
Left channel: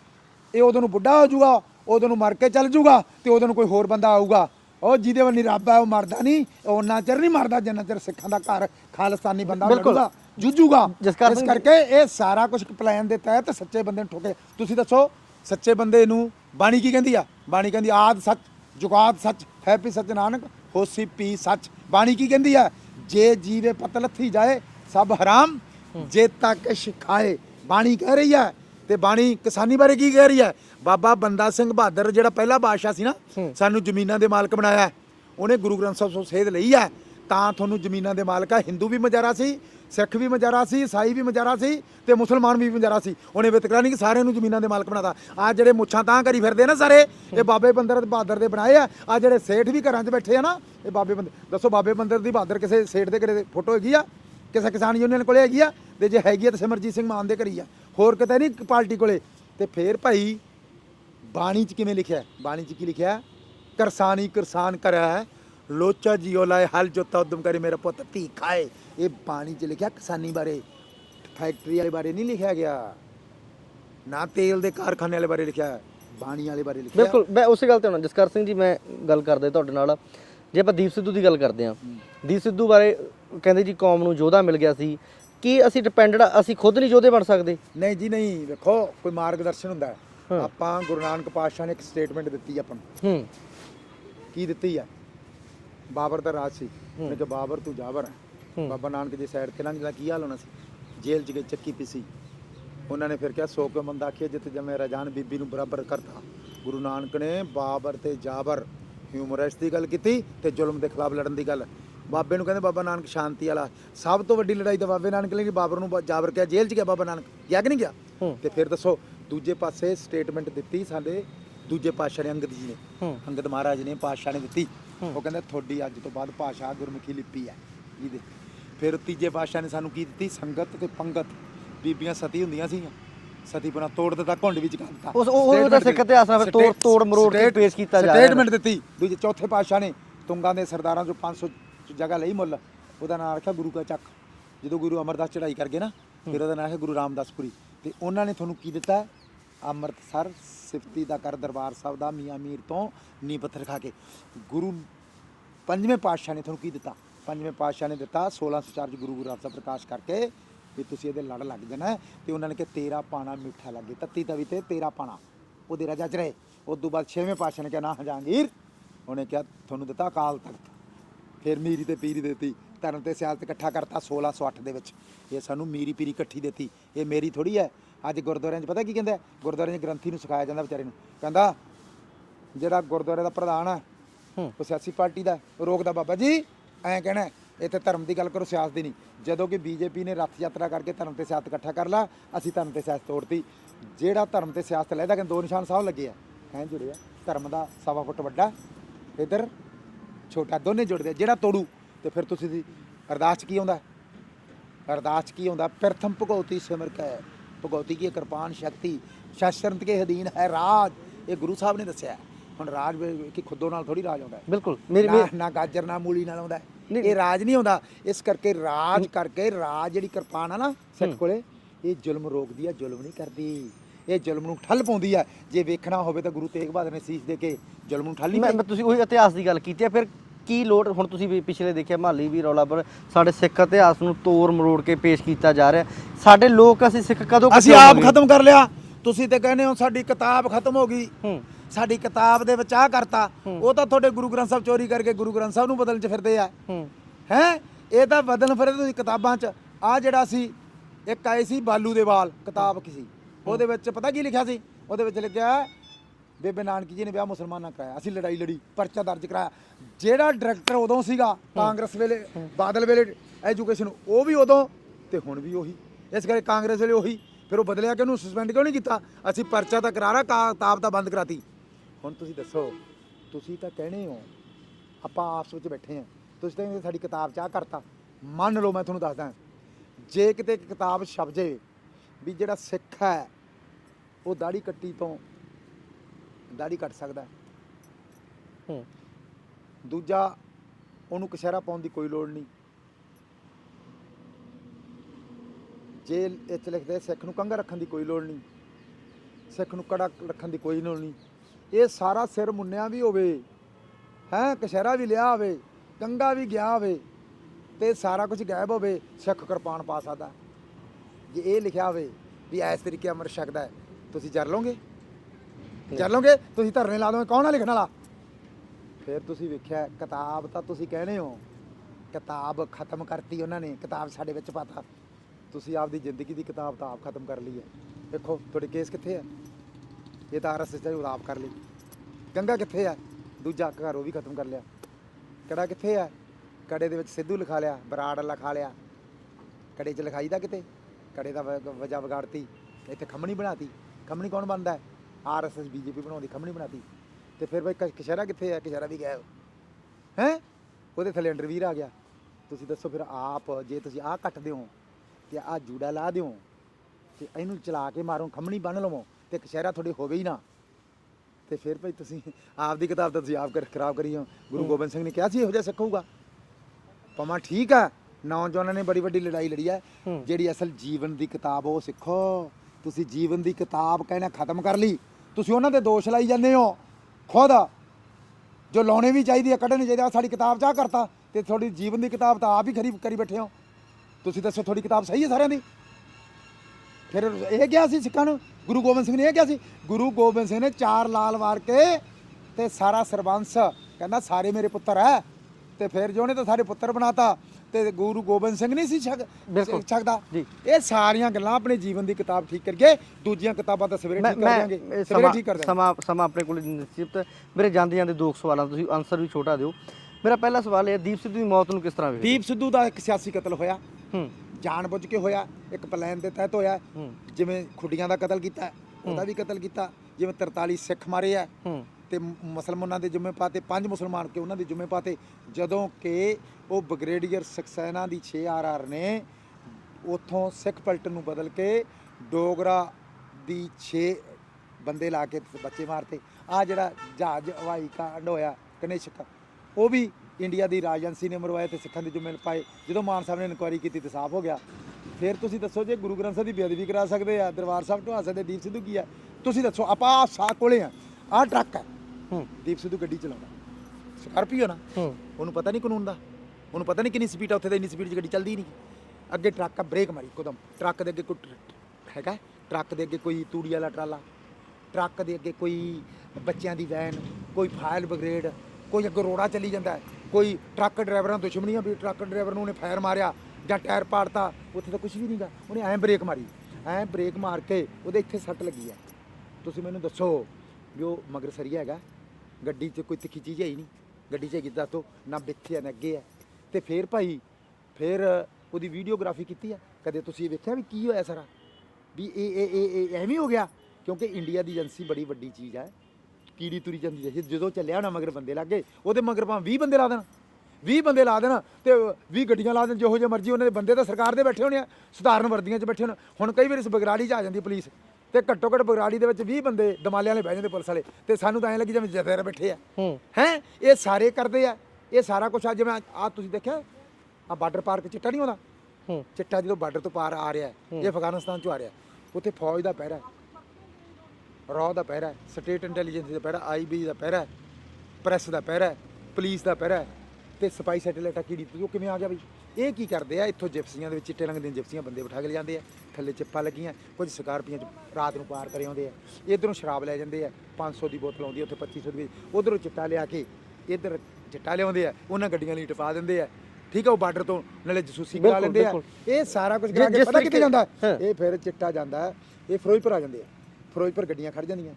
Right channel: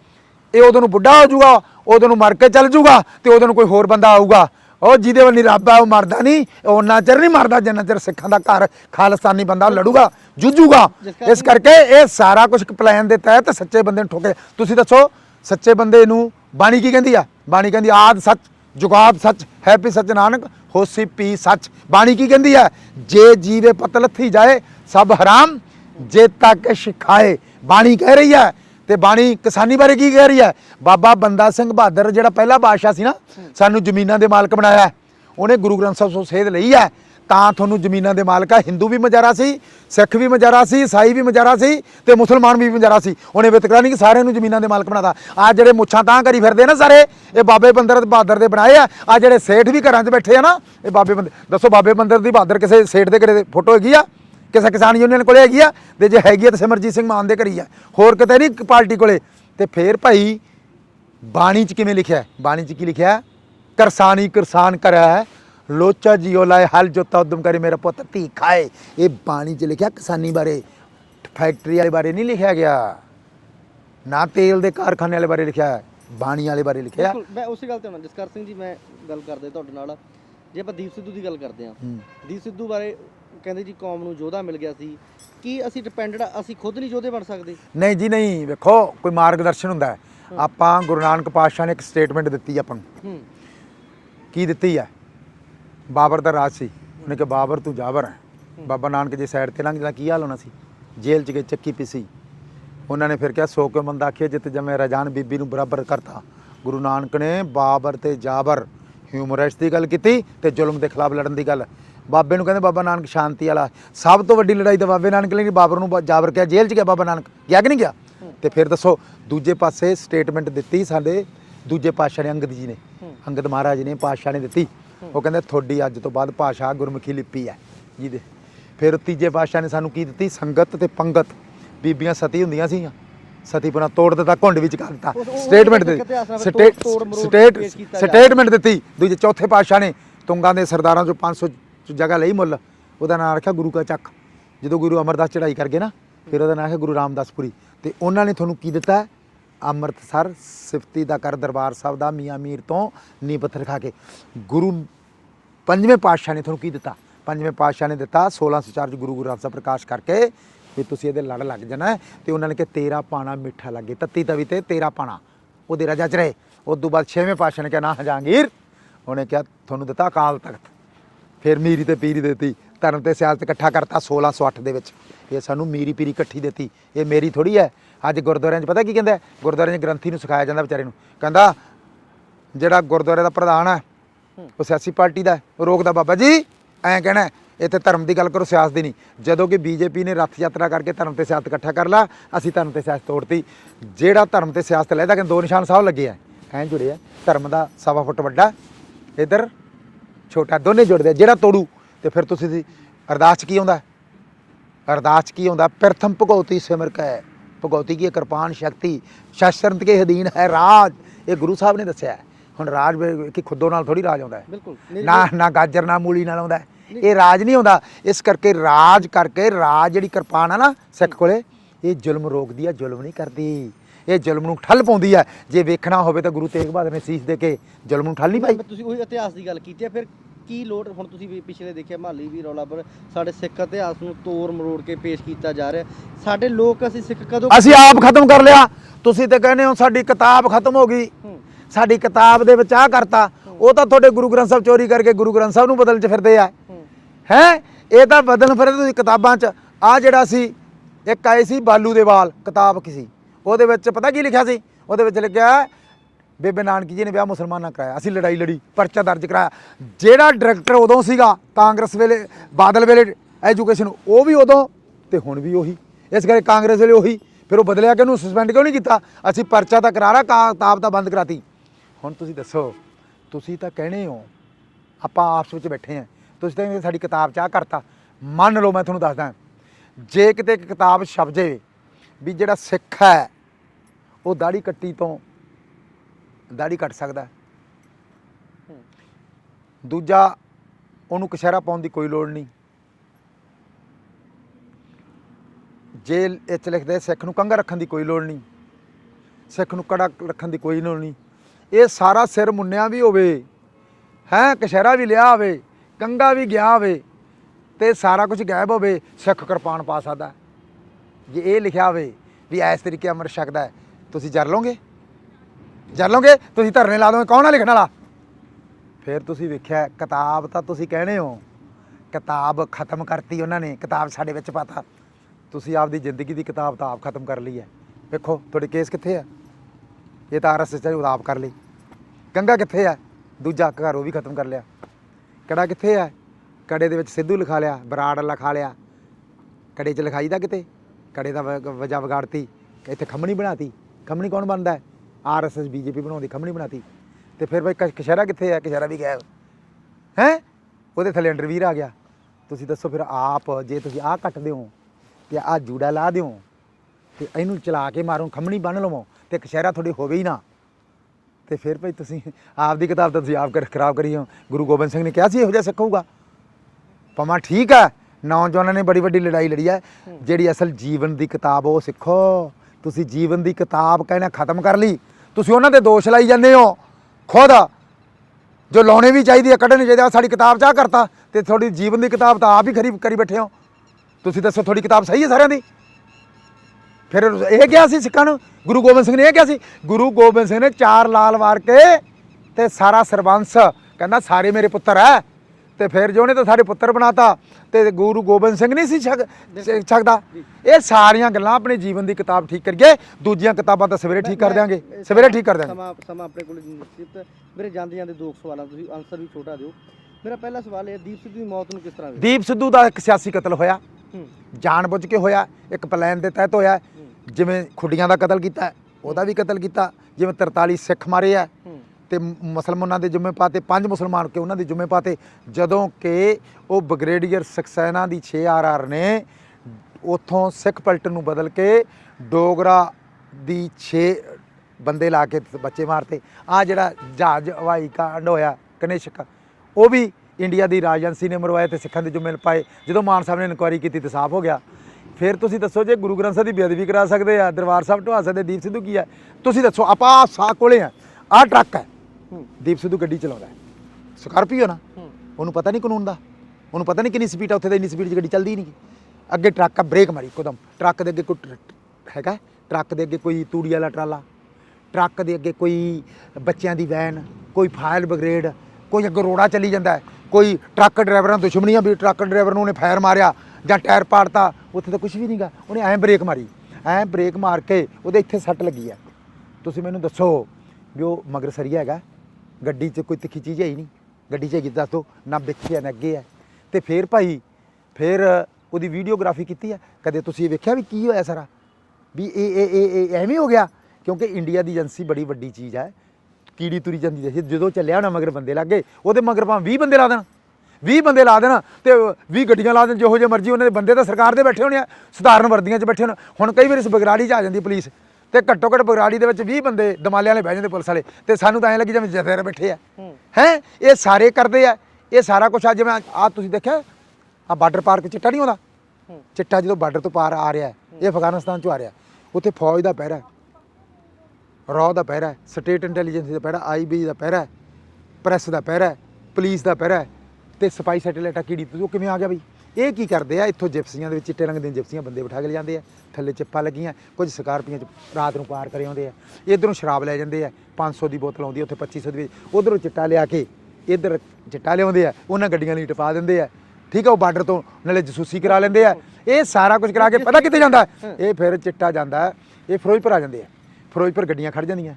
ਇਹ ਉਦੋਂ ਨੂੰ ਬੁੱਢਾ ਹੋ ਜਾਊਗਾ, ਉਦੋਂ ਨੂੰ ਮਰ ਕੇ ਚੱਲ ਜੂਗਾ, ਤੇ ਉਦੋਂ ਨੂੰ ਕੋਈ ਹੋਰ ਬੰਦਾ ਆਊਗਾ। ਉਹ ਜਿਹਦੇ ਵੱਲ ਰੱਬ ਆ ਉਹ ਮਰਦਾ ਨਹੀਂ, ਉਹਨਾਂ ਚਿਰ ਨਹੀਂ ਮਰਦਾ ਜਿੰਨਾ ਚਿਰ ਸਿੱਖਾਂ ਦਾ ਘਰ ਖਾਲਿਸਤਾਨੀ ਬੰਦਾ ਲੜੂਗਾ, ਜੂਝੂਗਾ। ਇਸ ਕਰਕੇ ਇਹ ਸਾਰਾ ਕੁਝ ਪਲਾਨ ਦੇ ਤਹਿਤ ਸੱਚੇ ਬੰਦੇ ਨੂੰ ਠੋਕੇ। ਤੁਸੀਂ ਦੱਸੋ, ਸੱਚੇ ਬੰਦੇ ਨੂੰ ਬਾਣੀ ਕੀ ਕਹਿੰਦੀ ਆ? ਬਾਣੀ ਕਹਿੰਦੀ ਆਦ ਸੱਚ, ਜੁਗਾਦ ਸੱਚ, ਹੈਪੀ ਸੱਚ ਨਾਨਕ, ਹੋਸੀ ਪੀ ਸੱਚ। ਬਾਣੀ ਕੀ ਕਹਿੰਦੀ ਹੈ? ਜੇ ਜੀਵੇ ਪਤ ਲੱਥੀ ਜਾਏ ਸਭ ਹਰਾਮ, ਜੇ ਤੱਕ ਸਿਖਾਏ। ਬਾਣੀ ਕਹਿ ਰਹੀ ਹੈ। ਤੇ ਬਾਣੀ ਕਿਸਾਨੀ ਬਾਰੇ ਕੀ ਕਹਿ ਰਹੀ ਹੈ? ਬਾਬਾ ਬੰਦਾ ਸਿੰਘ ਬਹਾਦਰ ਜਿਹੜਾ ਪਹਿਲਾ ਬਾਦਸ਼ਾਹ ਸੀ ਨਾ, ਸਾਨੂੰ ਜ਼ਮੀਨਾਂ ਦੇ ਮਾਲਕ ਬਣਾਇਆ, ਉਹਨੇ ਗੁਰੂ ਗ੍ਰੰਥ ਸਾਹਿਬ ਤੋਂ ਸੇਧ ਲਈ ਹੈ ਤਾਂ ਤੁਹਾਨੂੰ ਜ਼ਮੀਨਾਂ ਦੇ ਮਾਲਕ ਆ। ਹਿੰਦੂ ਵੀ ਮਜਾਰਾ ਸੀ, ਸਿੱਖ ਵੀ ਮਜਾਰਾ ਸੀ, ਈਸਾਈ ਵੀ ਮਜਾਰਾ ਸੀ ਤੇ ਮੁਸਲਮਾਨ ਵੀ ਮਜਾਰਾ ਸੀ। ਉਹਨੇ ਵਿਤਕਰਾ ਨਹੀਂ ਕਿ ਸਾਰਿਆਂ ਨੂੰ ਜ਼ਮੀਨਾਂ ਦੇ ਮਾਲਕ ਬਣਾਤਾ। ਆ ਜਿਹੜੇ ਮੁੱਛਾਂ ਤਾਂ ਕਰੀ ਫਿਰਦੇ ਨਾ ਸਾਰੇ, ਇਹ ਬਾਬੇ ਬੰਦਰ ਬਹਾਦਰ ਦੇ ਬਣਾਏ ਆ। ਜਿਹੜੇ ਸੇਠ ਵੀ ਘਰਾਂ 'ਚ ਬੈਠੇ ਆ ਨਾ, ਇਹ ਬਾਬੇ ਬੰਦਰ। ਦੱਸੋ ਬਾਬੇ ਬੰਦਰ ਦੀ ਬਹਾਦਰ ਕਿਸੇ ਸੇਠ ਦੇ ਘਰੇ ਫੋਟੋ ਹੈਗੀ ਆ? ਕਿਸੇ ਕਿਸਾਨ ਯੂਨੀਅਨ ਕੋਲੇ ਹੈਗੀ ਆ? ਤੇ ਜੇ ਹੈਗੀ ਆ ਤਾਂ ਸਿਮਰਜੀਤ ਸਿੰਘ ਮਾਨ ਦੇ ਘਰੀ ਆ, ਹੋਰ ਕਿਤੇ ਨਹੀਂ ਪਾਰਟੀ ਕੋਲੇ। ਤੇ ਫੇਰ ਭਾਈ ਬਾਣੀ 'ਚ ਕਿਵੇਂ ਲਿਖਿਆ? ਬਾਣੀ 'ਚ ਕੀ ਲਿਖਿਆ? ਕਰਸਾਨੀ ਕਿਰਸਾਨ ਕਰਿਆ ਲੋਚਾ ਜੀਓ ਲਾਏ ਹਲ ਜੋਤਾ ਉਦਮ ਕਰੇ ਮੇਰਾ ਪੁੱਤ ਧੀ ਖਾਏ। ਇਹ ਬਾਣੀ 'ਚ ਲਿਖਿਆ ਕਿਸਾਨੀ ਬਾਰੇ, ਫੈਕਟਰੀ ਵਾਲੇ ਬਾਰੇ ਨਹੀਂ ਲਿਖਿਆ ਗਿਆ, ਨਾ ਤੇਲ ਦੇ ਕਾਰਖਾਨੇ ਵਾਲੇ ਬਾਰੇ ਲਿਖਿਆ, ਬਾਣੀ ਵਾਲੇ ਬਾਰੇ ਲਿਖਿਆ। ਬਿਲਕੁਲ, ਮੈਂ ਉਸੇ ਗੱਲ ਤੇ ਹੁਣ ਜਸਕਰ ਸਿੰਘ ਜੀ ਮੈਂ ਗੱਲ ਕਰਦਾ ਤੁਹਾਡੇ ਨਾਲ। ਜੇ ਆਪਾਂ ਦੀਪ ਸਿੱਧੂ ਦੀ ਗੱਲ ਕਰਦੇ ਹਾਂ, ਦੀਪ ਸਿੱਧੂ ਬਾਰੇ ਕਹਿੰਦੇ ਜੀ ਕੌਮ ਨੂੰ ਯੋਧਾ ਮਿਲ ਗਿਆ ਸੀ। ਕੀ ਅਸੀਂ ਡਿਪੈਂਡਡ, ਅਸੀਂ ਖੁਦ ਨਹੀਂ ਯੋਧੇ ਬਣ ਸਕਦੇ? ਨਹੀਂ ਜੀ ਨਹੀਂ, ਵੇਖੋ ਕੋਈ ਮਾਰਗਦਰਸ਼ਨ ਹੁੰਦਾ ਹੈ। ਆਪਾਂ ਗੁਰੂ ਨਾਨਕ ਪਾਤਸ਼ਾਹ ਨੇ ਇੱਕ ਸਟੇਟਮੈਂਟ ਦਿੱਤੀ ਆਪਾਂ ਨੂੰ। ਕੀ ਦਿੱਤੀ ਹੈ? ਬਾਬਰ ਦਾ ਰਾਜ ਸੀ, ਉਹਨੇ ਕਿਹਾ ਬਾਬਰ ਤੂੰ ਜਾਬਰ ਹੈ। ਬਾਬਾ ਨਾਨਕ ਜੀ ਸਾਈਡ ਤੇ ਲੰਘ ਜਾਂਦਾ ਕੀ ਹਾਲ ਹੋਣਾ ਸੀ? ਜੇਲ੍ਹ 'ਚ ਗਏ, ਚੱਕੀ ਪੀਸੀ। ਉਹਨਾਂ ਨੇ ਫਿਰ ਕਿਹਾ ਸੋ ਕੇ ਬੰਦਾ ਆਖਿਆ ਜਿੱਤ ਜਮੇ ਰਜਾਨ ਬੀਬੀ ਨੂੰ ਬਰਾਬਰ ਕਰਤਾ। ਗੁਰੂ ਨਾਨਕ ਨੇ ਬਾਬਰ ਤੇ ਜਾਬਰ ਹਿਊਮਰੈਸਟ ਦੀ ਗੱਲ ਕੀਤੀ ਤੇ ਜ਼ੁਲਮ ਦੇ ਖਿਲਾਫ ਲੜਨ ਦੀ ਗੱਲ। ਬਾਬੇ ਨੂੰ ਕਹਿੰਦੇ ਬਾਬਾ ਨਾਨਕ ਸ਼ਾਂਤੀ ਵਾਲਾ। ਸਭ ਤੋਂ ਵੱਡੀ ਲੜਾਈ ਤਾਂ ਬਾਬੇ ਨਾਨਕ ਲਈ, ਬਾਬਰ ਨੂੰ ਜਾਬਰ ਕਿਹਾ, ਜੇਲ੍ਹ 'ਚ ਗਿਆ ਬਾਬਾ ਨਾਨਕ, ਗਿਆ ਕਿ ਨਹੀਂ ਗਿਆ? ਤੇ ਫਿਰ ਦੱਸੋ ਦੂਜੇ ਪਾਸੇ ਸਟੇਟਮੈਂਟ ਦਿੱਤੀ ਸਾਡੇ ਦੂਜੇ ਪਾਤਸ਼ਾਹ ਨੇ, ਅੰਗਦ ਜੀ ਨੇ, ਅੰਗਦ ਮਹਾਰਾਜ ਨੇ, ਪਾਤਸ਼ਾਹ ਨੇ ਦਿੱਤੀ। ਉਹ ਕਹਿੰਦੇ ਤੁਹਾਡੀ ਅੱਜ ਤੋਂ ਬਾਅਦ ਭਾਸ਼ਾ ਗੁਰਮੁਖੀ ਲਿਪੀ ਹੈ ਜੀ ਦੇ। ਫਿਰ ਤੀਜੇ ਪਾਤਸ਼ਾਹ ਨੇ ਸਾਨੂੰ ਕੀ ਦਿੱਤੀ? ਸੰਗਤ ਤੇ ਪੰਗਤ। ਬੀਬੀਆਂ ਸਤੀ ਹੁੰਦੀਆਂ ਸੀ, ਸਤੀਪੁਰਾ ਤੋੜ ਦਿੱਤਾ, ਘੁੰਡ ਵਿੱਚ ਕਰ ਦਿੱਤਾ। ਸਟੇਟਮੈਂਟ ਦਿੱਤੀ। ਦੂਜੇ ਚੌਥੇ ਪਾਤਸ਼ਾਹ ਨੇ ਤੁੰਗਾਂ ਦੇ ਸਰਦਾਰਾਂ ਚੋਂ 500 ਜਗ੍ਹਾ ਲਈ ਮੁੱਲ, ਉਹਦਾ ਨਾਮ ਰੱਖਿਆ ਗੁਰੂ ਕਾ ਚੱਕ। ਜਦੋਂ ਗੁਰੂ ਅਮਰਦਾਸ ਚੜ੍ਹਾਈ ਕਰ ਗਏ ਨਾ, ਫਿਰ ਉਹਦਾ ਨਾਮ ਹੈ ਗੁਰੂ ਰਾਮਦਾਸਪੁਰੀ। ਤੇ ਉਹਨਾਂ ਨੇ ਤੁਹਾਨੂੰ ਕੀ ਦਿੱਤਾ? ਅੰਮ੍ਰਿਤਸਰ ਸਿਫਤੀ ਦਾ ਕਰ ਦਰਬਾਰ ਸਾਹਿਬ ਦਾ ਮੀਆਂ ਮੀਰ ਤੋਂ ਨੀਂਹ ਪੱਥਰ ਖਾ ਕੇ। ਗੁਰੂ ਪੰਜਵੇਂ ਪਾਤਸ਼ਾਹ ਨੇ ਤੁਹਾਨੂੰ ਕੀ ਦਿੱਤਾ? ਪੰਜਵੇਂ ਪਾਤਸ਼ਾਹ ਨੇ ਦਿੱਤਾ 1604 ਚ ਗੁਰੂ ਗ੍ਰੰਥ ਸਾਹਿਬ ਪ੍ਰਕਾਸ਼ ਕਰਕੇ ਵੀ ਤੁਸੀਂ ਇਹਦੇ ਲੜ ਲੱਗ ਜਾਣਾ। ਤੇ ਉਹਨਾਂ ਨੇ ਕਿਹਾ ਤੇਰਾ ਪਾਣਾ ਮਿੱਠਾ ਲੱਗੇ, ਤੱਤੀ ਤਵੀ ਤੇ ਤੇਰਾ ਪਾਣਾ ਉਹਦੇ ਰਾਜਾ ਚ ਰਹੇ। ਉਸ ਤੋਂ ਬਾਅਦ ਛੇਵੇਂ ਪਾਤਸ਼ਾਹ ਨੇ ਕਿਹਾ ਨਾ ਜਹਾਂਗੀਰ, ਉਹਨੇ ਕਿਹਾ ਤੁਹਾਨੂੰ ਦਿੱਤਾ ਅਕਾਲ ਤਖਤ। ਫਿਰ ਮੀਰੀ ਤੇ ਪੀਰੀ ਦਿੱਤੀ, ਧਰਮ ਤੇ ਸਿਆਸਤ ਇਕੱਠਾ ਕਰਤਾ 1608 ਦੇ ਵਿੱਚ। ਇਹ ਸਾਨੂੰ ਮੀਰੀ ਪੀਰੀ ਇਕੱਠੀ ਦਿੱਤੀ, ਇਹ ਮੇਰੀ ਥੋੜੀ ਹੈ। ਅੱਜ ਗੁਰਦੁਆਰਿਆਂ 'ਚ ਪਤਾ ਕੀ ਕਹਿੰਦਾ? ਗੁਰਦੁਆਰਿਆਂ 'ਚ ਗ੍ਰੰਥੀ ਨੂੰ ਸਿਖਾਇਆ ਜਾਂਦਾ ਵਿਚਾਰੇ ਨੂੰ, ਕਹਿੰਦਾ ਜਿਹੜਾ ਗੁਰਦੁਆਰੇ ਦਾ ਪ੍ਰਧਾਨ ਹੈ ਉਹ ਸਿਆਸੀ ਪਾਰਟੀ ਦਾ, ਉਹ ਰੋਕਦਾ ਬਾਬਾ ਜੀ ਐਂ ਕਹਿਣਾ ਇੱਥੇ ਧਰਮ ਦੀ ਗੱਲ ਕਰੋ, ਸਿਆਸਤ ਦੀ ਨਹੀਂ। ਜਦੋਂ ਕਿ ਬੀਜੇਪੀ ਨੇ ਰੱਥ ਯਾਤਰਾ ਕਰਕੇ ਧਰਮ ਤੇ ਸਿਆਸਤ ਇਕੱਠਾ ਕਰ ਲਾ, ਅਸੀਂ ਧਰਮ ਤੇ ਸਿਆਸਤ ਤੋੜਤੀ। ਜਿਹੜਾ ਧਰਮ ਤੇ ਸਿਆਸਤ ਲੈਦਾ ਕਿ ਦੋ ਨਿਸ਼ਾਨ ਸਾਹਿਬ ਲੱਗੇ ਆ, ਐਂ ਜੁੜੇ ਆ, ਧਰਮ ਦਾ 1.25 ਫੁੱਟ ਵੱਡਾ, ਇੱਧਰ ਛੋਟਾ, ਦੋਨੇ ਜੁੜਦੇ। ਜਿਹੜਾ ਤੋੜੂ ਤੇ ਫਿਰ ਤੁਸੀਂ ਅਰਦਾਸ 'ਚ ਕੀ ਆਉਂਦਾ? ਅਰਦਾਸ 'ਚ ਕੀ ਆਉਂਦਾ? ਪ੍ਰਥਮ ਭਗਉਤੀ ਸਿਮਰ ਕੈ, ਭਗਉਤੀ ਕੀ ਕਿਰਪਾਨ ਸ਼ਕਤੀ, ਸ਼ਸਤਰੰਤ ਕੇ ਅਧੀਨ ਹੈ ਰਾਜ। ਇਹ ਗੁਰੂ ਸਾਹਿਬ ਨੇ ਦੱਸਿਆ। ਹੁਣ ਰਾਜ ਕਿ ਖੁੱਦੋ ਨਾਲ ਥੋੜੀ ਰਾਜ ਆਉਂਦਾ ਹੈ। ਬਿਲਕੁਲ ਨਾ ਗਾਜਰ ਨਾ ਮੂਲੀ ਨਾਲ ਆਉਂਦਾ, ਇਹ ਰਾਜ ਨਹੀਂ ਆਉਂਦਾ। ਇਸ ਕਰਕੇ ਰਾਜ ਜਿਹੜੀ ਕਿਰਪਾਨ ਆ ਨਾ ਸਿੱਖ ਕੋਲੇ, ਇਹ ਜ਼ੁਲਮ ਰੋਕਦੀ ਆ, ਜ਼ੁਲਮ ਨਹੀਂ ਕਰਦੀ। ਇਹ ਜ਼ੁਲਮ ਨੂੰ ਠੱਲ ਪਾਉਂਦੀ ਹੈ। ਜੇ ਵੇਖਣਾ ਹੋਵੇ ਤਾਂ ਗੁਰੂ ਤੇਗ ਬਹਾਦਰ ਨੇ ਸੀਸ ਦੇ ਕੇ ਜ਼ੁਲਮ ਨੂੰ ਠੱਲ ਨਹੀਂ ਪਾਈ। ਤੁਸੀਂ ਉਹੀ ਇਤਿਹਾਸ ਦੀ ਗੱਲ ਕੀਤੀ ਹੈ, ਫਿਰ ਕੀ ਲੋੜ? ਹੁਣ ਤੁਸੀਂ ਵੀ ਪਿਛਲੇ ਦੇਖਿਆ ਮਹਾਲੀ ਵੀ ਰੌਲਾ, ਪਰ ਸਾਡੇ ਸਿੱਖ ਇਤਿਹਾਸ ਨੂੰ ਤੋੜ ਮਰੋੜ ਕੇ ਪੇਸ਼ ਕੀਤਾ ਜਾ ਰਿਹਾ। ਸਾਡੇ ਲੋਕ, ਅਸੀਂ ਸਿੱਖ ਕਦੋਂ? ਅਸੀਂ ਆਪ ਖਤਮ ਕਰ ਲਿਆ। ਤੁਸੀਂ ਤੇ ਕਹਿੰਦੇ ਹੋ ਸਾਡੀ ਕਿਤਾਬ ਖਤਮ ਹੋ ਗਈ, ਸਾਡੀ ਕਿਤਾਬ ਦੇ ਵਿੱਚ ਆਹ ਕਰਤਾ। ਉਹ ਤਾਂ ਤੁਹਾਡੇ ਗੁਰੂ ਗ੍ਰੰਥ ਸਾਹਿਬ ਚੋਰੀ ਕਰਕੇ ਗੁਰੂ ਗ੍ਰੰਥ ਸਾਹਿਬ ਨੂੰ ਬਦਲਣ 'ਚ ਫਿਰਦੇ ਆ। ਹੈ ਇਹ ਤਾਂ ਬਦਲਣ ਫਿਰਦੇ ਤੁਸੀਂ ਕਿਤਾਬਾਂ 'ਚ। ਆਹ ਜਿਹੜਾ ਸੀ ਇੱਕ ਆਏ ਸੀ ਬਾਲੂ ਦੇ ਵਾਲ ਕਿਤਾਬ ਕਿਸੇ, ਉਹਦੇ ਵਿੱਚ ਪਤਾ ਕੀ ਲਿਖਿਆ ਸੀ? ਉਹਦੇ ਵਿੱਚ ਲਿਖਿਆ ਬੇਬੇ ਨਾਨਕੀ ਜੀ ਨੇ ਵਿਆਹ ਮੁਸਲਮਾਨ ਨਾਲ ਕਰਾਇਆ, ਅਸੀਂ ਲੜਾਈ ਲੜੀ, ਪਰਚਾ ਦਰਜ ਕਰਾਇਆ। ਜਿਹੜਾ ਡਾਇਰੈਕਟਰ ਉਦੋਂ ਸੀਗਾ ਕਾਂਗਰਸ ਵੇਲੇ, ਬਾਦਲ ਵੇਲੇ ਐਜੂਕੇਸ਼ਨ, ਉਹ ਵੀ ਉਦੋਂ ਤੇ ਹੁਣ ਵੀ ਉਹੀ। ਇਸ ਕਰਕੇ ਕਾਂਗਰਸ ਵੇਲੇ ਉਹੀ, ਫਿਰ ਉਹ ਬਦਲਿਆ ਕਿ ਉਹਨੂੰ ਸਸਪੈਂਡ ਕਿਉਂ ਨਹੀਂ ਕੀਤਾ? ਅਸੀਂ ਪਰਚਾ ਤਾਂ ਕਰਾਰਾ, ਕਿਤਾਬ ਤਾਂ ਬੰਦ ਕਰਾਤੀ। ਹੁਣ ਤੁਸੀਂ ਦੱਸੋ, ਤੁਸੀਂ ਤਾਂ ਕਹਿਣੇ ਹੋ ਆਪਾਂ ਆਪਸ ਵਿੱਚ ਬੈਠੇ ਹਾਂ, ਤੁਸੀਂ ਤਾਂ ਸਾਡੀ ਕਿਤਾਬ 'ਚ ਆਹ ਕਰਤਾ। ਮੰਨ ਲਓ ਮੈਂ ਤੁਹਾਨੂੰ ਦੱਸਦਾ, ਜੇ ਕਿਤੇ ਇੱਕ ਕਿਤਾਬ ਛਪ ਜੇ ਵੀ ਜਿਹੜਾ ਸਿੱਖ ਹੈ ਉਹ ਦਾੜੀ ਕੱਟੀ ਤੋਂ ਦਾੜੀ ਕੱਟ ਸਕਦਾ, ਦੂਜਾ ਉਹਨੂੰ ਕਛਹਿਰਾ ਪਾਉਣ ਦੀ ਕੋਈ ਲੋੜ ਨਹੀਂ। ਜੇ ਇਹ 'ਚ ਲਿਖਦੇ ਸਿੱਖ ਨੂੰ ਕੰਘਾ ਰੱਖਣ ਦੀ ਕੋਈ ਲੋੜ ਨਹੀਂ, ਸਿੱਖ ਨੂੰ ਕੜਾ ਰੱਖਣ ਦੀ ਕੋਈ ਲੋੜ ਨਹੀਂ। ਇਹ ਸਾਰਾ ਸਿਰ ਮੁੰਨਿਆ ਵੀ ਹੋਵੇ, ਹੈ ਕਛਹਿਰਾ ਵੀ ਲਿਆ ਹੋਵੇ, ਕੰਘਾ ਵੀ ਗਿਆ ਹੋਵੇ ਤੇ ਸਾਰਾ ਕੁਝ ਗਾਇਬ ਹੋਵੇ, ਸਿੱਖ ਕਿਰਪਾਨ ਪਾ ਸਕਦਾ। ਜੇ ਇਹ ਲਿਖਿਆ ਹੋਵੇ ਵੀ ਇਸ ਤਰੀਕੇ ਅੰਮ੍ਰਿਤ ਛਕਦਾ ਹੈ, ਤੁਸੀਂ ਜਰ ਲਓਗੇ? ਜਰ ਲਓਗੇ? ਤੁਸੀਂ ਧਰਨੇ ਲਾ ਦੋਗੇ, ਕੌਣ ਆ ਲਿਖਣ ਵਾਲਾ? ਫਿਰ ਤੁਸੀਂ ਵੇਖਿਆ ਕਿਤਾਬ ਤਾਂ ਤੁਸੀਂ ਕਹਿਣੇ ਹੋ ਕਿਤਾਬ ਖਤਮ ਕਰਤੀ ਉਹਨਾਂ ਨੇ, ਕਿਤਾਬ ਸਾਡੇ ਵਿੱਚ ਪਾਤਾ। ਤੁਸੀਂ ਆਪਦੀ ਜ਼ਿੰਦਗੀ ਦੀ ਕਿਤਾਬ ਤਾਂ ਆਪ ਖਤਮ ਕਰ ਲਈ ਹੈ। ਵੇਖੋ ਤੁਹਾਡੇ ਕੇਸ ਕਿੱਥੇ ਆ? ਇਹ ਤਾਂ RSS ਉਹ ਆਪ ਕਰ ਲਈ। ਕੰਘਾ ਕਿੱਥੇ ਆ? ਦੂਜਾ ਘਰ ਉਹ ਵੀ ਖਤਮ ਕਰ ਲਿਆ। ਕੜਾ ਕਿੱਥੇ ਹੈ? ਕੜੇ ਦੇ ਵਿੱਚ ਸਿੱਧੂ ਲਿਖਾ ਲਿਆ, ਬਰਾੜ ਲਿਖਾ ਲਿਆ। ਕੜੇ 'ਚ ਲਿਖਾਈ ਦਾ ਕਿਤੇ? ਕੜੇ ਦਾ ਵਜ੍ਹਾ ਵਿਗਾੜਤੀ, ਇੱਥੇ ਖੰਮਣੀ ਬਣਾਤੀ। ਖੰਮਣੀ ਕੌਣ ਬਣਦਾ? RSS BJP ਬਣਾਉਂਦੀ, ਖੰਮਣੀ ਬਣਾਤੀ। ਤੇ ਫਿਰ ਬਈ ਕਸ਼ਹਿਰਾ ਕਿੱਥੇ ਹੈ? ਕਸ਼ਹਿਰਾ ਵੀ ਗਾਇਬ ਹੈ। ਉਹਦੇ ਥੱਲੇ ਅੰਡਰਵੀਰ ਆ ਗਿਆ। ਤੁਸੀਂ ਦੱਸੋ ਫਿਰ ਆਪ ਜੇ ਤੁਸੀਂ ਆਹ ਕੱਟਦੇ ਹੋ ਤੇ ਆਹ ਜੂੜਾ ਲਾ ਦਿਓ ਤੇ ਇਹਨੂੰ ਚਲਾ ਕੇ ਮਾਰੋ, ਖੰਮਣੀ ਬੰਨ੍ਹ ਲਵੋ ਤੇ ਕਸ਼ਹਿਰਾ ਤੁਹਾਡੇ ਹੋਵੇ ਹੀ ਨਾ। ਤੇ ਫਿਰ ਭਾਈ ਤੁਸੀਂ ਆਪਦੀ ਕਿਤਾਬ ਤਾਂ ਤੁਸੀਂ ਆਪ ਖਰਾਬ ਕਰੀ ਹੋ। ਗੁਰੂ ਗੋਬਿੰਦ ਸਿੰਘ ਨੇ ਕਿਹਾ ਸੀ ਇਹੋ ਜਿਹਾ ਸਿੱਖ ਹੋਊਗਾ। ਭਾਵੇਂ ਠੀਕ ਹੈ ਨੌਜਵਾਨਾਂ ਨੇ ਬੜੀ ਵੱਡੀ ਲੜਾਈ ਲੜੀ ਹੈ, ਜਿਹੜੀ ਅਸਲ ਜੀਵਨ ਦੀ ਕਿਤਾਬ ਉਹ ਸਿੱਖੋ। ਤੁਸੀਂ ਜੀਵਨ ਦੀ ਕਿਤਾਬ ਕਹਿਣਾ ਖਤਮ ਕਰ ਲਈ। ਤੁਸੀਂ ਉਹਨਾਂ ਦੇ ਦੋਸ਼ ਲਾਈ ਜਾਂਦੇ ਹੋ ਖੁਦ, ਜੋ ਲਾਉਣੇ ਵੀ ਚਾਹੀਦੀ ਹੈ, ਕੱਢਣੇ ਚਾਹੀਦੇ। ਸਾਡੀ ਕਿਤਾਬ ਚਾਹ ਕਰਤਾ ਤੇ ਤੁਹਾਡੀ ਜੀਵਨ ਦੀ ਕਿਤਾਬ ਤਾਂ ਆਪ ਹੀ ਖਰੀ ਕਰੀ ਬੈਠੇ ਹੋ। ਤੁਸੀਂ ਦੱਸੋ ਤੁਹਾਡੀ ਕਿਤਾਬ ਸਹੀ ਹੈ ਸਾਰਿਆਂ ਦੀ? ਫਿਰ ਇਹ ਕਿਹਾ ਸੀ ਸਿੱਖਾਂ ਨੂੰ, ਗੁਰੂ ਗੋਬਿੰਦ ਸਿੰਘ ਨੇ ਇਹ ਕਿਹਾ ਸੀ। ਗੁਰੂ ਗੋਬਿੰਦ ਸਿੰਘ ਨੇ 4 ਲਾਲ ਵਾਰ ਕੇ ਤੇ ਸਾਰਾ ਸਰਬੰਸ ਕਹਿੰਦਾ ਸਾਰੇ ਮੇਰੇ ਪੁੱਤਰ ਹੈ। ਤੇ ਫਿਰ ਜੋ ਨੇ ਤਾਂ ਸਾਡੇ ਪੁੱਤਰ ਬਣਾਤਾ ਤੇ ਗੁਰੂ ਗੋਬਿੰਦ ਸਿੰਘ ਨਹੀਂ ਸੀ ਸਕਦਾ। ਇਹ ਸਾਰੀਆਂ ਗੱਲਾਂ ਆਪਣੇ ਜੀਵਨ ਦੀ ਕਿਤਾਬ ਠੀਕ ਕਰੀਏ, ਦੂਜੀਆਂ ਕਿਤਾਬਾਂ ਤਾਂ ਸਵੇਰੇ ਠੀਕ ਕਰ ਦਿਆਂਗੇ, ਸਵੇਰੇ ਠੀਕ ਕਰ ਦਿਆਂਗੇ। ਸਮਾਂ ਆਪਣੇ ਕੋਲ ਨਿਸ਼ਚਿਤ। ਮੇਰੇ ਜਾਂਦੇ ਜਾਂਦੇ 2 ਸਵਾਲਾਂ ਤੁਸੀਂ ਆਨਸਰ ਵੀ ਛੋਟਾ ਦਿਓ। ਮੇਰਾ ਪਹਿਲਾ ਸਵਾਲ ਇਹ, ਦੀਪ ਸਿੱਧੂ ਦੀ ਮੌਤ ਨੂੰ ਕਿਸ ਤਰ੍ਹਾਂ ਵੇਖਦੇ? ਦੀਪ ਸਿੱਧੂ ਦਾ ਇੱਕ ਸਿਆਸੀ ਕਤਲ ਹੋਇਆ, ਜਾਣ ਬੁੱਝ ਕੇ ਹੋਇਆ, ਇੱਕ ਪਲਾਨ ਦੇ ਤਹਿਤ ਹੋਇਆ। ਜਿਵੇਂ ਖੁੱਡੀਆਂ ਦਾ ਕਤਲ ਕੀਤਾ ਉਹਦਾ ਵੀ ਕਤਲ ਕੀਤਾ, ਜਿਵੇਂ 43 ਸਿੱਖ ਮਾਰੇ ਆ ਤੇ ਮੁਸਲਮਾਨਾਂ ਦੇ ਜ਼ਿੰਮੇ ਪਾਤੇ, 5 ਮੁਸਲਮਾਨ ਕੇ ਉਹਨਾਂ ਦੇ ਜ਼ਿੰਮੇ ਪਾਤੇ। ਜਦੋਂ ਕਿ ਉਹ ਬ੍ਰਿਗੇਡੀਅਰ ਸਕਸੈਨਾ ਦੀ 6 RR ਨੇ ਉੱਥੋਂ ਸਿੱਖ ਪਲਟਨ ਨੂੰ ਬਦਲ ਕੇ ਡੋਗਰਾ ਦੀ 6 ਬੰਦੇ ਲਾ ਕੇ ਬੱਚੇ ਮਾਰਤੇ। ਆ ਜਿਹੜਾ ਜਹਾਜ਼ ਹਵਾਈ ਕਾਂਡ ਹੋਇਆ ਕਨਿਸ਼ਕ, ਉਹ ਵੀ ਇੰਡੀਆ ਦੀ ਰਾਜ ਏਜੰਸੀ ਨੇ ਮਰਵਾਏ ਤੇ ਸਿੱਖਾਂ ਦੇ ਜ਼ਿੰਮੇ ਪਾਏ। ਜਦੋਂ ਮਾਨ ਸਾਹਿਬ ਨੇ ਇਨਕੁਆਇਰੀ ਕੀਤੀ ਤੇ ਸਾਫ਼ ਹੋ ਗਿਆ। ਫਿਰ ਤੁਸੀਂ ਦੱਸੋ ਜੇ ਗੁਰੂ ਗ੍ਰੰਥ ਸਾਹਿਬ ਦੀ ਬੇਅਦਬੀ ਕਰਾ ਸਕਦੇ ਆ, ਦਰਬਾਰ ਸਾਹਿਬ ਢਵਾ ਸਕਦੇ, ਦੀਪ ਸਿੱਧੂ ਕੀ ਹੈ? ਤੁਸੀਂ ਦੱਸੋ। ਆਪਾਂ ਸਾਹ ਕੋਲੇ ਆ, ਆਹ ਟਰੱਕ ਹੈ, ਦੀਪ ਸਿੱਧੂ ਗੱਡੀ ਚਲਾਉਂਦਾ ਹੈ, ਸਕਾਰਪੀਓ ਨਾ, ਉਹਨੂੰ ਪਤਾ ਨਹੀਂ ਕਾਨੂੰਨ ਦਾ, ਉਹਨੂੰ ਪਤਾ ਨਹੀਂ ਕਿੰਨੀ ਸਪੀਡ ਆ ਉੱਥੇ, ਤਾਂ ਇੰਨੀ ਸਪੀਡ 'ਚ ਗੱਡੀ ਚੱਲਦੀ ਨਹੀਂ। ਅੱਗੇ ਟਰੱਕ ਆ, ਬ੍ਰੇਕ ਮਾਰੀ ਇੱਕਦਮ। ਟਰੱਕ ਦੇ ਅੱਗੇ ਕੋਈ ਹੈਗਾ, ਟਰੱਕ ਦੇ ਅੱਗੇ ਕੋਈ ਤੂੜੀ ਵਾਲਾ ਟਰਾਲਾ, ਟਰੱਕ ਦੇ ਅੱਗੇ ਕੋਈ ਬੱਚਿਆਂ ਦੀ ਵੈਨ, ਕੋਈ ਫਾਇਰ ਬ੍ਰਿਗੇਡ, ਕੋਈ ਅੱਗੇ ਰੋੜਾ ਚੱਲੀ ਜਾਂਦਾ, ਕੋਈ ਟਰੱਕ ਡਰਾਈਵਰ ਨਾਲ ਦੁਸ਼ਮਣੀਆਂ ਵੀ, ਟਰੱਕ ਡਰਾਈਵਰ ਨੂੰ ਉਹਨੇ ਫਾਇਰ ਮਾਰਿਆ ਜਾਂ ਟਾਇਰ ਪਾੜਤਾ। ਉੱਥੇ ਤਾਂ ਕੁਝ ਵੀ ਨਹੀਂਗਾ, ਉਹਨੇ ਐਂ ਬ੍ਰੇਕ ਮਾਰੀ, ਐਂ ਬ੍ਰੇਕ ਮਾਰ ਕੇ ਉਹਦੇ ਇੱਥੇ ਸੱਟ ਲੱਗੀ ਹੈ। ਤੁਸੀਂ ਮੈਨੂੰ ਦੱਸੋ ਵੀ ਉਹ ਮਗਰ ਸਰੀਆ ਹੈਗਾ? ਗੱਡੀ 'ਚ ਕੋਈ ਤਿੱਖੀ ਚੀਜ਼ ਹੈ ਹੀ ਨਹੀਂ, ਗੱਡੀ 'ਚ ਹੈਗੀ ਦੱਸ ਦਿਓ, ਨਾ ਪਿੱਛੇ ਹੈ ਨਾ ਅੱਗੇ ਹੈ। ਤੇ ਫਿਰ ਭਾਈ ਫਿਰ ਉਹਦੀ ਵੀਡੀਓਗ੍ਰਾਫੀ ਕੀਤੀ ਹੈ। ਕਦੇ ਤੁਸੀਂ ਵੇਖਿਆ ਵੀ ਕੀ ਹੋਇਆ ਸਾਰਾ? ਵੀ ਇਹ ਐਵੇਂ ਹੋ ਗਿਆ? ਕਿਉਂਕਿ ਇੰਡੀਆ ਦੀ ਏਜੰਸੀ ਬੜੀ ਵੱਡੀ ਚੀਜ਼ ਹੈ, ਕੀੜੀ ਤੁਰੀ ਜਾਂਦੀ ਹੈ। ਜਦੋਂ ਚੱਲਿਆ ਹੋਣਾ ਮਗਰ ਬੰਦੇ ਲੱਗ ਗਏ, ਉਹਦੇ ਮਗਰ ਭਾਵੇਂ 20 ਬੰਦੇ ਲਾ ਦੇਣ, 20 ਬੰਦੇ ਲਾ ਦੇਣ ਤੇ 20 ਗੱਡੀਆਂ ਲਾ ਦੇਣ, ਜਿਹੋ ਜਿਹੇ ਮਰਜ਼ੀ। ਉਹਨਾਂ ਦੇ ਬੰਦੇ ਤਾਂ ਸਰਕਾਰ ਦੇ ਬੈਠੇ ਹੋਣੇ ਆ, ਸਧਾਰਨ ਵਰਦੀਆਂ 'ਚ ਬੈਠੇ ਹੋਣ। ਹੁਣ ਕਈ ਵਾਰੀ ਇਸ ਬਗਰਾੜੀ 'ਚ ਆ ਜਾਂਦੀ ਪੁਲਿਸ ਤੇ ਘੱਟੋ ਘੱਟ ਬਗਰਾੜੀ ਦੇ ਵਿੱਚ 20 ਬੰਦੇ ਦਮਾਲੇ ਵਾਲੇ ਬਹਿ ਜਾਂਦੇ ਪੁਲਿਸ ਵਾਲੇ, ਤੇ ਸਾਨੂੰ ਤਾਂ ਐਂ ਲੱਗੀ ਜਿਵੇਂ ਜਥੇਦਾਰ ਬੈਠੇ ਆ। ਹੈ ਇਹ ਸਾਰੇ ਕਰਦੇ ਆ ਇਹ ਸਾਰਾ ਕੁਛ। ਆ ਜਿਵੇਂ ਆ ਤੁਸੀਂ ਦੇਖਿਆ ਆ ਬਾਰਡਰ ਪਾਰ ਕੇ ਚਿੱਟਾ ਨਹੀਂ ਆਉਂਦਾ, ਚਿੱਟਾ ਜਦੋਂ ਬਾਰਡਰ ਤੋਂ ਪਾਰ ਆ ਰਿਹਾ, ਇਹ ਅਫਗਾਨਿਸਤਾਨ 'ਚੋਂ ਆ ਰਿਹਾ, ਉੱਥੇ ਫੌਜ ਦਾ ਪਹਿਰਾ, ਰੌ ਦਾ ਪਹਿਰਾ, ਸਟੇਟ ਇੰਟੈਲੀਜੈਂਸ ਦਾ ਪਹਿਰਾ, IB ਦਾ ਪਹਿਰਾ, ਪ੍ਰੈਸ ਦਾ ਪਹਿਰਾ, ਪੁਲਿਸ ਦਾ ਪਹਿਰਾ ਤੇ ਸਪਾਈ ਸੈਟੇਲਾਈਟਾਂ ਕੀੜੀ। ਤੁਸੀਂ ਉਹ ਕਿਵੇਂ ਆ ਗਿਆ ਬਈ? ਇਹ ਕੀ ਕਰਦੇ ਆ? ਇੱਥੋਂ ਜਿਪਸੀਆਂ ਦੇ ਵਿੱਚ ਚਿੱਟੇ ਰੰਗ ਦੀਆਂ ਜਿਪਸੀਆਂ ਬੰਦੇ ਬਿਠਾ ਕੇ ਲੈ ਜਾਂਦੇ ਆ, ਥੱਲੇ ਚਿੱਪਾਂ ਲੱਗੀਆਂ, ਕੁਝ ਸਕਾਰਪੀਆਂ 'ਚ ਰਾਤ ਨੂੰ ਪਾਰ ਕਰੇ ਆਉਂਦੇ ਆ। ਇੱਧਰੋਂ ਸ਼ਰਾਬ ਲੈ ਜਾਂਦੇ ਆ, 500 ਦੀ ਬੋਤਲ ਆਉਂਦੀ ਆ, ਉੱਥੇ 2500 ਦੀ, ਉੱਧਰੋਂ ਚਿੱਟਾ ਲਿਆ ਕੇ ਇੱਧਰ ਚਿੱਟਾ ਲਿਆਉਂਦੇ ਆ, ਉਹਨਾਂ ਗੱਡੀਆਂ ਲਈ ਟਪਾ ਦਿੰਦੇ ਆ। ਠੀਕ ਆ, ਉਹ ਬਾਰਡਰ ਤੋਂ ਨਾਲੇ ਜਸੂਸੀ ਕਰਾ ਲੈਂਦੇ ਆ। ਇਹ ਸਾਰਾ ਕੁਝ ਕਰਾ ਕੇ ਪਤਾ ਕਿੱਥੇ ਜਾਂਦਾ? ਇਹ ਫਿਰ ਚਿੱਟਾ ਜਾਂਦਾ, ਇਹ ਫਿਰੋਜ਼ਪੁਰ ਆ ਜਾਂਦੇ ਆ, ਫਿਰੋਜ਼ਪੁਰ ਗੱਡੀਆਂ ਖੜ ਜਾਂਦੀਆਂ,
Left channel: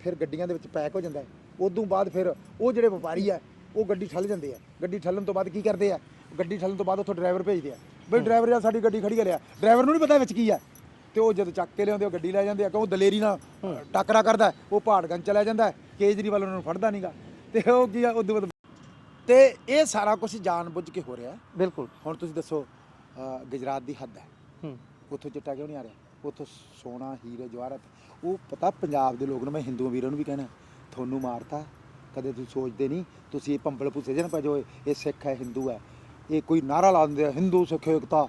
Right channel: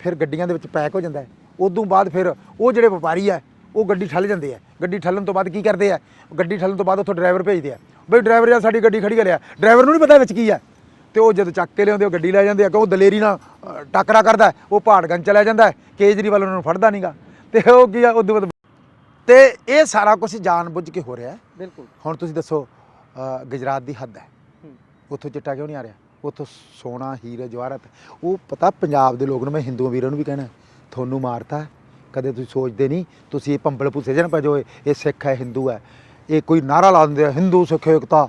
ਫਿਰ ਗੱਡੀਆਂ ਦੇ ਵਿੱਚ ਪੈਕ ਹੋ ਜਾਂਦਾ। ਉਦੋਂ ਬਾਅਦ ਫਿਰ ਉਹ ਜਿਹੜੇ ਵਪਾਰੀ ਆ ਉਹ ਗੱਡੀ ਠੱਲ ਜਾਂਦੇ ਆ। ਗੱਡੀ ਠੱਲਣ ਤੋਂ ਬਾਅਦ ਕੀ ਕਰਦੇ ਆ? ਗੱਡੀ ਠੱਲਣ ਤੋਂ ਬਾਅਦ ਉੱਥੋਂ ਡਰਾਈਵਰ ਭੇਜਦੇ ਆ, ਬਈ ਡਰਾਈਵਰ ਯਾਰ ਸਾਡੀ ਗੱਡੀ ਖੜੀ ਕਰਿਆ। ਡਰਾਈਵਰ ਨੂੰ ਨਹੀਂ ਪਤਾ ਵਿੱਚ ਕੀ ਆ, ਤੇ ਉਹ ਜਦੋਂ ਚੱਕ ਕੇ ਲਿਆਉਂਦੇ ਉਹ ਗੱਡੀ ਲੈ ਜਾਂਦੇ ਆ। ਉਹ ਦਲੇਰੀ ਨਾਲ ਟੱਕਰਾ ਕਰਦਾ, ਉਹ ਪਹਾੜਗੰਜ ਚਲਾ ਜਾਂਦਾ, ਕੇਜਰੀਵਾਲ ਉਹਨਾਂ ਨੂੰ ਫੜਦਾ ਨਹੀਂਗਾ, ਤੇ ਉਹ ਕੀ ਆ ਉਦੋਂ ਬਾਅਦ। ਤੇ ਇਹ ਸਾਰਾ ਕੁਝ ਜਾਣ ਬੁੱਝ ਕੇ ਹੋ ਰਿਹਾ। ਬਿਲਕੁਲ। ਹੁਣ ਤੁਸੀਂ ਦੱਸੋ ਗੁਜਰਾਤ ਦੀ ਹੱਦ ਹੈ, ਉੱਥੋਂ ਚਿੱਟਾ ਕਿਉਂ ਨਹੀਂ ਆ ਰਿਹਾ? ਉੱਥੋਂ ਸੋਨਾ ਹੀਰੇ ਜਵਾਹਰਤ। ਉਹ ਪਤਾ ਪੰਜਾਬ ਦੇ ਲੋਕ ਨੂੰ, ਮੈਂ ਹਿੰਦੂ ਵੀਰਾਂ ਨੂੰ ਵੀ ਕਹਿਣਾ, ਤੁਹਾਨੂੰ ਮਾਰਤਾ ਕਦੇ ਤੁਸੀਂ ਸੋਚਦੇ ਨਹੀਂ। ਤੁਸੀਂ ਇਹ ਭੰਬਲ ਭੁੱਸੇ ਜਨ ਭਜੋ, ਇਹ ਸਿੱਖ ਹੈ ਹਿੰਦੂ ਹੈ, ਇਹ ਕੋਈ ਨਾਰਾ ਲਾ ਦਿੰਦੇ ਆ ਹਿੰਦੂ ਸਿੱਖ ਏਕਤਾ,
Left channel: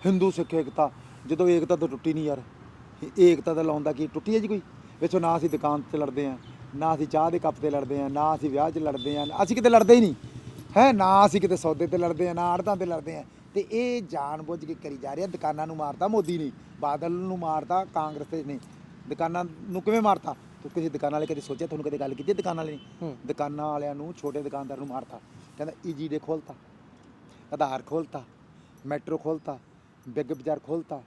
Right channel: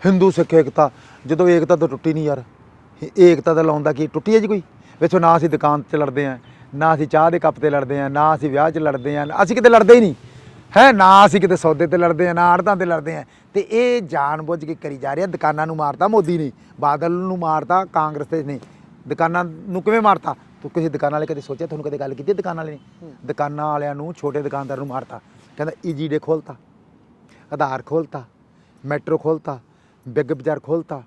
ਹਿੰਦੂ ਸਿੱਖ ਏਕਤਾ। ਜਦੋਂ ਏਕਤਾ ਤਾਂ ਟੁੱਟੀ ਨਹੀਂ ਯਾਰ, ਏਕਤਾ ਤਾਂ ਲਾਉਂਦਾ ਕੀ ਟੁੱਟੀ ਹੈ ਜੀ ਕੋਈ? ਵੇਖੋ ਨਾ ਅਸੀਂ ਦੁਕਾਨ 'ਤੇ ਲੜਦੇ ਹਾਂ, ਨਾ ਅਸੀਂ ਚਾਹ ਦੇ ਕੱਪ 'ਤੇ ਲੜਦੇ ਹਾਂ, ਨਾ ਅਸੀਂ ਵਿਆਹ 'ਚ ਲੜਦੇ ਹਾਂ, ਅਸੀਂ ਕਿਤੇ ਲੜਦੇ ਹੀ ਨਹੀਂ ਹੈ, ਨਾ ਅਸੀਂ ਕਿਤੇ ਸੌਦੇ 'ਤੇ ਲੜਦੇ ਹਾਂ, ਨਾ ਆੜਤਾਂ 'ਤੇ ਲੜਦੇ ਹਾਂ। ਤੇ ਇਹ ਜਾਣ ਬੁੱਝ ਕੇ ਕਰੀ ਜਾ ਰਿਹਾ। ਦੁਕਾਨਾਂ ਨੂੰ ਮਾਰਤਾ ਮੋਦੀ ਨੇ, ਬਾਦਲ ਨੂੰ ਮਾਰਤਾ ਕਾਂਗਰਸ ਤੇ ਨੇ। ਦੁਕਾਨਾਂ ਨੂੰ ਕਿਵੇਂ ਮਾਰਤਾ? ਤੂੰ ਕਿਸੇ ਦੁਕਾਨ ਵਾਲੇ ਕਦੇ ਸੋਚਿਆ? ਤੁਹਾਨੂੰ ਕਦੇ ਗੱਲ ਕੀਤੀ ਦੁਕਾਨਾਂ ਵਾਲੇ ਨੇ? ਦੁਕਾਨਾਂ ਵਾਲਿਆਂ ਨੂੰ, ਛੋਟੇ ਦੁਕਾਨਦਾਰ ਨੂੰ ਮਾਰਤਾ। ਕਹਿੰਦਾ ਈਜੀ ਡੇ ਖੋਲ੍ਹਤਾ, ਆਧਾਰ ਖੋਲ੍ਹਤਾ, ਮੈਟਰੋ ਖੋਲ੍ਹਤਾ, ਬਿੱਗ ਬਾਜ਼ਾਰ ਖੋਲ੍ਹਤਾ,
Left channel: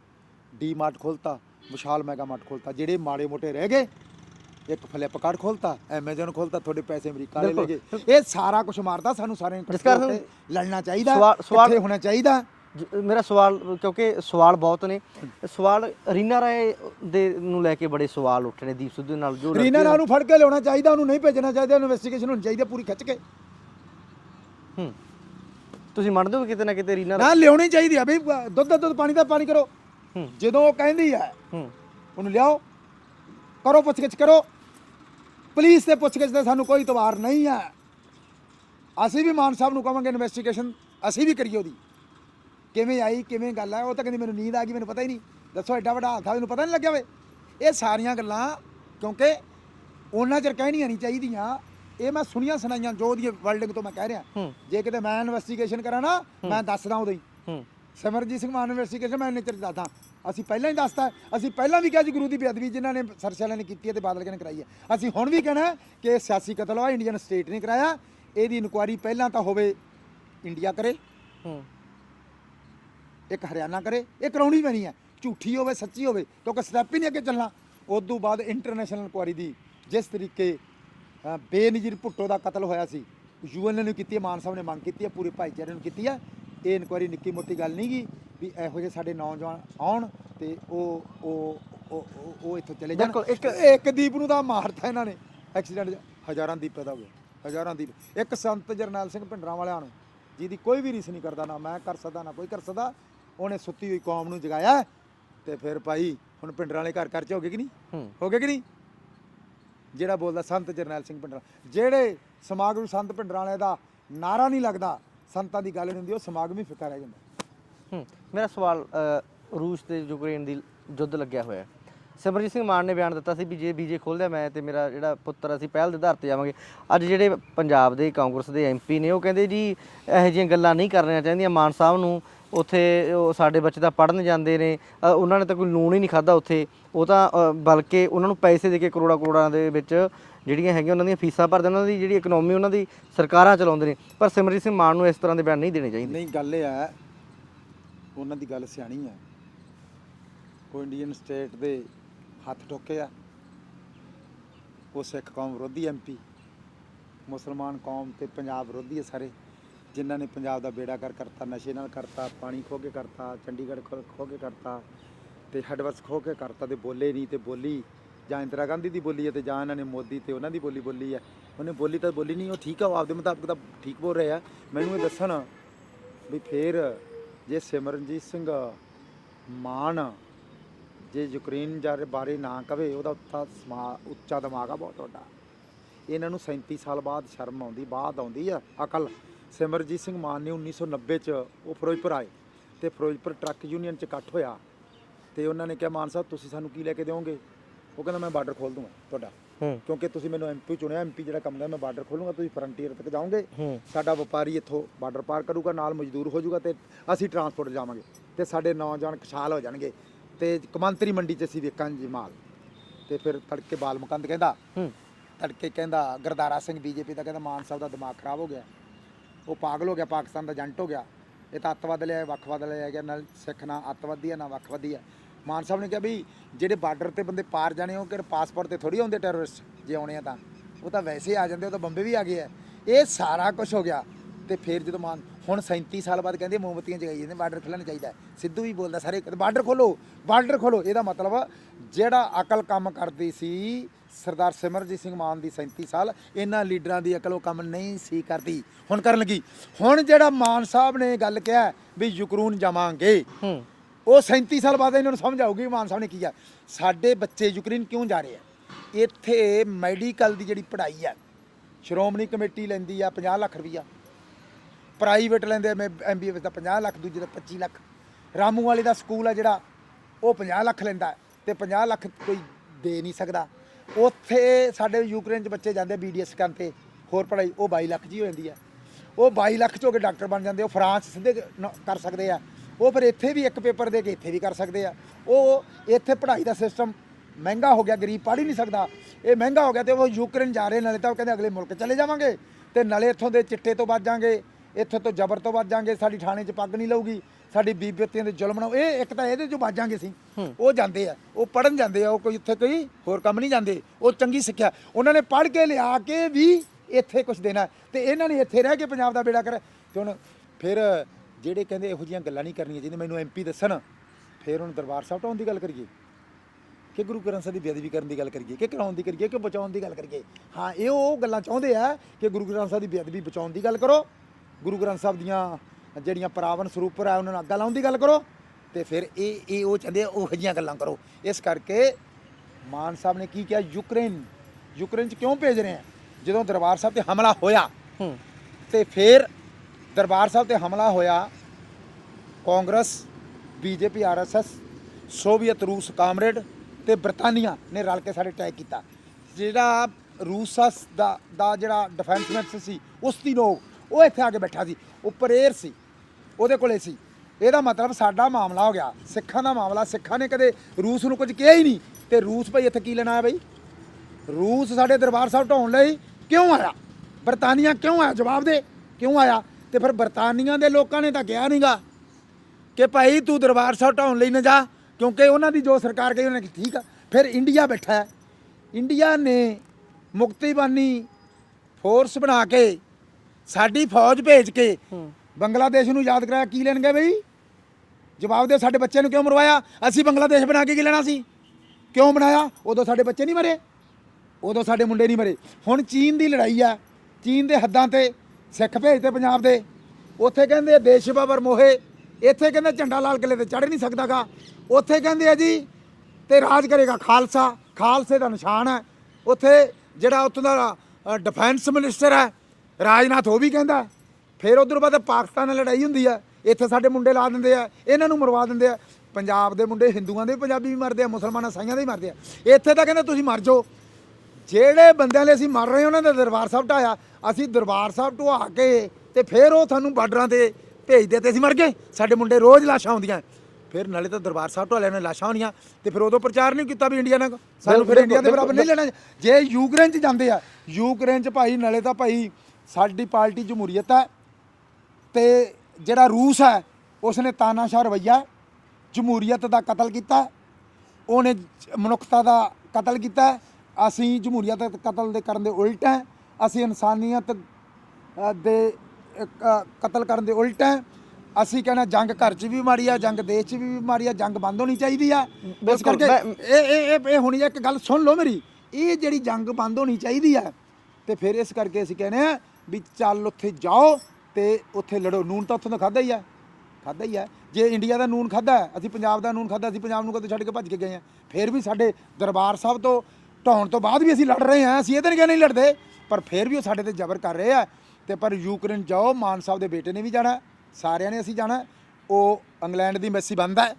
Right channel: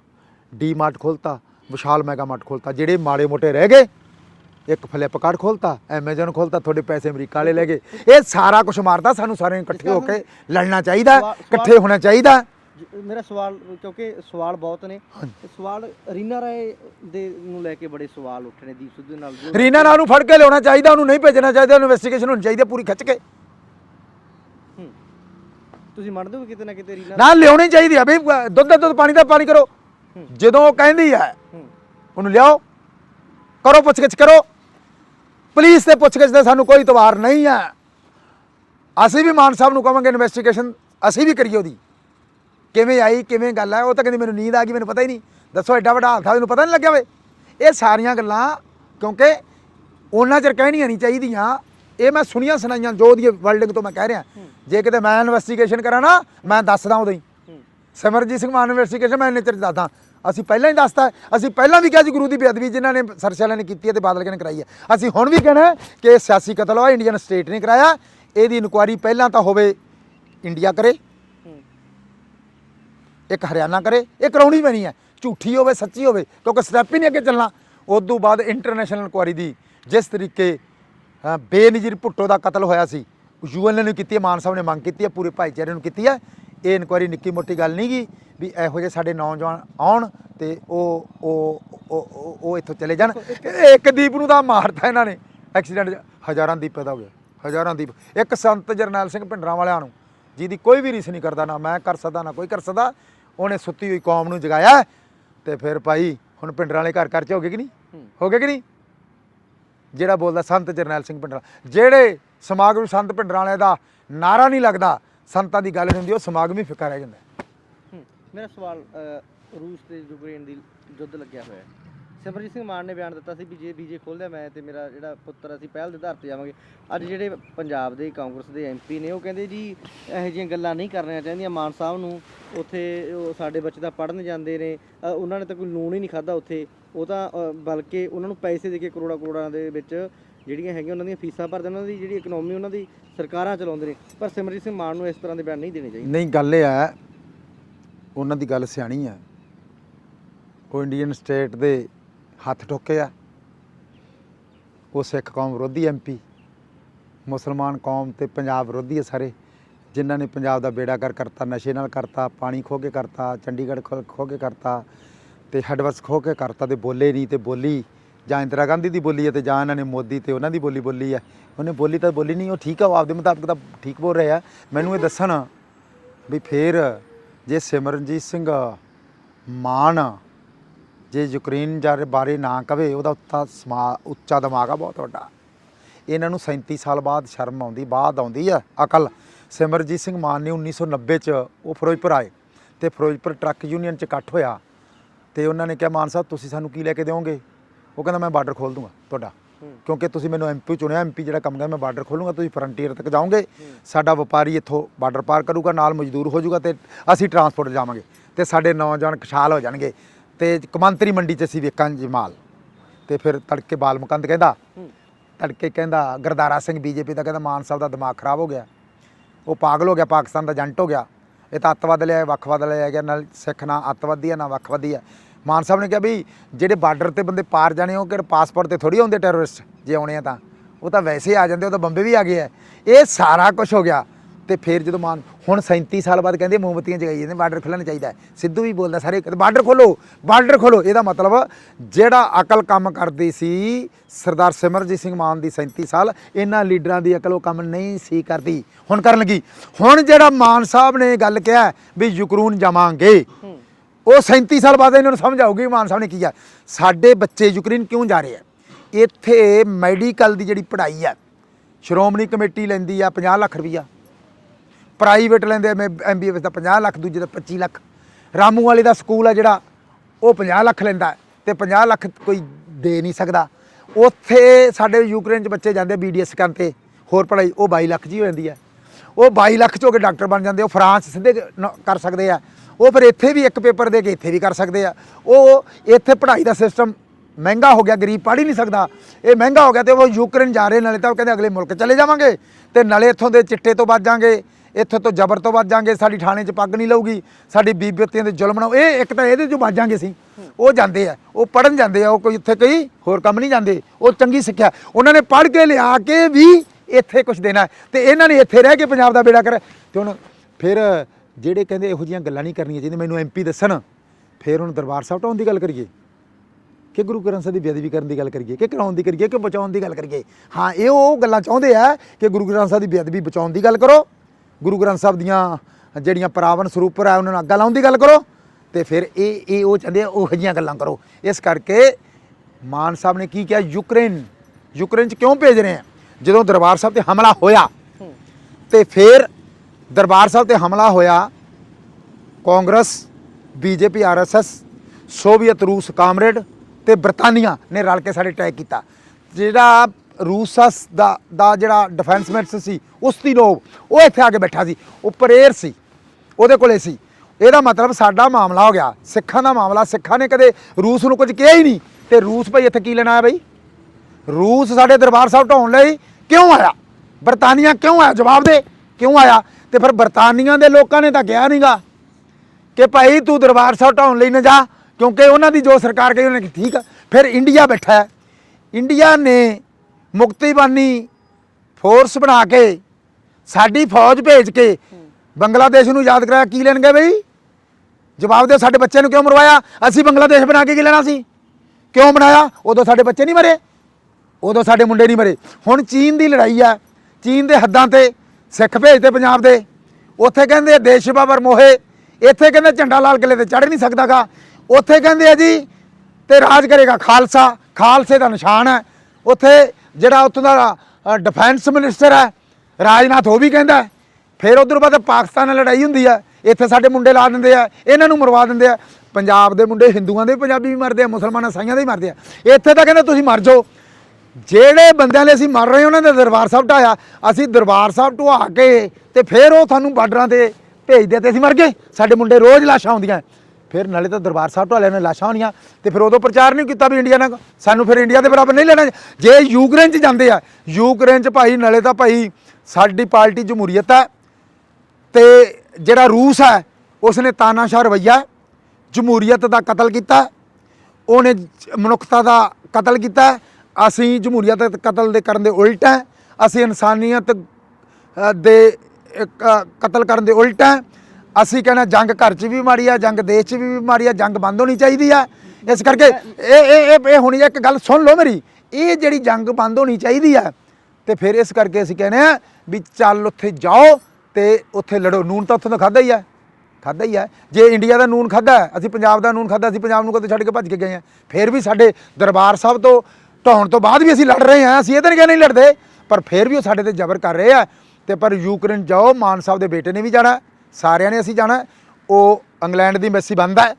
ਡੀ ਮਾਰਟ ਖੋਲ੍ਹਤਾ, ਵਿਸ਼ਾਲ ਮੈਗਾ ਮਾਰਟ ਖੋਲ੍ਹਤਾ। ਜਿਹੜੇ ਮਾੜੇ ਮੋਟੇ ਰਹਿ ਗਏ ਇੱਕ ਫਲਿੱਪਕਾਰਟ ਖੋਲਤਾ, ਐਮਾਜ਼ਨ ਖੋਲਤਾ, ਤੁਹਾਡੇ ਪੈਸੇ ਅਮਰੀਕਾ ਵਾਲੇ ਲੈ ਗਏ। ਇਹ ਸਾਰਾ ਕੁਝ ਮਾਰਦਾ। ਸਾਨੂੰ ਸਾਰਿਆਂ ਨੂੰ ਇਕੱਠੇ ਹੋ ਕੇ ਲੜਨਾ ਚਾਹੀਦਾ, ਇਕੱਠੇ ਹੋਣਾ ਚਾਹੀਦਾ। ਮੇਰਾ ਸਵਾਲ, ਕਿਉਂਕਿ ਸਵਾਲ ਬਹੁਤ ਨੇ, ਸਵਾਲ ਰੀਨਾ ਰਾਏ ਦੇ ਨੂੰ ਲੈ ਕੇ ਬੜੇ ਸਵਾਲ ਉੱਠ ਰਹੇ ਦੀਪ ਸਿੱਧੂ ਨਾਲ। ਰੀਨਾ ਰਾਏ ਨੂੰ ਫੜ ਕੇ ਲਿਆਉਣਾ ਚਾਹੀਦਾ, ਉਹਨੂੰ ਨਹੀਂ ਭੇਜਣਾ ਚਾਹੀਦਾ, ਇਨਵੈਸਟੀਗੇਸ਼ਨ ਹੋਣੀ ਚਾਹੀਦੀ ਪੂਰੀ ਖਿੱਚ ਕੇ। ਤੁਸੀਂ ਮੰਨਦੇ ਹੋ ਕਿਤੇ ਨਾ ਕਿਤੇ ਰੀਨਾ ਨਾ ਲਿਆਉਣੀ ਚਾਹੀਦੀ ਆ ਬਈ, ਦੁੱਧ ਦਾ ਦੁੱਧ, ਪਾਣੀ ਦਾ ਪਾਣੀ ਕਰੋ। ਜਦੋਂ ਉਹ ਕਹਿੰਦੀ ਹੈ ਉਹਨੂੰ ਲਿਆਓ, ਕਰੋ ਪੁੱਛਗਿੱਛ ਕਰੋ। ਪੁਲਿਸ ਤੇ ਪੁੱਛਗਿੱਛ ਦਾ ਸਾਨੂੰ ਕੋਈ ਇਤਬਾਰ ਨਹੀਂ ਹੈ। ਅਸੀਂ ਵੀ ਮਾਨ ਸਾਹਿਬ ਨੂੰ ਕਹਾਂਗੇ ਇਨਵੈਸਟੀਗੇਸ਼ਨ ਅਸੀਂ ਵੀ ਕਰੀਏ, ਉਹਦੀ ਕਿਵੇਂ ਆਈ, ਕਿਵੇਂ ਗੱਲ ਹੈ। ਉਹ ਤਾਂ ਕਹਿੰਦੀ ਮੈਨੂੰ ਨੀਂਦ ਆ ਗਈ, ਮੈਨੂੰ ਪਤਾ ਹੀ ਨਹੀਂ। ਦੱਸੋ ਐਡਾ ਵੱਡਾ ਹਾਦਸਾ ਮੈਨੂੰ ਪਤਾ ਨਹੀਂ ਲੱਗਿਆ ਵੇ। ਇਹ ਸਾਰੀਆਂ ਗੱਲਾਂ ਕਿਉਂਕਿ ਉਹਨਾਂ ਚਿਰ ਕਹਿਣੀਆਂ ਨਹੀਂ ਚਾਹੀਦੀਆਂ। ਇਹ ਮੈਂ ਸੁਣੀਆਂ ਸੁਣਾਈਆਂ ਜੋ ਉਹਦੀ ਵਰਲਡਿੰਗ ਤੋਂ ਮੈਂ ਕਹਿ ਰਿਹਾ। ਜੇ ਕਿਤੇ ਮੈਂ ਇਨਵੈਸਟੀਗੇਸ਼ਨ ਕਰਾਂ ਨਾ, ਮੈਂ ਦੱਸਦਾ ਉਦੋਂ ਹੀ। ਸਿਮਰਜੀਤ ਸਿੰਘ ਮਾਨ ਇਨਵੈਸਟੀਗੇਸ਼ਨ ਮੈਂ ਇੰਨੇ ਚਿਰ ਦੱਸਦਾ। ਅਸੀਂ ਪਹਿਲਾਂ ਹੀ ਦੱਸਤਾ, ਅਸੀਂ ਪਹਿਲਾਂ ਵੀ ਕਿਹਾ ਸੀ ਗੁਰੂ ਦੀ ਬੇਅਦਬੀ ਜਿਨ੍ਹਾਂ ਨੇ ਸਰਸ਼ਾਲਾ ਨੇ ਕੀਤੀ ਹੈ ਤੇ ਬਾਦਲ ਨੇ ਕਰਾਈ ਹੈ। ਅਸੀਂ ਹੁਣ ਵੀ ਕਹਿਣਾ ਕਿ ਇਹ ਸਿਆਸੀ ਕਤਲ ਹੋਇਆ, ਇੰਡੀਅਨ ਸਟੇਟ ਨੇ ਕਰਾਇਆ। ਇਹਦੀ ਇਨਕੁਆਇਰੀ ਪਹਿਲਾਂ ਤਾਂ ਹੋਵੇ ਇੰਡੀਆ ਕਰੇ, ਇੱਕ ਹਰਿਆਣਾ ਕਰੇ। ਇਹ ਕਰਾਉਣੀ ਪੈਣੀ ਹੈ, ਝੂਠੀ ਹੋਵੇ ਸੱਚੀ ਹੋਵੇ, ਕਿਉਂਕਿ ਸਟੈਪ ਹੀ ਨਹੀਂ ਅੱਗੇ ਚੱਲਣਾ। ਉਸ ਤੋਂ ਬਾਅਦ ਇੰਟਰਨੈਸ਼ਨਲ ਇਨਕੁਆਇਰੀ ਦੀ ਜਿਸ ਤਰੀਕੇ ਬੇਨਜ਼ੀਰ ਭੁੱਟੋ ਦਾ ਕਤਲ ਹੋਇਆ ਸੀ, UN ਨੇ ਕੀਤੀ ਹੈ, ਮਾਨ ਸਾਹਿਬ ਨੇ ਮੰਗ ਕੀਤੀ ਹੈ, ਪੂਰੇ ਭਾਈਚਾਰੇ ਨੂੰ ਕੀਤੀ ਹੈ। ਇਹ ਇਨਕੁਆਇਰੀ ਨਿੱਕੀ ਮੋਟੀ ਗੱਲ ਨਹੀਂ ਗੀ ਵੀ ਇਹੋ ਜਿਹੇ ਸਾਡੇ ਨੌਜਵਾਨ ਆਉਣ ਤੇ ਉਹ ਇੱਥੋਂ ਚਲੇ ਜਾਣ। ਇੱਕ ਦੀਪ ਨੂੰ ਤਾਂ ਮਾਰਤਾ ਇਹਨਾਂ ਨੇ ਐਕਸੀਡੈਂਟ 'ਚ, ਹਜ਼ਾਰਾਂ ਦੀਪ ਪੈਦਾ ਹੋ ਗਏ, ਹਜ਼ਾਰਾਂ ਦੀਪ। ਇੱਕ ਸੰਤ ਜਰਨੈਲ ਸਿੰਘ ਭਿੰਡਰਾਂ ਵਾਲਿਆਂ ਨੂੰ, ਜਿਹਦੀ ਕੋਈ ਵੀ ਰੀਸ ਨਹੀਂ ਕਰਦਾ, ਨਾ ਮੈਂ ਕਰ ਸਕਦਾ ਨਾ ਕੋਈ ਕਰ ਸਕਦਾ, ਉਹਨੇ ਸੁੱਤੀ ਹੋਈ ਕੌਮ ਨੂੰ ਜਗਾਇਆ। ਤੇ ਫਿਰ ਭਾਈ ਹੁਣ ਭਿੰਡਰਾਂ ਵਾਲੇ ਘਰ ਘਰ 'ਚ ਹੋ ਗਏ ਕਿ ਨਹੀਂ, ਹੋ ਗਏ ਕਿ ਨਹੀਂ। ਜਿਹੜਾ ਬੋਲਦਾ ਸੰਤ ਜਰਨੈਲ ਸਿੰਘ ਭਿੰਡਰਾਂ, ਜਿਹੜੇ ਸਮਾਗਮ ਸੰਤ ਭਿੰਡਰਾਂ ਵਾਲੇ ਦਾ ਨਾਰਾ ਨਹੀਂ ਲੱਗਦਾ, ਸੰਤਾਂ ਦੀ ਗੱਲ ਨਹੀਂ ਹੁੰਦੀ, ਉਹ ਸਮਾਗਮ ਹੀ ਫਿੱਕਾ ਰਹਿ ਜਾਂਦਾ। ਮੇਰਾ ਸਵਾਲ, ਰੂਸ ਤੇ ਯੂਕਰੇਨ ਦੀ ਯੁੱਧ ਲੱਗਿਆ ਹੋਇਆ। ਸਿਮਰਜੀਤ ਸਿੰਘ ਮਾਨ ਨੇ ਬਿਆਨ ਦਿੱਤਾ ਸੀ ਵੀ ਜੇ ਬੀਜੇ ਖੋਲ੍ਹਦਿਆ ਮੈਂ ਤੇ ਮੇਰਾ ਜਿਹੜਾ ਪੁੱਤਰ ਅਸੀਂ ਪਹਿਲ ਦੇ ਆਧਾਰ ਤੇ ਜਾਵਾਂਗੇ। ਅੱਜ ਜਿਹੜੇ ਪੰਜਾਬ ਦੇ ਕਾਂਗਰਸ ਦੇ MP ਨੇ ਉਹ ਕਹਿੰਦੇ ਜੀ ਇਹੋ ਜਿਹੀਆਂ ਗੱਲਾਂ ਨਹੀਂ ਕਰਨੀਆਂ ਚਾਹੀਦੀਆਂ। ਮਾਨ ਸਾਹਿਬ ਨੂੰ ਉੱਥੇ ਉਹ ਸਾਡੇ ਬੱਚੇ ਤਾਂ ਪੜ੍ਹਨ ਜਾਂਦੇ ਨੇ, ਉਹਨਾਂ ਨੇ ਤਾਂ ਕੋਈ ਲੂਣ ਹੀ ਨਹੀਂ ਖਾਧਾ ਉੱਥੇ। ਉਹ ਤਾਂ ਬਲਕਿ ਉਹਨਾਂ ਨੂੰ ਪੈਸੇ ਦੇ ਕੇ ਕਰੋੜਾਂ ਦੇ ਵਿੱਚ ਜਿਹੜੀਆਂ ਹੈਗੀਆਂ ਉਹਨਾਂ ਦੀਆਂ ਫੀਸਾਂ ਭਰਦੇ, ਉਹਨਾਂ ਦੀ ਜਿਹੜੀ ਇਕਨੋਮੀ ਉਹਨਾਂ ਦੀ ਸਰਕਾਰਾਂ ਚਲਾਉਂਦੇ ਨੇ। ਪਰ ਸਿਮਰਜੀਤ ਸਿੰਘ ਮਾਨ ਨੂੰ ਇਸ ਤਰ੍ਹਾਂ ਦੇ ਬਿਆਨ ਨਹੀਂ ਦੇਣੇ ਚਾਹੀਦੇ। ਨਹੀਂ, ਗੱਲ ਇਹ ਹੈ, ਉਹਨਾਂ ਦੀ ਗੱਲ ਸਿਆਣੀ ਹੈ। ਉਹ ਇੰਡੀਅਨ ਸਟੇਟ ਦੇ ਹੱਥ ਠੋਕੇ ਆ। ਉਹ ਸਿੱਖ ਕੌਮ ਵਿਰੋਧੀ MP, ਮੁਸਲਮਾਨ ਕੌਮ ਤੇ ਪੰਜਾਬ ਵਿਰੋਧੀ ਹੈ ਸਾਰੇ, ਜਿਨ੍ਹਾਂ ਨੇ ਪੰਜਾਬ ਦਾ ਬੇੜਾ ਕਰ ਕਰਤਾ, ਨਸ਼ੇ ਨਾਲ ਕਰਤਾ, ਪਾਣੀ ਖੋਹ ਕੇ ਕਰਤਾ, ਚੰਡੀਗੜ੍ਹ ਖੋਹ ਕੇ ਕਰਤਾ, ਤੇ ਹੈਡਵਰਕਸ ਖੋਹ ਕੇ ਕਰਤਾ। ਤੇ ਬੋਲੇ ਨਹੀਂ, ਤੇ ਬੋਲੀ ਜਾਂ ਇੰਦਰਾ ਗਾਂਧੀ ਦੀ ਬੋਲੀ ਹੈ ਤੇ ਜਾਂ ਇਹਨਾਂ ਨੇ ਮੋਦੀ ਤੇ ਉਹਨਾਂ ਦੀ ਬੋਲੀ ਹੈ। ਉਹਨੇ ਬੋਲੀ ਤਾਂ ਬੋਲੀ ਨਹੀਂ, ਉਹ ਠੀਕ ਆ, ਉਹ ਆਪਦੇ ਮੁਤਾਬਕ ਤਾਂ ਠੀਕ ਬੋਲ ਰਹੇ ਆ। ਮੈਨੂੰ ਇਹ ਦੱਸਣ ਵੀ ਫਿਰ ਜੇ ਸਿਮਰਨਜੀਤ ਸਿੰਘ ਮਾਨ ਜੇ ਯੂਕਰੇਨ ਬਾਰੇ ਨਾ ਕਵੇ, ਉਹਦਾ ਉੱਚਾ ਦਿਮਾਗ ਆ ਬਹੁਤ ਵੱਡਾ। ਇਹਨਾਂ ਨੂੰ 37 ਸਾਲ ਬਾਅਦ ਸ਼ਰਮ ਆਉਂਦੀ, ਬਾਅਦ ਆਉਂਦੀ ਆ ਅਕਲ। ਸਿਮਰਜੀਤ ਸਿੰਘ ਮਾਨ ਨੇ 1990 'ਚ ਉਹ ਫਿਰੋਜ਼ਪੁਰ ਆਏ ਤੇ ਫਿਰੋਜ਼ਪੁਰ ਟਰੱਕ ਯੂਨੀਅਨ 'ਚ ਇਕੱਠ ਹੋਇਆ ਤੇ ਉਹਨਾਂ ਨੇ ਕਿਹਾ ਮਾਨ ਸਾਹਿਬ ਤੁਸੀਂ ਸਾਨੂੰ ਕੀ ਲੈ ਕੇ ਦਿਓਗੇ? ਉਹ ਕਹਿੰਦਾ ਮੈਂ ਬਾਰਡਰ ਖੋਲ੍ਹ ਦੂੰਗਾ ਤੁਹਾਡਾ, ਕਿਉਂਕਿ ਤੁਸੀਂ ਮੈਨੂੰ MP ਚੁਣਿਆ, MP ਜਿਹੜਾ ਕੰਮ ਕਰਦਾ ਮੈਂ ਬਾਰਡਰ ਖੋਲੂੰਗਾ, ਤੁਸੀਂ ਫਰੰਟੀਅਰ ਤੱਕ ਜਾਓਗੇ, ਸਾਡਾ ਵਪਾਰੀ ਇੱਥੋਂ ਬਾਰਡਰ ਪਾਰ ਕਰੂਗਾ, ਨਾਲ ਮਜ਼ਦੂਰ ਹੋ ਜਾਊਗਾ ਤੇ ਅਸੀਂ ਟਰਾਂਸਪੋਰਟ ਜਾਵਾਂਗੇ ਤੇ ਸਾਡੇ ਨੌਜਵਾਨ ਖੁਸ਼ਹਾਲ ਹੋ ਜਾਣਗੇ ਤੇ ਕਮਾਂਤਰੀ ਮੰਡੀ 'ਚ ਅਸੀਂ ਵੇਖਾਂਗੇ ਮਾਲ। ਤੇ ਫਿਰ ਤੜਕੇ ਬਾਲਮਕੰਦ ਕਹਿੰਦਾ, ਤੜਕੇ ਕਹਿੰਦਾ ਗੁਰਦਾਰਾ ਸਿੰਘ BJP ਦਾ ਕਹਿੰਦਾ ਮਾਨ ਸਾਹਿਬ ਦਾ ਦਿਮਾਗ ਖਰਾਬ ਹੋ ਗਿਆ, ਉਹ ਪਾਗਲ ਹੋ ਗਿਆ, ਪਾਕਿਸਤਾਨ ਦਾ ਏਜੰਟ ਹੋ ਗਿਆ, ਇਹ ਤਾਂ ਅੱਤਵਾਦ ਲਿਆ, ਵੱਖਵਾਦ ਲਿਆ ਗਿਆ, ਨਾਲ ਸਿੱਖ ਨਾ ਅੱਤਵਾਦੀ ਆ ਨਾ ਵੱਖਵਾਦੀ ਆ। ਮਾਨ ਸਾਹਿਬ ਨੇ ਕਿਹਾ ਵੀ ਜਿਹੜੇ ਬਾਰਡਰ ਤੇ ਬੰਦੇ ਪਾਰ ਜਾਣੇ ਉਹ ਕਿ ਪਾਸਪੋਰਟ ਤੇ ਥੋੜੀ ਆਉਂਦੇ ਟੈਰਰਿਸਟ, ਜੇ ਆਉਣੇ ਆ ਤਾਂ ਉਹ ਤਾਂ ਵੈਸੇ ਆ ਜਾਂਦੇ, ਉਹ ਤਾਂ ਬੰਬੇ ਵੀ ਆ ਗਏ ਆ। ਇਹ ਸਾਰਾ ਕੁਝ ਹੋ ਗਿਆ ਤੇ ਫਿਰ ਜਦੋਂ ਮਾਨ ਹੁਣ 37 ਸਾਲ ਬਾਅਦ ਕਹਿੰਦੇ ਮੋਮਬੱਤੀਆਂ ਜਗਾਈ ਜਾਂਦੇ, ਬਾਰਡਰ ਖੁੱਲ੍ਹਣਾ ਚਾਹੀਦਾ। ਸਿੱਧੂ ਵੀ ਬੋਲਦਾ ਸਾਰੇ ਬਾਰਡਰ ਖੋਲੋ, ਬਾਰਡਰ ਖੋਲੋ। ਇਹਦਾ ਮਤਲਬ ਜਿਹੜਾ ਅਕਲ ਕੰਮ ਕਰਦੀ ਸੀ ਸਰਦਾਰ ਸਿਮਰਜੀਤ ਸਿੰਘ ਮਾਨ ਦੀ 37 ਸਾਲ, ਇਹਨਾਂ ਲੀਡਰਾਂ ਦੀ ਅਕਲ ਉਹ ਕੰਮ ਨਹੀਂ ਸੀ ਕਰਦੀ, ਹੁਣ ਕਰਨ ਲੱਗੀ। ਹੁਣ ਜਿਹੜਾ ਮਾਨ ਸਾਹਿਬ ਨੇ ਗੱਲ ਕਿਹਾ ਵੀ ਯੂਕਰੇਨ ਜਾਵਾਂਗੇ, ਉਹ 37 ਸਾਲ ਬਾਅਦ ਇਹਨਾਂ ਨੂੰ ਸਮਝ ਆਊਗੀ ਮਾਨ ਸਾਹਿਬ ਨੇ ਕੀ ਆ। ਸਾਡੇ ਬੱਚੇ ਯੂਕਰੇਨ ਕਿਉਂ ਜਾ ਰਹੇ ਆ? ਇੱਥੇ ਮੈਡੀਕਲ ਦੀ ਜਿਹੜੀ ਪੜ੍ਹਾਈ ਆ ਸ਼੍ਰੋਮਣੀ ਕਮੇਟੀ ਲੈਂਦੀ ਆ 50 ਲੱਖ ਰੁਪਈਆ, ਪ੍ਰਾਈਵੇਟ ਲੈਂਦੇ MBBS ਦਾ 50 ਲੱਖ, ਦੂਜੇ ਦਾ 25 ਲੱਖ। ਰਾਮੂ ਵਾਲੇ ਦਾ ਸਕੂਲ ਆ ਜਿਹੜਾ ਉਹ 50 ਲੱਖ ਲੈਂਦਾ ਤੇ 50 ਲੱਖ ਕੋਈ ਦੇ ਨਹੀਂ ਸਕਦਾ। ਉੱਥੇ ਸਾਡੇ ਯੂਕਰੇਨ 'ਚ ਬੱਚੇ ਜਾਂਦੇ BDS ਕਰਨ ਤੇ ਹੋਰ ਪੜ੍ਹਾਈ, ਉਹ 22 ਲੱਖ ਜੀ ਹੋ ਜਾਂਦੀ ਹੈ। ਉਹ 22 ਲੱਖ 'ਚ ਹੋ ਕੇ ਡਾਕਟਰ ਬਣ ਜਾਂਦੇ, ਉਹ ਫਰਾਂਸ ਸਿੱਧੇ ਕਰ ਸਕਦੇ ਆ। ਉਹ ਫਿਰ ਇੱਥੇ ਵੀ ਇੱਕ ਪੇਪਰ ਦੇ ਕੇ ਇੱਥੇ ਵੀ ਕਰ ਸਕਦੇ ਆ। ਉਹ ਇੱਥੇ ਪੜ੍ਹਾਈ ਦਾ ਸਿਸਟਮ ਮਹਿੰਗਾ ਹੋ ਗਿਆ, ਗਰੀਬ ਪੜ੍ਹ ਹੀ ਨਹੀਂ ਸਕਦਾ, ਇਹ ਮਹਿੰਗਾ ਹੋ ਗਿਆ ਤੇ ਉਹ ਯੂਕਰੇਨ ਜਾ ਰਹੇ। ਨਾਲੇ ਤਾਂ ਉਹ ਕਹਿੰਦੇ ਅਗਲੇ ਮੁਲਕ ਚਲੇ ਜਾਵਾਂਗੇ ਤੇ ਨਾਲੇ ਇੱਥੋਂ ਦੇ ਚਿੱਟੇ ਤੋਂ ਬਚ ਜਾਵਾਂਗੇ, ਇੱਥੇ ਤੋਂ ਜ਼ਬਰ ਤੋਂ ਬਚ ਜਾਾਂਗੇ, ਸਾਡੀ ਥਾਣੇ 'ਚ ਪੱਗ ਨਹੀਂ ਲਊਗੀ, ਸਾਡੀ ਬੀਬੀਆਂ ਦੇ ਜ਼ੁਲਮ ਨਾਲ ਇਹ ਇੱਕ ਤਾਂ ਇਹਦੇ 'ਚੋਂ ਬਚ ਜਾਾਂਗੇ ਸੀ। ਉਹ ਜਾਂਦੇ ਆ, ਉਹ ਪੜ੍ਹਨ ਜਾਂਦੇ ਆ, ਉਹ ਕੋਈ ਇੱਥੇ ਕੋਈ ਹੋਰ ਕੰਮ ਨਹੀਂ ਜਾਂਦੇ, ਉਹ ਚੰਗੀ ਸਿੱਖਿਆ ਉਹਨਾਂ ਨੇ ਪੜ੍ਹ ਕੇ ਲਿਆ ਕੇ ਵੀ ਇੱਥੇ ਕੁਝ ਦੇਣਾ ਤੇ ਇਹਨਾਂ ਨੇ ਇੱਥੇ ਰਹਿ ਕੇ ਪੰਜਾਬ ਦਾ ਬੇੜਾ ਕਰ। ਤੇ ਹੁਣ ਫਿਰ ਜਿਹੜੇ ਕਹਿੰਦੇ ਇਹੋ ਜਿਹੀਆਂ ਗੱਲਾਂ ਨਹੀਂ ਕਰਨੀਆਂ ਚਾਹੀਦੀਆਂ, ਮੈਨੂੰ MP ਦੱਸਣ, ਫਿਰ ਹੁਣ ਦਰਬਾਰ ਸਾਹਿਬ ਢਾਉਣ ਦੀ ਗੱਲ ਕਰੀਏ ਕਿ ਗੁਰੂ ਗ੍ਰੰਥ ਸਾਹਿਬ ਦੀ ਬੇਅਦਬੀ ਕਰਨ ਦੀ ਗੱਲ ਕਰੀਏ ਕਿ ਕਰਾਉਣ ਦੀ ਕਰੀਏ ਕਿ ਬਚਾਉਣ ਦੀ ਗੱਲ ਕਰੀਏ। ਹਾਂ, ਇਹ ਉਹ ਗੱਲਾਂ ਚਾਹੁੰਦੇ ਆ ਕਿ ਗੁਰੂ ਗ੍ਰੰਥ ਸਾਹਿਬ ਦੀ ਬੇਅਦਬੀ ਬਚਾਉਣ ਦੀ ਗੱਲ ਕਰੋ, ਗੁਰੂ ਗ੍ਰੰਥ ਸਾਹਿਬ ਦੀਆਂ ਜਿਹੜੀਆਂ ਪਰਾਵਨ ਸਰੂਪਰ ਆ ਉਹਨਾਂ ਨੂੰ ਅੱਗਾ ਲਾਉਣ ਦੀ ਗੱਲ ਕਰੋ, ਤੇ ਫਿਰ ਇਹ ਉਹ ਚਾਹੁੰਦੇ ਆ ਉਹੋ ਜਿਹੀਆਂ ਗੱਲਾਂ ਕਰੋ। ਇਸ ਕਰਕੇ ਮਾਨ ਸਾਹਿਬ ਨੇ ਕੀ ਕਿਹਾ, ਯੂਕਰੇਨ 'ਚ ਕਿਉਂ ਭੇਜ ਰਹੇ ਆ? ਜਦੋਂ ਦਰਬਾਰ ਸਾਹਿਬ ਤੇ ਹਮਲਾ ਹੋਇਆ ਤੇ ਫਿਰ ਦਰਬਾਰ ਸਾਹਿਬ ਤੇ ਹਮਲਾ ਹੋਇਆ, ਕਾਂਗਰਸ, BJP, RSS, ਸੋਵੀਅਤ ਰੂਸ ਕਾਮਰੇਡ ਤੇ ਬਰਤਾਨੀਆ ਨੇ ਰਲ ਕੇ ਸਾਡੇ ਅਟੈਕ ਕੀਤਾ। ਜਿਹੜਾ ਰੂਸ ਦਾ ਜਿਹੜਾ ਡਿਫੈਂਸ ਮਿਨਿਸਟਰ ਸੀ ਉਸ ਦੀ ਲੋਕ ਉਹ ਇੱਥੇ ਆ ਕੇ ਬੈਠਾ ਸੀ, ਉਹ ਪਰੇਰ ਸੀ, ਉਹਦੇ ਕੋਲੇ ਸੀ। ਇਹਦਾ ਮਤਲਬ ਸਾਡਾ ਮਾਮਲਾ ਹੋ ਗਿਆ, ਸਿੱਖਾਂ ਦਾ ਮਾਮਲਾ। ਸਿੱਖਾਂ ਨੇ ਕਦੇ ਰੂਸ ਨੂੰ ਕੁਝ ਕਿਹਾ ਹੀ ਨਹੀਂ, ਤੇ ਰੂਸ ਭਾਈ ਇੱਥੇ ਕੀ ਲੈਣਾ ਹੈ ਬਈ? ਰੂਸ ਸਾਡੇ ਦਰਬਾਰ ਸਾਹਿਬ ਢਾਉਣ ਲਈ ਕਿਉਂ ਆਇਆ? ਬਰਤਾਨੀਆ ਕਿਉਂ ਆਇਆ? ਜਵਾਬ ਦੇ, ਕਿਉਂ ਆਇਆ? ਤੇ ਫਿਰ ਬਰਤਾਨੀਆ ਦੇ ਲੋਕਾਂ ਨੇ ਤਾਂ ਕਿਹਾ ਨਹੀਂਗਾ ਕਿ ਭਾਈ ਤੂੰ ਦਰਬਾਰ ਸਾਹਿਬ ਢਾਉਣ ਲਈ ਨਾ ਜਾ, ਕਿਉਂਕਿ ਉਹਨਾਂ ਦੀ ਜੋ ਸਰਕਾਰ ਕਹੀ ਉਹਨੇ ਠੀਕ ਆ। ਫਿਰ ਇੰਡੀਆ ਬੈਠਾ ਹੈ, ਇੰਡੀਆ ਨੇ ਮੁਕਤੀ ਬਾਨੀ ਫੋਰਸ ਬਣਾ ਕੇ ਸਾਡੀ ਫੌਜ ਭੇਜ ਕੇ ਬੰਗਲਾਦੇਸ਼ ਨੂੰ ਯਾਦ ਕਰਾਇਆ। ਕੀ ਲੈਣ ਗਏ ਬਈ? ਜਵਾਬ ਦਿਓ। ਸਾਡੇ ਬੱਚੇ ਨੂੰ ਕਿਉਂ ਮਰਵਾਇਆ? ਅਸੀਂ ਬੰਗਲਾਦੇਸ਼ ਬਣਾ ਕੇ ਕੀ ਲੈਣਾ ਸੀ? ਕਿਉਂ ਬਣਾਇਆ? ਉਦੋਂ ਸਾਡੇ ਬੱਚੇ ਨਹੀਂ ਮਰੇ, ਉਦੋਂ ਸਾਡੇ ਮੁੰਡੇ ਨਹੀਂ ਮਰੇ। ਹੁਣ ਚੀਨ ਦੀ ਲੜਾਈ ਆ, ਚੀਨ ਦੇ ਹੱਦਾਂ ਤੇ ਸਿੱਖ ਭੇਜਦੇ ਪੰਜਾਬ ਦੇ, ਉੱਥੇ ਕਹਿੰਦੇ ਦੇਸ਼ ਬਾਬਰ ਮੋਹੇ, ਇੱਥੇ ਕਹਿੰਦੇ ਝੰਡਾ ਲਾਲ ਕਿਲੇ ਤੇ ਚੜ੍ਹ ਨਹੀਂ ਸਕਦਾਗਾ, ਉੱਥੇ ਕਹਿੰਦੇ ਆ ਜੀ ਤੇ ਰਾਜ ਕਰੇਗਾ ਖਾਲਸਾ, ਖਾਲਸੇ ਦਾ ਨਿਸ਼ਾਨ ਹੈ। ਉੱਥੇ ਜਿਹੜਾ ਉੱਥੋਂ ਦਾ ਡਿਫੈਂਸ ਮਿਨਿਸਟਰ ਹੈ ਰਾਜਨਾਥ, ਉਹ ਵੀ ਕਹਿੰਦਾ। ਫਿਰ ਉਧਰ ਬਾਅਦ ਪਾਕਿਸਤਾਨ ਨਾਲ ਲੜਾਈ ਹੁੰਦੀ ਆ, ਇੱਥੇ ਸਾਡੇ ਮੁੰਡੇ ਲਾ ਦਿੰਦੇ ਆ, ਇਹਨਾਂ ਨੂੰ ਮਰਵਾ ਦਿੰਦੇ ਆ। ਪੰਜਾਬ ਦੇ ਮੁੰਡੇ ਹਿੰਦੂਆਂ ਦੇ ਪੰਜਾਬੀ ਵੀ ਮਰਦੇ ਆ, ਮੁਸਲਮਾਨਾਂ ਸਾਈਆਂ ਦੇ ਵੀ ਮਰਦੇ ਆ। ਇੱਥੇ ਤਾਂ ਕਹਿੰਦੇ ਤੁਸੀਂ ਮਰ ਜਾਓ। ਜਿਹੜੇ ਬੰਦਿਆਂ ਲਈ ਅਸੀਂ ਮਰ ਰਹੇ ਉਹਨਾਂ ਦਾ ਦਰਬਾਰ ਸਾਹਿਬ ਢਾਇਆ, ਅਸੀਂ ਦਰਬਾਰ ਸਾਹਿਬ ਢਵਾ ਕੇ ਤੇ ਫਿਰ ਉਹ ਸਾਨੂੰ ਬਾਰਡਰਾਂ ਤੇ ਭੇਜਦੇ ਤੇ ਅਸੀਂ ਮਰ ਗਏ। ਸਾਡੇ ਮੁੰਡੇ ਰੋਜ਼ ਲਾਸ਼ਾਂ ਆਉਂਦੀਆਂ, ਫਿਰ ਨਾਲੇ ਤਾਂ ਦਰਬਾਰ ਸਾਹਿਬ ਢਾਲਿਆਂ ਨੇ ਲਾਸ਼ਾਂ ਹੋਣੀਆਂ, ਤੇ ਫਿਰ ਉਦੋਂ ਪ੍ਰਚਾਰ ਨਹੀਂ ਕੀਤਾ ਵੀ ਇੰਡੀਆ ਨਾਲ ਸਾਨੂੰ ਫਿਰ ਇੰਡੀਆ ਦੇ ਬਰਾਬਰ ਨਹੀਂ ਲੈਣਾ। ਜੇ ਯੂਕਰੇਨ 'ਚ ਜਾਂਦੇ ਆ, ਯੂਕਰੇਨ 'ਚ ਭਾਈ ਨਾਲੇ ਤਾਂ ਭਾਈ ਸਾਡੀ ਪਾਰਟੀ ਜਮਹੂਰੀਅਤ ਹੈ, ਤੇ ਜਿਹੜਾ ਰੂਸ ਹੈ ਉਸਨੇ ਤਾਨਾਸ਼ਾਹ ਰਵੱਈਆ, ਜਮਹੂਰੀਅਤ ਦਾ ਕਤਲ ਕੀਤਾ, ਉਹਨੇ ਮਨੁੱਖਤਾ ਦਾ ਕਤਲ ਕੀਤਾ। ਅਸੀਂ ਜਮਹੂਰੀਅਤ ਦੇ ਕਤਲ ਦੇ ਕਰਨ ਦੇ ਉਲਟ ਹੈ, ਅਸੀਂ ਇਨਸਾਨੀਅਤ ਦੇ ਕਤਲ ਕਰਨ ਦੇ ਉਲਟ ਹੈ। ਅਸੀਂ ਕਹਿੰਦੇ ਜੰਗ ਘਰ 'ਚ ਵੀ ਮਾੜੀ ਆ, ਜੰਗ ਦੇਸ਼ 'ਚ ਵੀ ਮਾੜੀ ਆ, ਜੰਗ ਬੰਦ ਹੋਣੀ ਚਾਹੀਦੀ ਆ। ਇਸ ਕਰਕੇ ਇਹ ਹੁਣ ਇੱਕ ਗੱਲ ਸੁਣ ਲਓ ਮੇਰੀ, ਇਹ ਜਿਹੜੀ ਜੰਗ ਬੰਦ ਹੋਣੀ ਚਾਹੀਦੀ ਆ, ਤੇ ਫਿਰ ਇਸ ਕਰਕੇ ਅਸੀਂ ਕਹਿੰਦੇ ਆ ਵੀ ਚੱਲ ਉੱਥੇ ਜਾਓ ਤੇ ਉੱਥੇ ਲੜੋ। ਨੂਨ ਤਾਂ ਉੱਥੋਂ ਦਾ ਖਾਧਾ ਹੀ ਹੈ। ਜੇ ਇੰਡੀਆ ਦਾ ਨੂਨ ਖਾਧਾ, ਅਸੀਂ ਪੰਜਾਬ ਦਾ ਨੂਨ ਖਾਧਾ, ਅਸੀਂ ਪੰਜਾਬ ਨੂੰ ਕਦੇ ਛੱਡ ਕੇ ਭੱਜ ਕੇ ਗਏ ਆ? ਫਿਰ ਵੀ ਸਾਡੇ ਦਰਬਾਰ ਸਾਹਿਬ ਤੋਂ ਢਾਉਣ ਤੋਂ ਬਾਅਦ ਵੀ ਅਸੀਂ ਲੜ ਰਹੇ ਹਾਂ, ਅਸੀਂ ਇਹ ਤਾਂ ਨਹੀਂ ਲੜਦੇ, ਪਰ ਫਿਰ ਵੀ ਉਹ ਸਾਡੇ ਤੇ ਜ਼ਬਰ ਕਰ ਰਹੇ ਆ। ਤੇ ਪਰ ਯੂਕਰੇਨ ਜਾਓ, ਮਾਨ ਸਾਹਿਬ ਦੇ ਬੇਟੇ ਨੇ ਵੀ ਜਾਣਾ, ਸਾਰਿਆਂ ਨੇ ਅਸੀਂ ਜਾਣਾ। ਉਹ ਇੰਗਲੈਂਡ ਦੀ ਮੈਸੀ ਬਣਦਾ ਹੈ,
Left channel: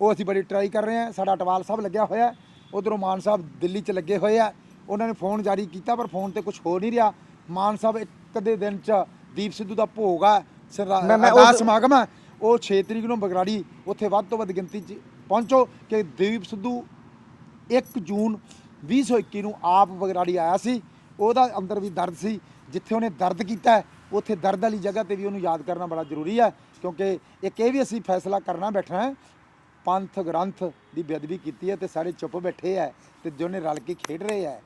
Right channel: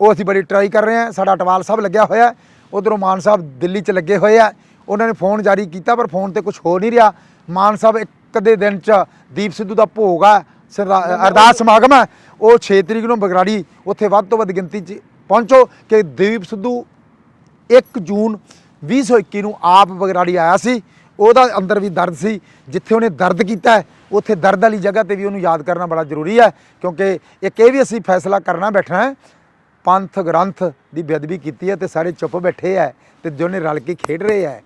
ਉਹ ਅਸੀਂ ਬੜੀ ਟਰਾਈ ਕਰ ਰਹੇ ਹਾਂ। ਸਾਡਾ ਅਟਵਾਲ ਸਾਹਿਬ ਲੱਗਿਆ ਹੋਇਆ, ਉਧਰੋਂ ਮਾਨ ਸਾਹਿਬ ਦਿੱਲੀ 'ਚ ਲੱਗੇ ਹੋਏ ਆ। ਉਹਨਾਂ ਨੇ ਫੋਨ ਜਾਰੀ ਕੀਤਾ ਪਰ ਫੋਨ ਤੇ ਕੁਝ ਹੋ ਨਹੀਂ ਰਿਹਾ। ਮਾਨ ਸਾਹਿਬ ਇੱਕ ਦੇ ਦਿਨ 'ਚ ਦੀਪ ਸਿੱਧੂ ਦਾ ਭੋਗ ਆ, ਅਰਦਾਸ ਸਮਾਗਮ ਹੈ, ਉਹ 6 ਤਰੀਕ ਨੂੰ ਬਗਰਾੜੀ, ਉੱਥੇ ਵੱਧ ਤੋਂ ਵੱਧ ਗਿਣਤੀ 'ਚ ਪਹੁੰਚੋ ਕਿ ਦੀਪ ਸਿੱਧੂ 1 ਜੂਨ 2021 ਨੂੰ ਆਪ ਬਗਰਾੜੀ ਆਇਆ ਸੀ। ਉਹਦਾ ਅੰਦਰ ਵੀ ਦਰਦ ਸੀ, ਜਿੱਥੇ ਉਹਨੇ ਦਰਦ ਕੀਤਾ ਉੱਥੇ ਦਰਦ ਵਾਲੀ ਜਗ੍ਹਾ ਤੇ ਵੀ ਉਹਨੂੰ ਯਾਦ ਕਰਨਾ ਬੜਾ ਜ਼ਰੂਰੀ ਹੈ, ਕਿਉਂਕਿ ਇੱਕ ਇਹ ਵੀ ਅਸੀਂ ਫੈਸਲਾ ਕਰਨਾ ਬੈਠਣਾ ਹੈ, ਪੰਥ ਗ੍ਰੰਥ ਦੀ ਬੇਅਦਬੀ ਕੀਤੀ ਹੈ ਤੇ ਸਾਰੇ ਚੁੱਪ ਬੈਠੇ ਹੈ, ਤੇ ਜਿਹਨੇ ਰਲ ਕੇ ਖੇਡ ਰਹੇ ਹੈ,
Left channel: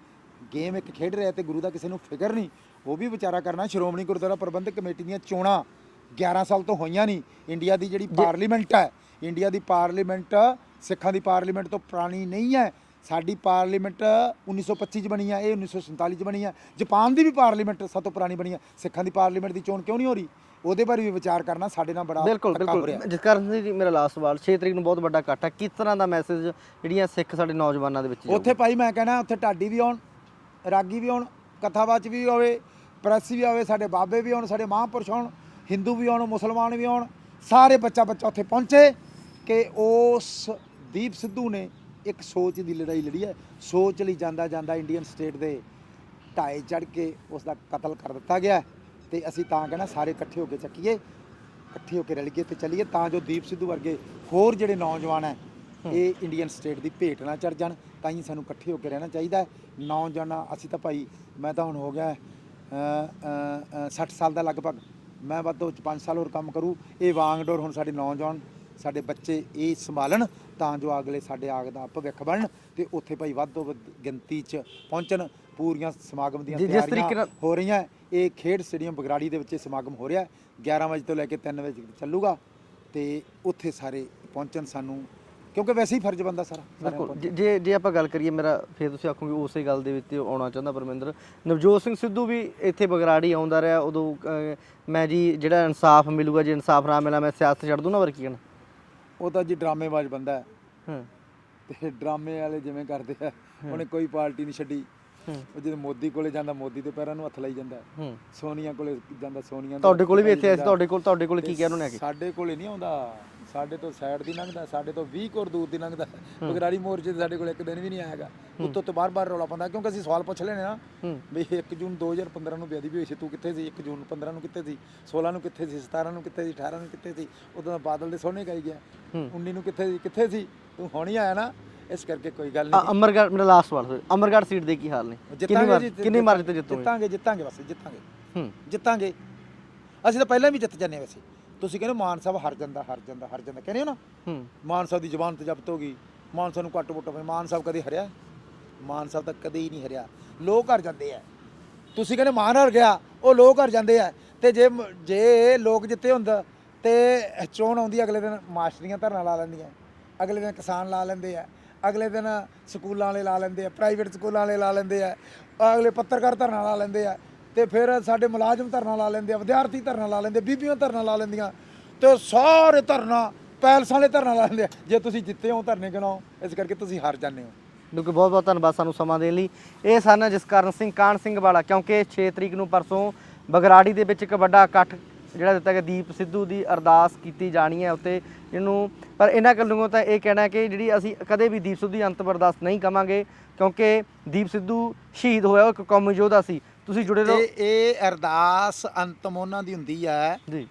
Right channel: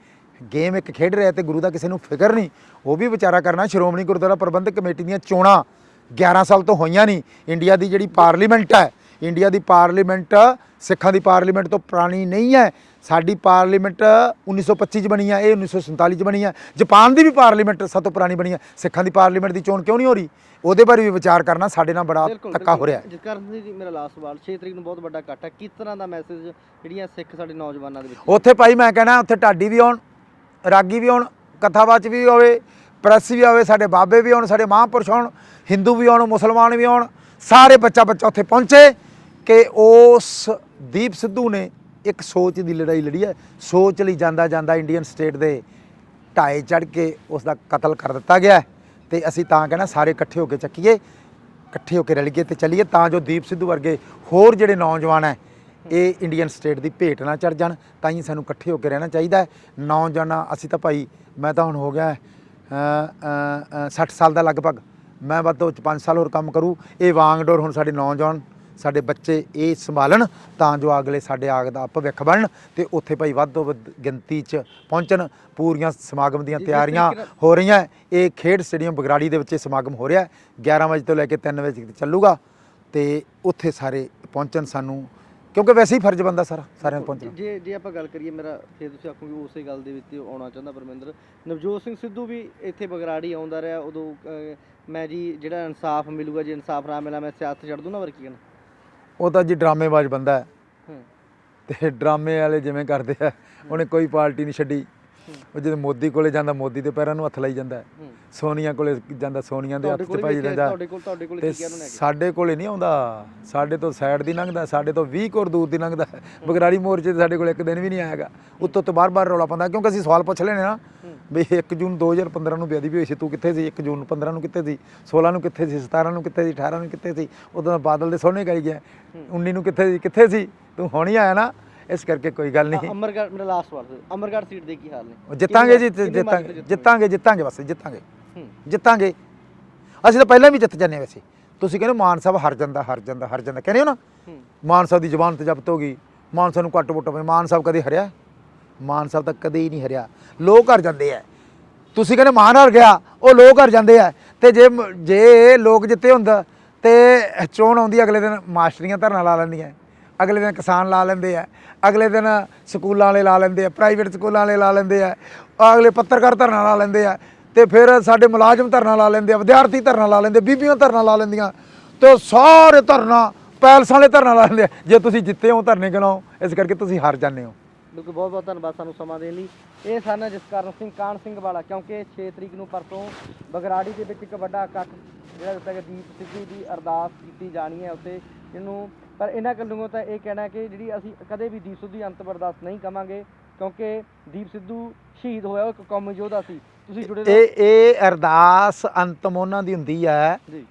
ਗੇਮ ਇੱਕ ਖੇਡ ਰਿਹਾ ਤੇ ਗੁਰੂ ਦਾ ਕਿਸੇ ਨੂੰ ਫਿਕਰ ਨਹੀਂ, ਉਹ ਵੀ ਵਿਚਾਰਾ ਕਰਨਾ। ਸ਼੍ਰੋਮਣੀ ਗੁਰਦੁਆਰਾ ਪ੍ਰਬੰਧਕ ਕਮੇਟੀ ਦੀਆਂ ਚੋਣਾਂ 11 ਸਾਲ ਤੋਂ ਹੋਈਆਂ ਨਹੀਂ। ਇੰਡੀਆ ਦੀ ਜਿਹੜੀ ਪਾਰਲੀਮੈਂਟ ਹੈ, ਇੰਡੀਆ ਦੀ ਪਾਰਲੀਮੈਂਟ ਸਿੱਖਾਂ ਦੀ ਪਾਰਲੀਮੈਂਟ ਤੋਂ ਪੁਰਾਣੀ ਨਹੀਂ ਹੈ। ਸਾਡੀ ਪਾਰਲੀਮੈਂਟ 1925 'ਚ ਬਣੀ ਹੈ, ਇਹ 1947 'ਚ ਬਣੀ ਹੈ। ਜਾਪਾਨ ਦੀ ਵੀ ਪਾਰਲੀਮੈਂਟ ਸਭ ਤੋਂ ਪੁਰਾਣੀ ਬਣੀ ਹੈ। ਸਿੱਖਾਂ ਦੀ ਪਾਰਲੀਮੈਂਟ ਦੀ ਚੋਣ ਕਿਉਂ ਨਹੀਂ ਹੋ ਰਹੀ? ਉਹਦੇ ਬਾਰੇ ਵੀ ਵਿਚਾਰ ਕਰਨਾ ਸਾਡੇ ਨਾਲ ਬੜਾ ਧੱਕਾ ਹੋ ਰਿਹਾ। ਜਿਸ ਕਾਰਨ ਜੀ ਮੇਰਾ ਲਾਸਟ ਸਵਾਲ, 6 ਤਰੀਕ ਨੂੰ ਬਹੁਤ ਵੱਡਾ ਇਕੱਠ ਹੈ, ਕਿਸ ਤਰ੍ਹਾਂ ਦਾ ਮੈਸੇਜ ਜਿਹੜੀਆਂ ਸਿੱਖ ਸਾਡੇ ਨੌਜਵਾਨਾਂ ਦੇ ਵਿੱਚ? ਉੱਥੇ ਭਾਈ ਮੈਂ ਕਹਿਣਾ ਉੱਥੇ ਢਾਡੀ ਵੀ ਆਉਣ, ਰਾਗੀ ਵੀ ਆਉਣ, ਕਥਾਵਾਚ ਵੀ ਹੋਵੇ, ਪ੍ਰੈਸ ਵੀ ਆਵੇ, ਸਾਡੇ ਬਾਬੇ ਵੀ ਆਉਣ, ਸਾਡੇ ਮਹਾਂਪੁਰਸ਼ ਆਉਣ, ਹਿੰਦੂ ਵੀ ਆਉਣ, ਮੁਸਲਮਾਨ ਵੀ ਆਉਣ, ਸਾਰੇ ਬੱਚਾ ਉੱਥੇ ਪਹੁੰਚੇ ਕਿ ਉਸ ਦੀਪ ਸਿੱਧੂ ਨੇ ਇੱਕ ਸੋਚ ਦੀ ਲੜਾਈ ਲੜੀ ਹੈ। ਸੋਚ ਲਈ ਜਾਂਦਾ ਜਾਂਦਾ ਇੰਡੀਅਨ ਸਟੇਟ ਦੇ ਢਾਏ ਚੜ੍ਹ ਕੇ ਉਸ ਦਾ ਕਤਲ ਕਰ ਦਿੱਤਾ ਗਿਆ, ਤੇ ਅਸੀਂ ਤਾਂ ਕਹਿਣਾ ਸਾਰੇ ਇਕੱਠੇ ਹੋ ਕੇ ਚੱਕੀਏ, ਇਕੱਠੇ ਹੋ ਕੇ ਰਲੀਏ ਤੇ ਚੱਲੀਏ, ਤਾਂ ਜੋ ਦੀਪ ਸਿੱਧੂ ਵਰਗੇ ਹੋਰ ਜਿਹੜੇ ਨੌਜਵਾਨ ਹੈ ਇਹ ਇੰਡੀਅਨ ਸਟੇਟ ਦੀ ਭੇਟ ਨਾ ਚੜ੍ਹ ਜਾਣ। ਤਾਂ ਹੀ ਸਾਨੂੰ ਇਕੱਠੇ ਹੋ ਕੇ ਰਹਿਣਾ ਚਾਹੀਦਾ। ਨੌਜਵਾਨਾਂ ਅਸੀਂ ਤਾਂ ਭਾਈ, ਮੈਂ ਤਾਂ ਹੁਣ ਹੋ ਗਿਆ 60 ਸਾਲ ਦਾ ਲਗਭਗ, ਮੈਂ ਵੱਧ ਤੋਂ 5 ਸਾਲ ਹੋਰ ਕੰਮ ਕਰੂ। ਇਹ ਵਾਂਗਡੋਰ ਹੁਣ ਸਾਡੇ ਨੌਜਵਾਨ ਸਾਡੇ ਬੱਚੇ ਇਹ ਸੰਭਾਲਣ ਤਾਂ ਜੋ ਅਗਲੇ ਸਾਡੇ ਆਗ ਦਾ ਭਵਿੱਖ ਬਣਨ ਤੇ ਉੱਥੇ ਭਾਈ ਵੱਧ ਤੋਂ ਵੱਧ ਗਿਣਤੀ 'ਚ ਪਹੁੰਚਣ। ਪੂਰੀਆਂ ਸਮਾਗਮ ਦੀਆਂ ਤਿਆਰੀਆਂ ਹੋ ਰਹੀਆਂ। ਇਹ ਖੇਡ ਸਟੇਡੀਅਮ ਬਗਰਾੜੀ ਦੇ ਵਿੱਚ ਸਮਾਗਮ ਹੋ ਰਿਹਾ 11 ਵਜੇ ਤੋਂ ਲੈ ਕੇ 3 ਵਜੇ ਤੱਕ ਚੱਲੂਗਾ ਤੇ ਉੱਥੇ ਸਾਰੇ ਪਹੁੰਚਣ ਸਾਨੂੰ, ਕਿਉਂਕਿ ਵੈਸੇ ਹੀ ਫਰਜ਼ ਬੰਦਾ ਸਾਰਿਆਂ ਨੂੰ ਪਹੁੰਚਣ। ਜੇ ਆਪਾਂ ਗੱਲ ਕਰੀਏ ਮੇਰਾ ਫਿਰ ਤੁਸੀਂ ਆਖੋਗੇ ਉਸੇ ਗੱਲ ਦੇ ਵਿੱਚ ਆਉਣਾ ਚਾਹੁੰਦਾ ਪਰਮਿੰਦਰ। ਨਵਜੋਤ ਸਿੰਘ ਸਿੱਧੂ ਵੀ ਇੱਥੇ ਬਗਰਾੜੀ ਆਉਂਦਾ ਰਿਹਾ, ਉਦੋਂ ਮੈਂ ਜੀ ਜਿਹੜਾ ਇਨਸਾਫ ਮਿਲੂਗਾ, ਜੇ ਇਨਸਾਫ ਨਾ ਮਿਲਿਆ ਮੈਂ ਸਿਆਸਤ ਛੱਡ ਦੂੰ ਨਾ, ਵਰ ਕੀ ਕਹਿਣਾ। ਉਹ ਤਾਂ ਜੀ ਡਰਾਮੇਬਾਜ਼ ਬੰਦਾ ਹੈ ਤੇ ਡਰਾਮੇ ਵਾਲੇ ਜਿਵੇਂ ਕਰਦੇ ਆ, ਉਹਨੇ ਕੋਈ ਪਾਰਟੀ ਨਹੀਂ ਛੱਡੀ। ਉਹ ਜਦੋਂ ਮੋਦੀ ਕੋਲੇ ਜਾਂਦਾ ਮੋਦੀ ਦੇ ਪੈਰਾਂ ਨੂੰ ਹੱਥ ਲਾਈ ਜਾਂਦਾ, ਸੋਨੀਆ ਕੋਲੇ ਜਾਂਦਾ ਸੋਨੀਆ ਦੇ। ਤੁਹਾਡੇ ਕੋਲ ਵੀ ਇੱਥੇ ਤੁਹਾਡੇ ਕੋਲ ਕੀ ਕਹਿ ਰਹੇ ਨੇ? ਸਾਡੇ ਕੋਲੇ ਨਹੀਂ ਆਉਂਦਾ, ਸਾਡੇ ਤੋਂ ਸਾਈਡ ਦੀ ਲੰਘਦਾ, ਸਾਡੇ ਤੋਂ 20 ਕੋਰ ਦੂਰ ਦੀ ਲੰਘਦਾ। ਬਗਰਾੜੀ ਮੋਰਚੇ ਤੇ ਸਾਡੇ ਕੋਲ ਇੱਕ ਦਿਨ ਵੀ ਨਹੀਂ ਆਏਗਾ। ਉੱਤੋਂ ਤੋਂ ਬਾਰ-ਬਾਰ ਰੌਲਾ ਪਾਉਂਦਾ, ਕਿਉਂਕਿ ਅਸੀਂ ਸਵਾਲ ਪੁੱਛ ਲੈਣੇ ਨਾ ਵੀ 1 ਜੂਨ 2015 ਨੂੰ ਬੇਅਦਬੀ ਹੋਈ ਸੀ, ਤੂੰ ਕਿੱਥੇ ਸੀ? 1 ਜੂਨ 15 ਨੂੰ ਕਿੱਥੇ ਸੀ? 16 ਨੂੰ ਕਿੱਥੇ ਸੀ? 17 ਨੂੰ ਕਿੱਥੇ ਸੀ? 18 ਨੂੰ ਕਿੱਥੇ ਸੀ? ਉਦੋਂ ਬਾਦਲ ਦੇ ਸੋਹਣੇ ਗਾਈ ਗਿਆ। 19 ਨੂੰ ਕਿੱਥੇ ਸੀ? ਤੂੰ ਹੁਣ ਹੀ ਆਇਆ ਨਾ, ਇਸ ਕਰਕੇ ਕੋਈ ਗੱਲ ਨਹੀਂ। ਅਮਰਗੜ੍ਹ ਮੇਰਾ ਲਾਸਟ ਸਵਾਲ, ਅਮਰਗੜ੍ਹ ਸੀਟ ਦੇ ਕੀ ਹਾਲ ਨੇ? ਜਿੱਤਾਂਗੇ ਜੀ, ਜਿੱਤਾਂਗੇ ਬਸ ਜਿੱਤਾਂਗੇ। ਅਸੀਂ ਤਾਂ ਪਹਿਲਾਂ ਵੀ ਜਿੱਤ ਜਾਂਦੇ ਹਾਂ। ਵੈਸੇ ਤੁਸੀਂ ਕਹਿੰਦੇ ਮਾਨ ਸਾਹਿਬ ਹਰ ਜਾਂਦਾ ਕਹਿੰਦੇ ਹੋ ਨਾ, ਮਾਨ ਸਾਹਿਬ ਦੀ ਜ਼ੁਬਾਨ ਤੇ ਜ਼ਬਤ ਹੋ ਗਈ, ਮਾਨ ਸਾਹਿਬ ਨੂੰ ਘੱਟ ਵੋਟਾਂ ਪਏ। ਮਾਨ ਸਾਹਿਬ ਕਦੇ ਹਰਿਆ? ਮਾਨ ਸਾਹਿਬ ਤਾਂ ਕਦੇ ਹੀ ਨਹੀਂ ਹਰਿਆ। ਲੋਕ ਹਰ ਜਾਂਦੇ ਆ। ਤੁਸੀਂ ਕਹਿੰਦੇ ਮਾਨ ਹਰ ਗਿਆ, ਉਹ ਲੋਕ ਹਰ ਜਾਂਦੇ ਆ। ਤੇ ਜੇ ਲੋਕ ਜਿੱਤੇ ਹੁੰਦਾ ਤੇ ਚੋਣ ਆਉਂਦੀ, ਅਗਲੇ ਦਿਨ ਮਾਸਟਰੀਆਂ ਧਰਨਾ ਲਾ ਲੈਂਦੀਆਂ, ਅਗਲੇ ਦਿਨ ਕਿਸਾਨ ਲਾ ਲੈਂਦੇ ਆ, ਅਗਲੇ ਦਿਨ ਸਕੂਲਾਂ ਵਾਲੇ ਲਾ ਲੈਂਦੇ ਆ, ਪ੍ਰਾਈਵੇਟ ਸਕੂਲਾਂ ਵਾਲੇ ਲਾ ਲੈਂਦੇ ਆ, ਅਗਲੇ ਪੱਤਰਕਾਰ ਧਰਨਾ ਲਾ ਲੈਂਦੇ ਆ, ਤੇ ਫਿਰ ਸਾਡੇ ਮੁਲਾਜ਼ਮ ਧਰਨਾ ਲਾ ਲੈਂਦੇ ਆ, ਵਿਦਿਆਰਥੀ ਧਰਨਾ ਲਾ ਲੈਂਦੇ, ਬੀਬੀਆਂ ਧਰਨਾ ਲਾ ਲੈਂਦੀਆਂ, ਤੇ ਸਾਰੇ ਧਰਨਾ ਪੈਲਸਾਂ ਵਾਲੇ ਧਰਨਾ ਲਾ ਲੈਂਦੇ ਆ। ਜੇ ਤੁਸੀਂ ਜਿੱਤੇ ਹੋ ਧਰਨੇ ਗਿਣਾਓ, ਇਸ ਕਰਕੇ ਤੁਸੀਂ ਹਾਰ ਜਾਂਦੇ ਹੋ। ਬਿਲਕੁਲ, ਬਹੁਤ ਬਹੁਤ ਧੰਨਵਾਦ ਸਾਨੂੰ ਸਮਾਂ ਦੇਣ ਲਈ। ਇਹ ਸਨ ਜਸਕਰਨ ਸਿੰਘ ਕਾਹਨ ਸਿੰਘ ਵਾਲਾ। ਕਿਉਂਕਿ 6 ਤਰੀਕ ਨੂੰ ਪਰਸੋਂ ਬਗਰਾੜੀ ਦੇ ਵਿੱਚ ਇੱਕ ਵੱਡਾ ਇਕੱਠ ਜਿਹੜਾ ਦਿੱਤਾ ਗਿਆ, ਦੀਪ ਸਿੱਧੂ ਦੀ ਅਰਦਾਸ ਕੀਤੀ ਜਾਣੀ ਹੈ ਉੱਤੇ, ਜਿਹਨੂੰ ਪਰ ਇਹਨਾਂ ਗੱਲੋਂ ਤਾਂ ਇਹ ਕਹਿਣਾ ਕਿ ਜਿਹੜੀ ਅਸੀਂ ਕਦੇ ਵੀ ਦੀਪ ਸਿੱਧੂ ਦੀ ਅੰਤਮ ਅਰਦਾਸ ਨਹੀਂ ਕਵਾਂਗੇ, ਕਿਉਂਕਿ ਦੀਪ ਸਿੱਧੂ ਸ਼ਹੀਦ ਹੋਇਆ, ਉਹ ਇੱਕ ਕੌਮੀ ਯੋਧਾ ਸੀ। ਤੁਸੀਂ ਜੁੜੇ ਰਹੋ। ਇਹ ਅਰਦਾਸ ਅੰਤਮ ਉਹਨਾਂ ਦੀ ਹੁੰਦੀ ਹੈ ਜੀ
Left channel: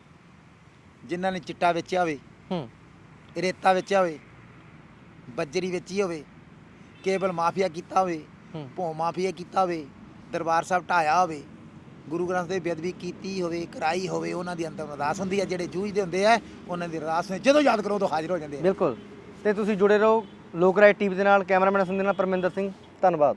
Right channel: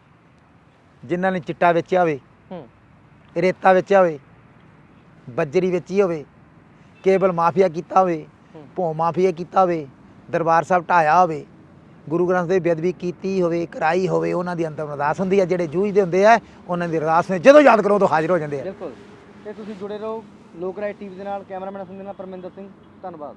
ਜਿਨ੍ਹਾਂ ਨੇ ਚਿੱਟਾ ਵੇਚਿਆ ਹੋਵੇ, ਰੇਤਾ ਵੇਚਿਆ ਹੋਵੇ, ਬੱਜਰੀ ਵੇਚੀ ਹੋਵੇ, ਕੇਬਲ ਮਾਫੀਆ ਕੀਤਾ ਹੋਵੇ, ਭੋਂ ਮਾਫੀਆ ਕੀਤਾ ਹੋਵੇ, ਦਰਬਾਰ ਸਾਹਿਬ ਢਾਇਆ ਹੋਵੇ, ਗੁਰੂ ਗ੍ਰੰਥ ਸਾਹਿਬ ਦੀ ਬੇਅਦਬੀ ਕੀਤੀ ਹੋਵੇ, ਕਰਾਈ ਹੋਵੇ, ਉਹਨਾਂ ਦੀ ਅੰਤਮ ਅਰਦਾਸ ਹੁੰਦੀ ਹੈ। ਜਿਹੜੇ ਜੂਝਦੇ ਹੁੰਦੇ ਆ ਉਹਨਾਂ ਦੀ ਅਰਦਾਸ ਨੂੰ ਜਦੋਂ ਯਾਦ ਕਰੋ ਉਦੋਂ ਹਾਜ਼ਰ ਹੋ ਜਾਂਦੇ ਆ। ਬਿਲਕੁਲ। ਤੇ ਤੁਸੀਂ ਜੁੜੇ ਰਹੋ ਲੋਕ ਰਾਏ ਟੀਵੀ ਦੇ ਨਾਲ। ਕੈਮਰਾਮੈਨ ਸੰਦੇ ਨਾਲ ਪਰਮਿੰਦਰ ਸਿੰਘ, ਧੰਨਵਾਦ।